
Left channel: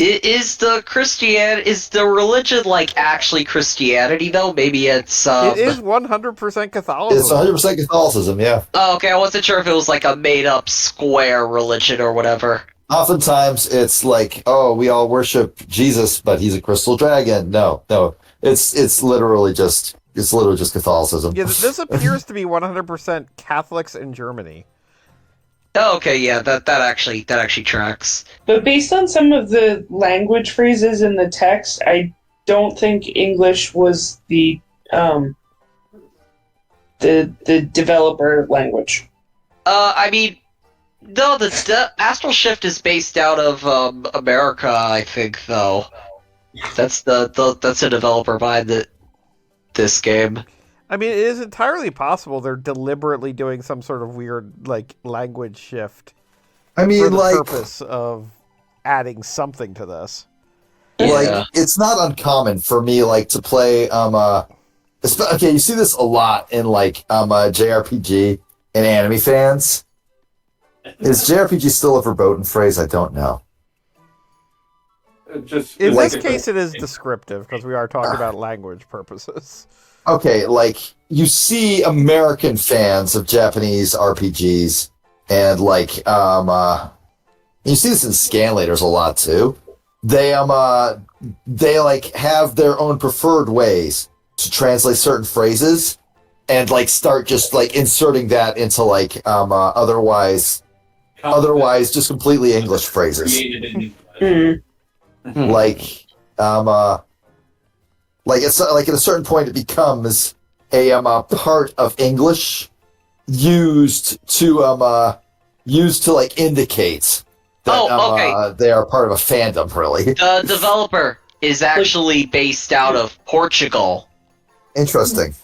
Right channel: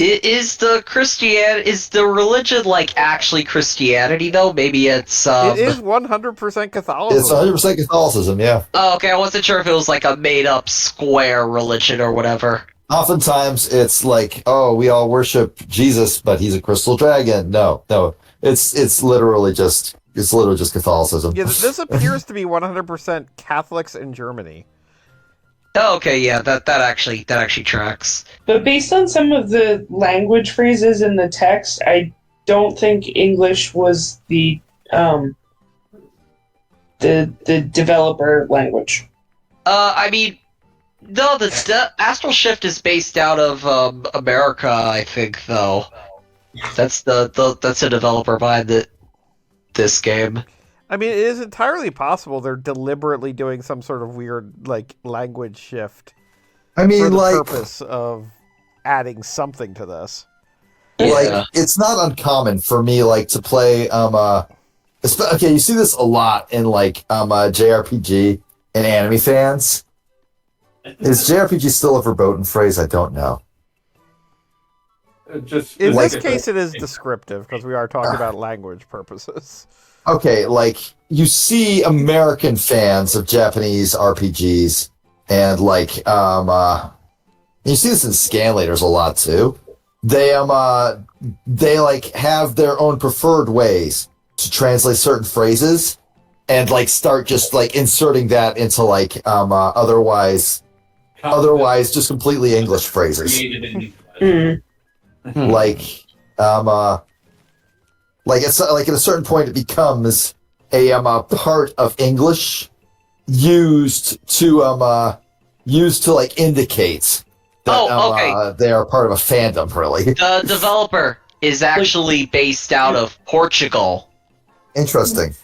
Is the religion like actually Christianity though? Maybe it's It is 100% It's Catholicism. 100% Catholicism, yeah. Oh, okay, I wasn't sure if it was like a made up square religion or whatever. Oftentimes it's like, oh, we all worship Jesus, but he's a crystal dragon. No. It's literally just Catholicism. Yeah, this appears to be 100% Catholics in Germany. Oh, okay, yeah, that actually tracks. But based on some of the language phrases in the text, I don't think English was the developer language. I mean, no, the Astral Shift is based out of America, I think, though. That's that's a developer behind this game. I mean, it is entirely possible they're deliberately doing some sort of weird, like, language shift I mean, for the like, purpose of adding something to this. like it's not uncommon for me, like, to play. Okay, you see this a lot in like JRPG and anime fans. Is JRPG still a verboten phrase? I don't know. In Like- this case, it is descriptive because we are talking about language purposes. Okay, like you see American fans of Japanese RPGs, and like you see this in scanlators a lot too. They like have their own preferred ways to translate certain phrases, and like start just like inserting that into like otherwise just completely English phrases. Like like it's like at a certain point it becomes a part of English, used to like indicate that they are part of a fandom, really. The developer is actually based out of Portugal. Interesting.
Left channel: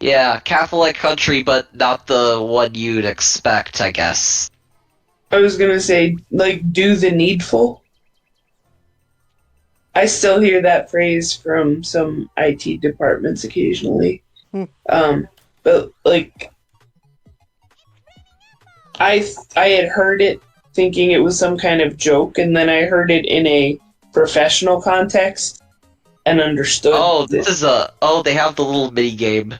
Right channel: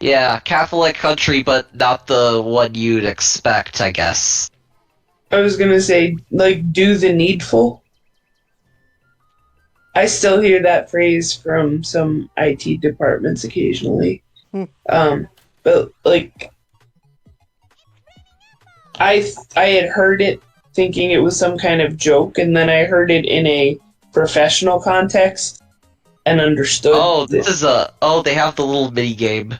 Yeah, Catholic country, but not the one you'd expect, I guess. I was gonna say, like, do the needful. I still hear that phrase from some IT departments occasionally. But like, I had heard it thinking it was some kind of joke, and then I heard it in a professional context and understood. Oh, this is a. Oh, they have the little mini game.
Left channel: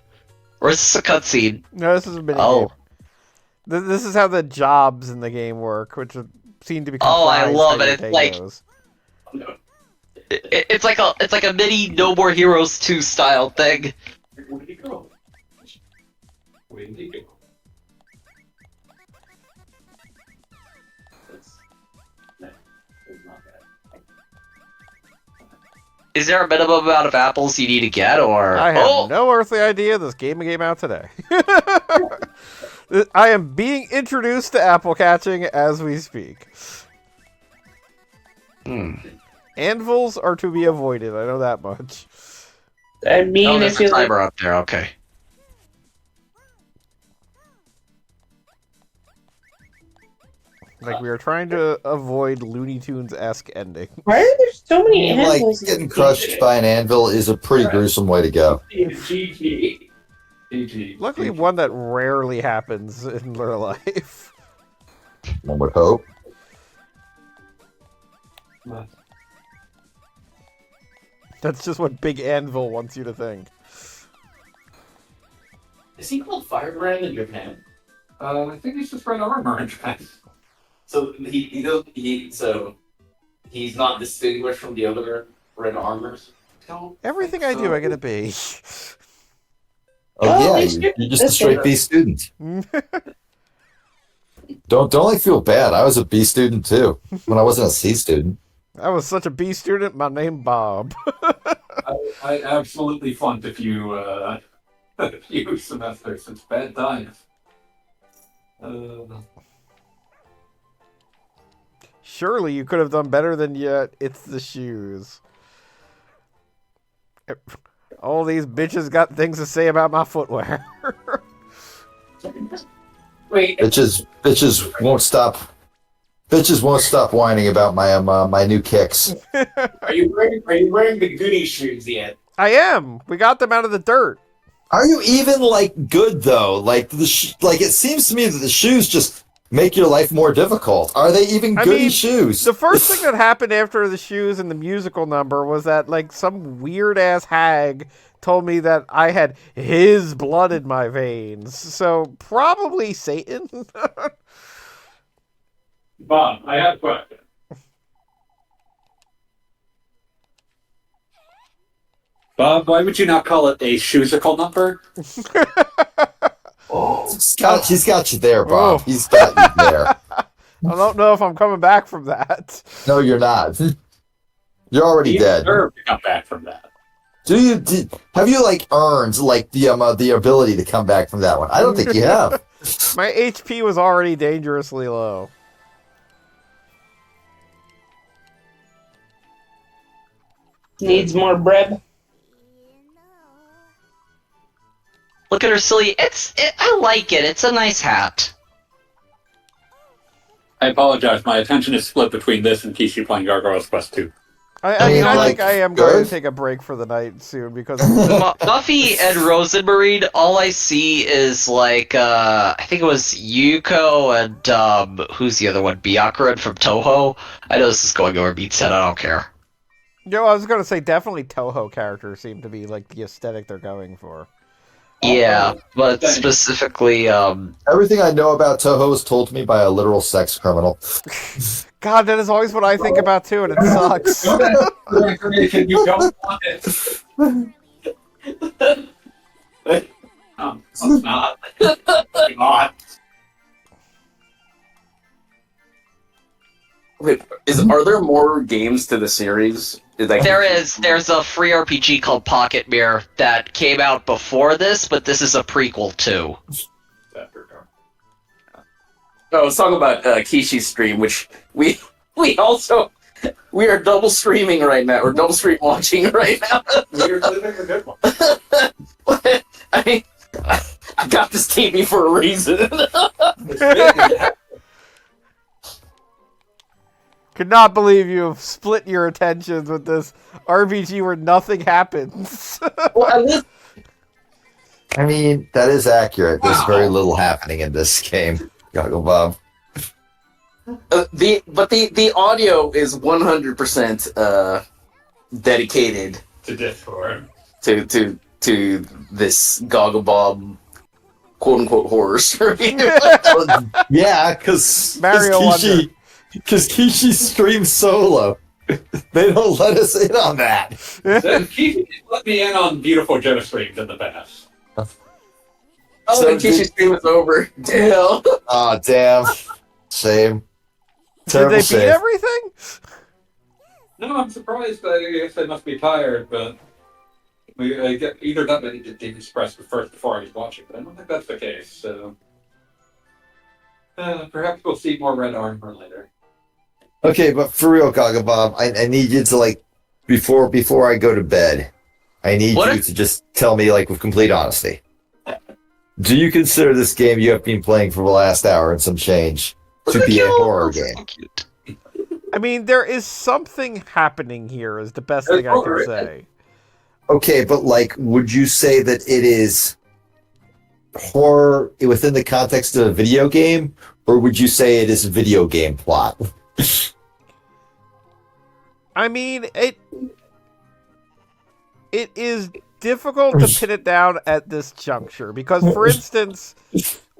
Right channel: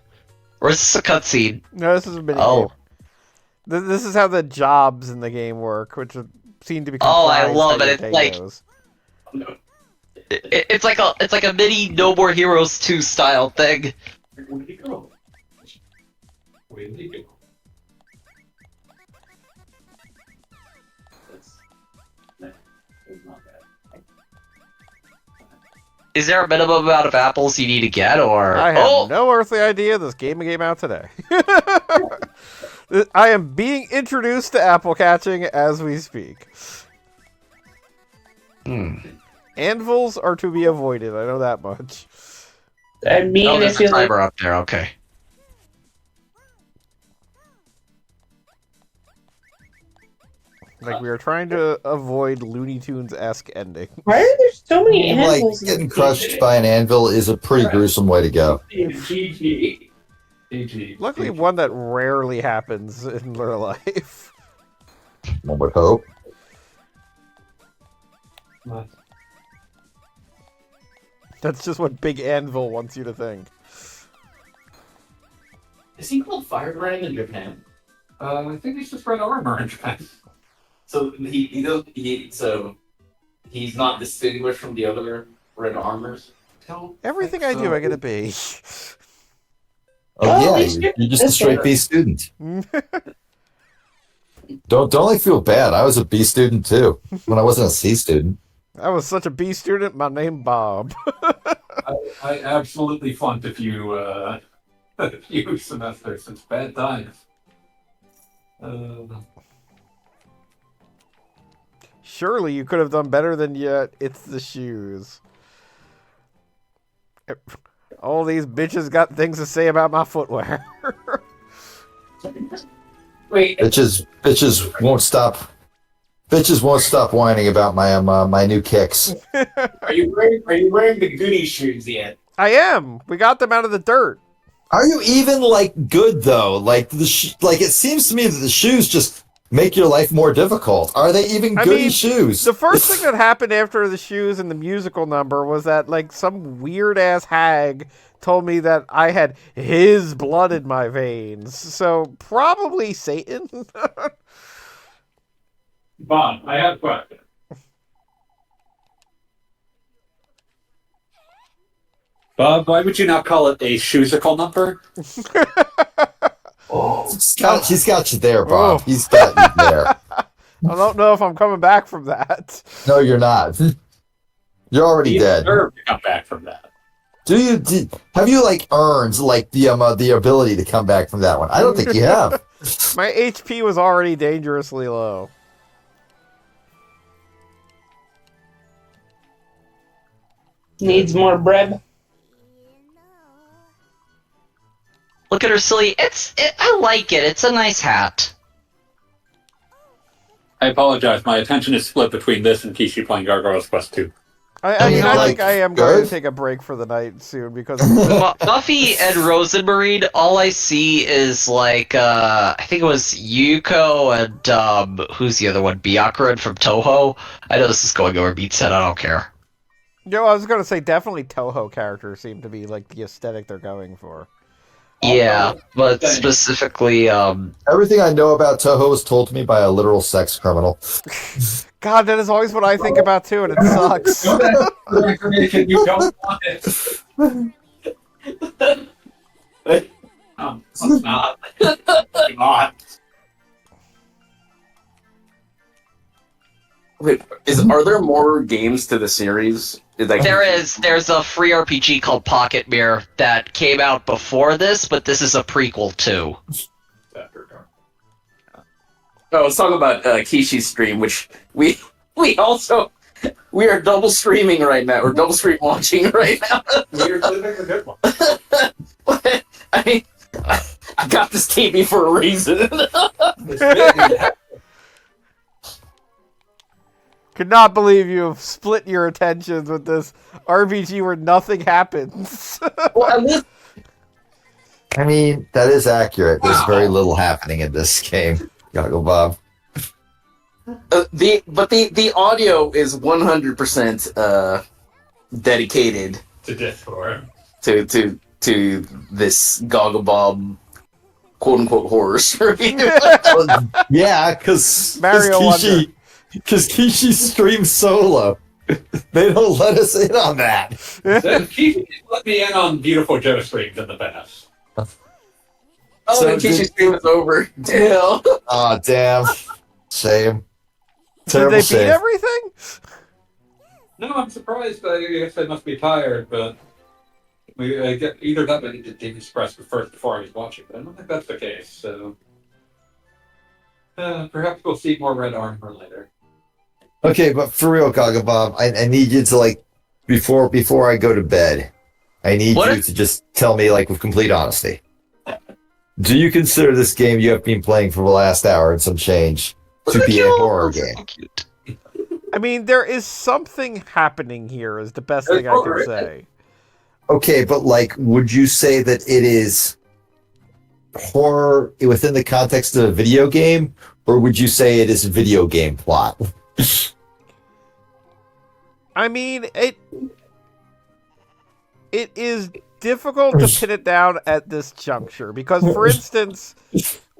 Or is this a cutscene? No, this is a mini game. This is how the jobs in the game work, which seem to be comprised. Oh, I love how it. your It's day like goes. it's like a mini No More Heroes 2 style thing. Where did he go? Where did he go? Is there a minimum amount of apples you need to get, or I have no earthly idea. This game came out today. I am being introduced to apple catching as we speak. Anvils are to be avoided. I know that much. I mean, Oh, I there's a feel like timer up there. Okay. Like we are trying to avoid Looney Tunes-esque ending. why are there so many Like animals? getting crushed by an anvil is a pretty gruesome way to go. GG. GG. Luckily, one that rarely happens in real life. One would hope. That's just what Big Anvil wants you to think. Is he called Firebrand in Japan? I think he's just red armor in Japan. So so he's not distinguished from the other red armors. Everything I do, I get a B. Oh, he's yeah, good. you're just a That's straight better. B student. Don't like feel bad. I was a B student too when I wasn't a C student. I was such a B student. My name Bob. I absolutely flunked a few semesters. It's bad times. Surely you could have done better than yet. It's the shoes. All these bitches got things to say about my footwear. Wait, Bitches won't stop. Bitches won't stop whining about my my new kicks. are you wearing the Goody shoes yet? I am. We got them out of the dirt. Are you even like good though? Like like it seems to me that the shoes just make your life more difficult. Are they even I goody mean, shoes? The first thing that happened after the shoes and the musical number was that like some weird ass hag told me that I had his blood in my veins. So probably Satan. Bob, I have a question. Bob, why would you not call it a shoesicle number? He's got you there, Bob. Oh. He's got you there. I don't know if I'm coming back from that. No, you're not. You're already You dead. deserve to come back from that. Have you like earned like the ability to come back from that one? I don't think you have. My HP was already dangerously low. Needs more bread. Look at her silly. I like it. It's a nice hat. I apologize. My attention is split between this and Kishi playing Gargoyle's Quest 2. I mean, I think like, I am going good. to take a break for the night soon because Buffy and Rosenmarine, all I see is like I think it was Yuko and who's the other one? Byakuran from Toho. I know this is going over Beat's head. I don't care. I was going to say definitely Toho characters seem to be like the aesthetic they're going for. Yeah, but specifically, Everything I know about Toho was told to me by a literal sex criminal. God, that is always what I think about too, and it sucks. Information you don't want it. It's not. Come on. Wait, are there more games to the series? there's a free RPG called Pocket Mirror that came out before this, but this is a prequel too. I was talking about Kishi's stream, which we are double streaming right now. We're double stream watching right now. We're living a good one. I mean, I got this TV for a reason. Could not believe you have split your attentions with this RPG where nothing happens. Well, at least I mean, that is accurate. There's very little happening in this game. Goggle Bob. the audio is 100% dedicated To Discord. to this Gogglebob quote unquote horror story. Yeah, because Mario Wonder. Because Kishi streams solo. They don't let us in on that. Keith let me in on Beautiful Joe streams in the past. Oh, So the Kishi stream is over. Damn. Oh, damn. Shame. Did Terrible they beat shame. everything? No, I'm surprised. I guess they must be tired, but I get either that or they did express first before I was watching, but I don't think that's the case. So perhaps we'll see more red armor later. Okay, but for real, Goggle Bob, I need you to, like, before I go to bed, I need What you to just tell me, like, with complete honesty. Do you consider this game you have been playing for the last hour and some change to be a horror game? I mean, there is something happening here is the best thing I can say. Okay, but, like, would you say that it is horror within the context of a video game, or would you say it is a video game plot? I mean, it is difficult to pin it down at this juncture because, for instance,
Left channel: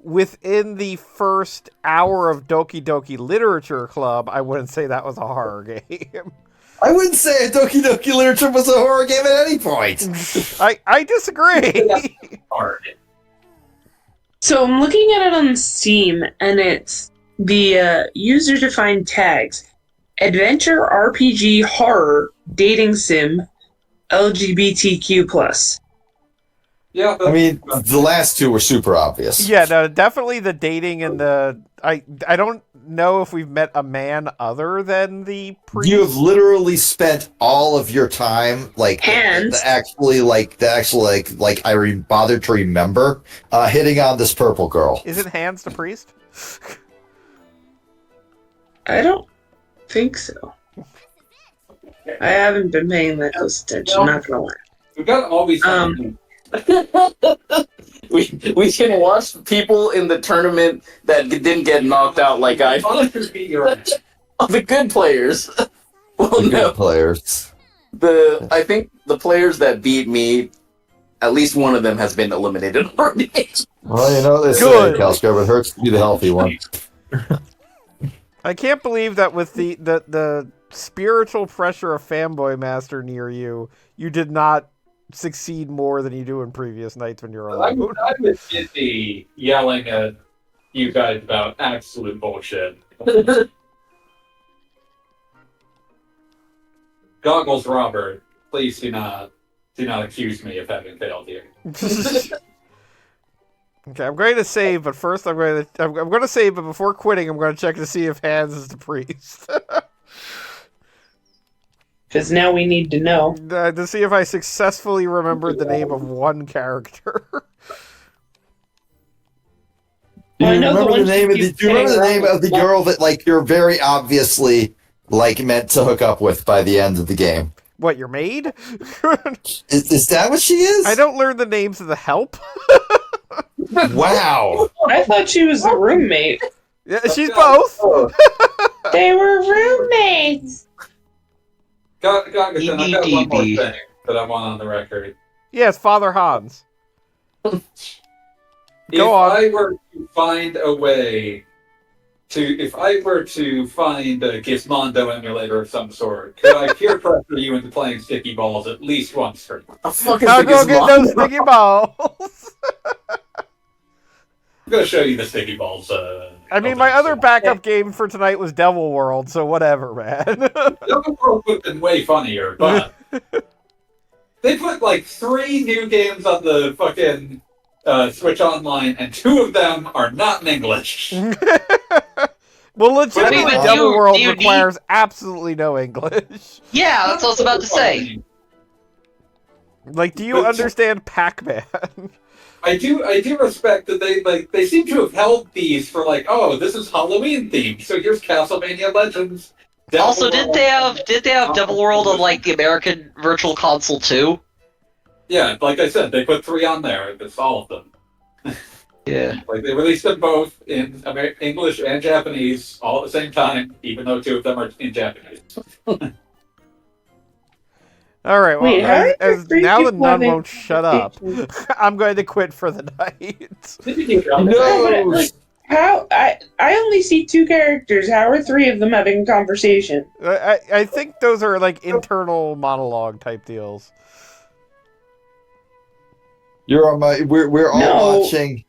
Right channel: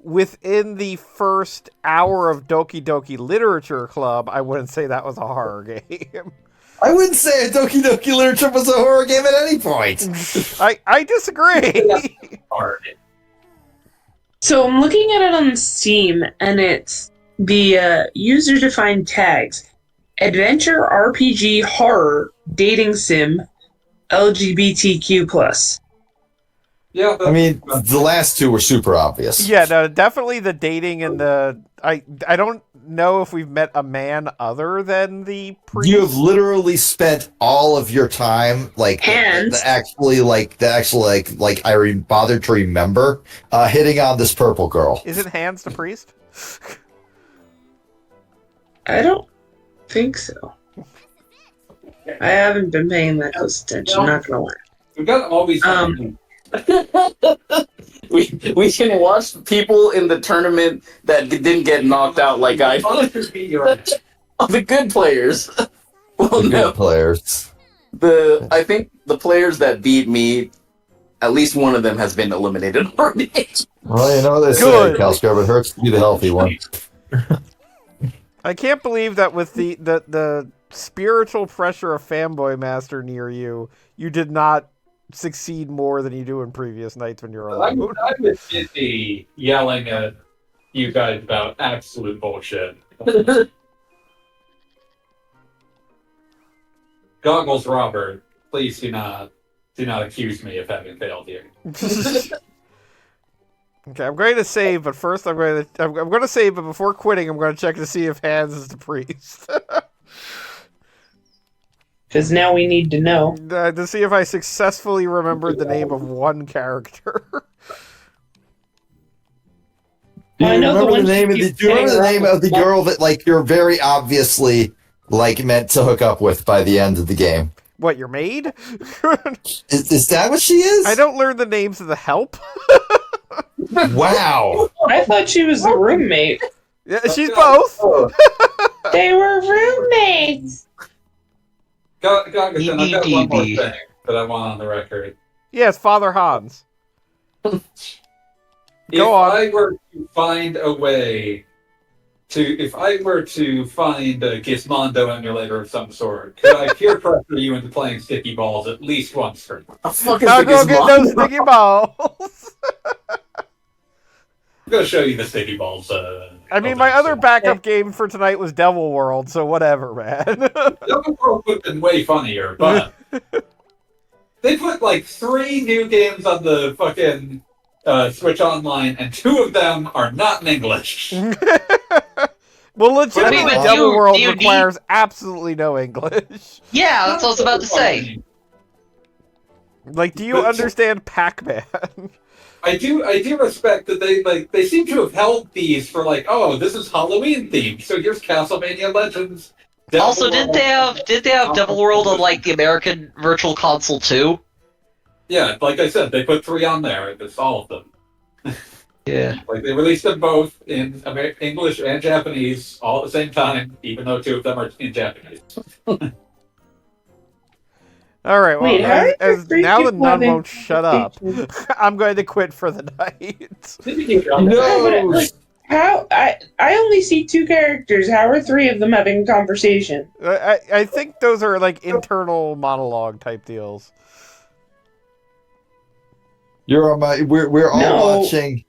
within the first hour of Doki Doki Literature Club, I wouldn't say that was a horror game. I wouldn't say a Doki Doki Literature was a horror game at any point. I disagree. Hard. So I'm looking at it on Steam, and it's the user-defined tags: adventure, RPG, horror, dating sim, LGBTQ+. Yeah, I mean, the last two were super obvious. Yeah, no, definitely the dating and the... I don't know if we've met a man other than the priest. You have literally spent all of your time, like, Hands. bothered to remember, hitting on this purple girl. Isn't Hans the priest? I don't think so. I haven't been paying that close attention, not gonna lie. we've got always we can watch people in the tournament that didn't get knocked out like I did. The good players. Well, The no. good players. I think the players that beat me, at least one of them has been eliminated already. Well, you know what they say, Good. Caliscrub, it hurts to be the healthy one. I can't believe that with the spiritual pressure of Fanboy Master near you, you did not succeed more than you do in previous nights when you're I alone. was busy yelling at you guys about absolute bullshit. Goggles Robert, please do not accuse me of having failed here. Okay, I'm going to save, but first I'm going to save, but before quitting, I'm going to check to see if Hans is the priest. Because now we need to know. To see if I successfully remembered the name of one character. Do you I know the remember one the name of you the? keep Do you remember the getting name of the wrong. girl that, like, you're very obviously, like, meant to hook up with by the end of the game? What, your maid? Is that what she is? I don't learn the names of the help. Wow. I thought she was the roommate. Yeah, she's both. They were roommates. I've got one more thing that I want on the record. Yes, Father Hans. If Go on. I were to find a way if I were to find a Gizmondo emulator of some sort, could I peer pressure you into playing sticky balls at least once per month? I'll go get those sticky balls. I'm gonna show you the sticky balls. I mean, my other backup game for tonight was Devil World, so whatever, man. Devil World would have been way funnier, but they put like 3 new games on the fucking Switch Online, and 2 of them are not in English. Well, legitimately, but Devil do World you requires absolutely no English. Yeah, that's what I was about to say. Like, do you But- understand Pac-Man? I do respect that they seem to have held these for like, oh, this is Halloween themed, so here's Castlevania Legends. Devil Also, did World. they have Devil World on like the American Virtual Console too? Yeah, like I said, they put 3 on there. It's all of them. Yeah. Like they released them both in English and Japanese all at the same time, even though 2 of them are in Japanese. All right, well, Wait, how are as there 3 now the people nun having won't shut up, conversations? I'm going to quit for the night. No, but like, how? I only see 2 characters. How are 3 of them having a conversation? I think those are like internal monologue type deals. You're on my. We're all No. watching.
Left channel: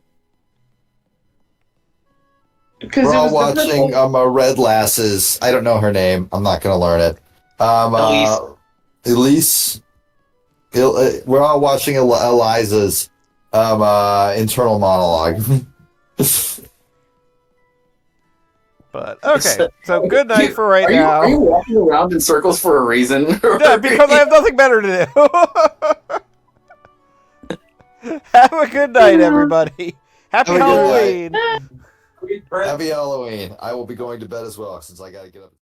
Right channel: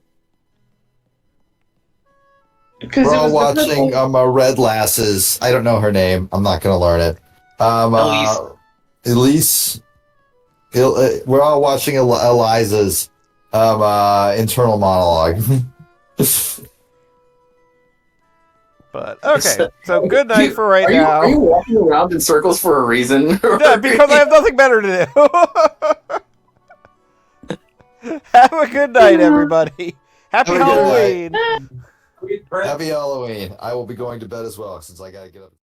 Because We're it all was the watching purple- Red Lasses. I don't know her name. I'm not gonna learn it. Elise. Elise. We're all watching Eliza's internal monologue. But okay, so good night for right now. Are you walking around in circles for a reason? Yeah, because I have nothing better to do. Have a good night, everybody. Happy Have a good Halloween. Happy Halloween. I will be going to bed as well since I gotta get up.